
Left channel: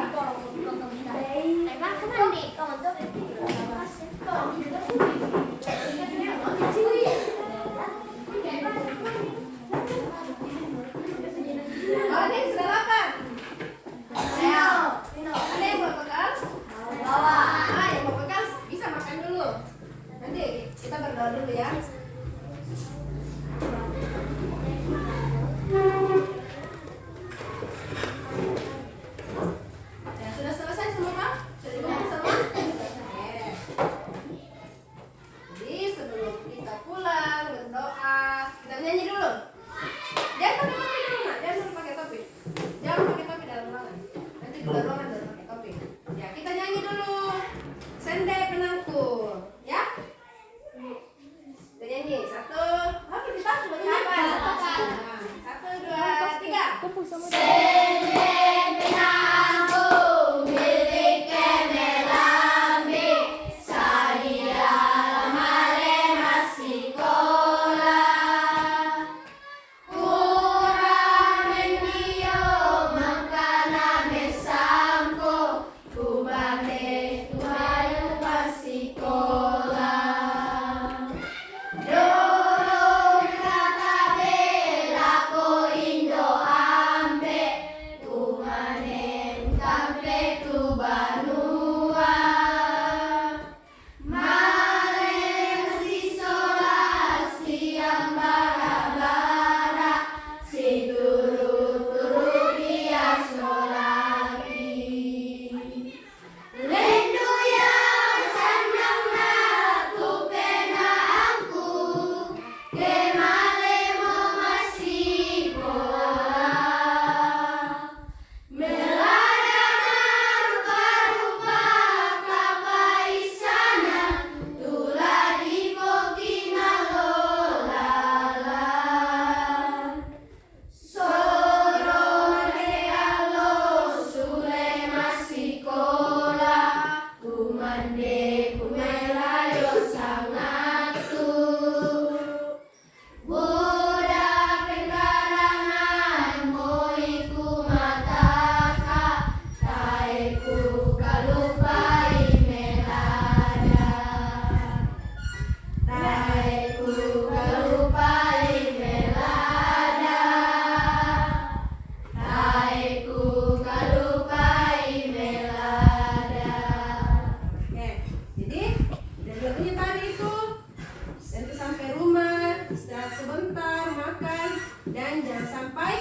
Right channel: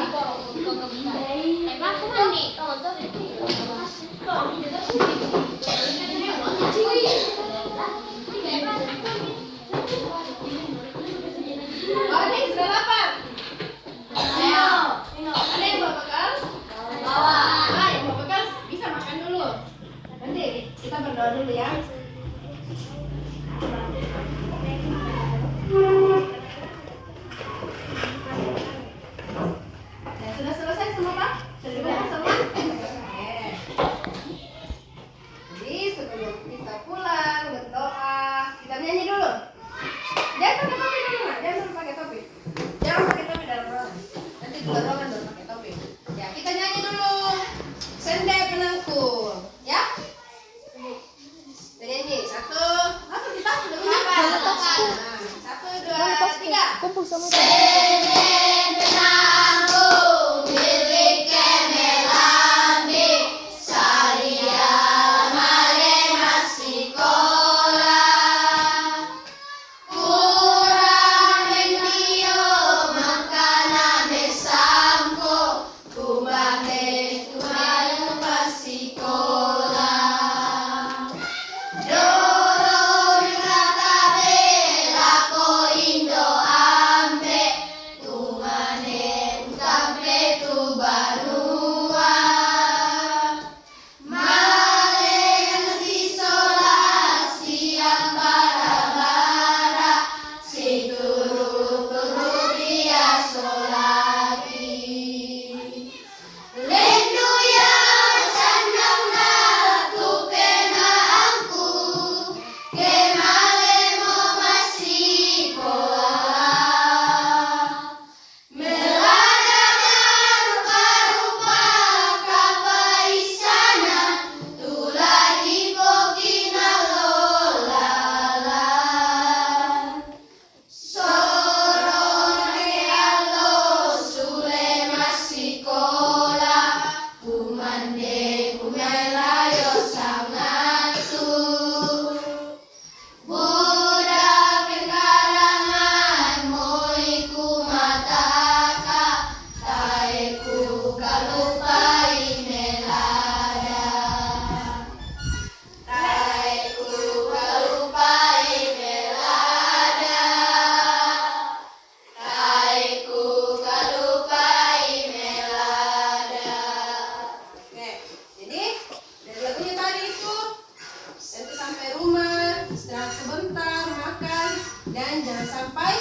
dan jangan sampai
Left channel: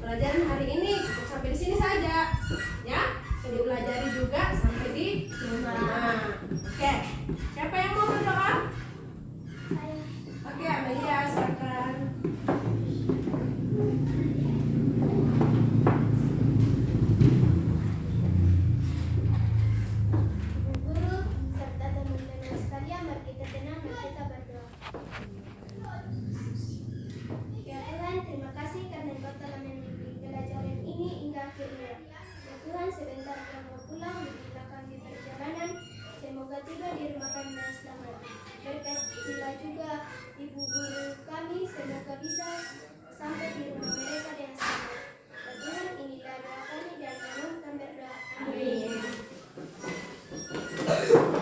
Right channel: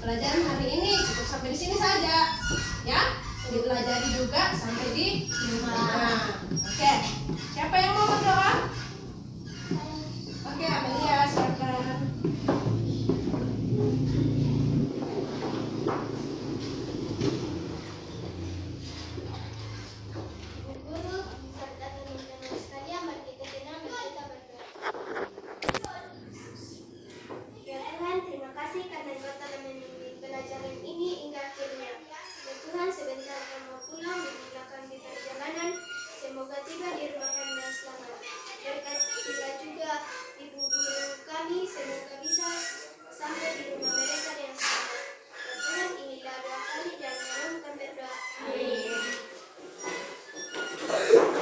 pelajaran hari ini cukup sampai di sini saja, ya. Dipelajari juga sampai di rumah. Oke, siapa yang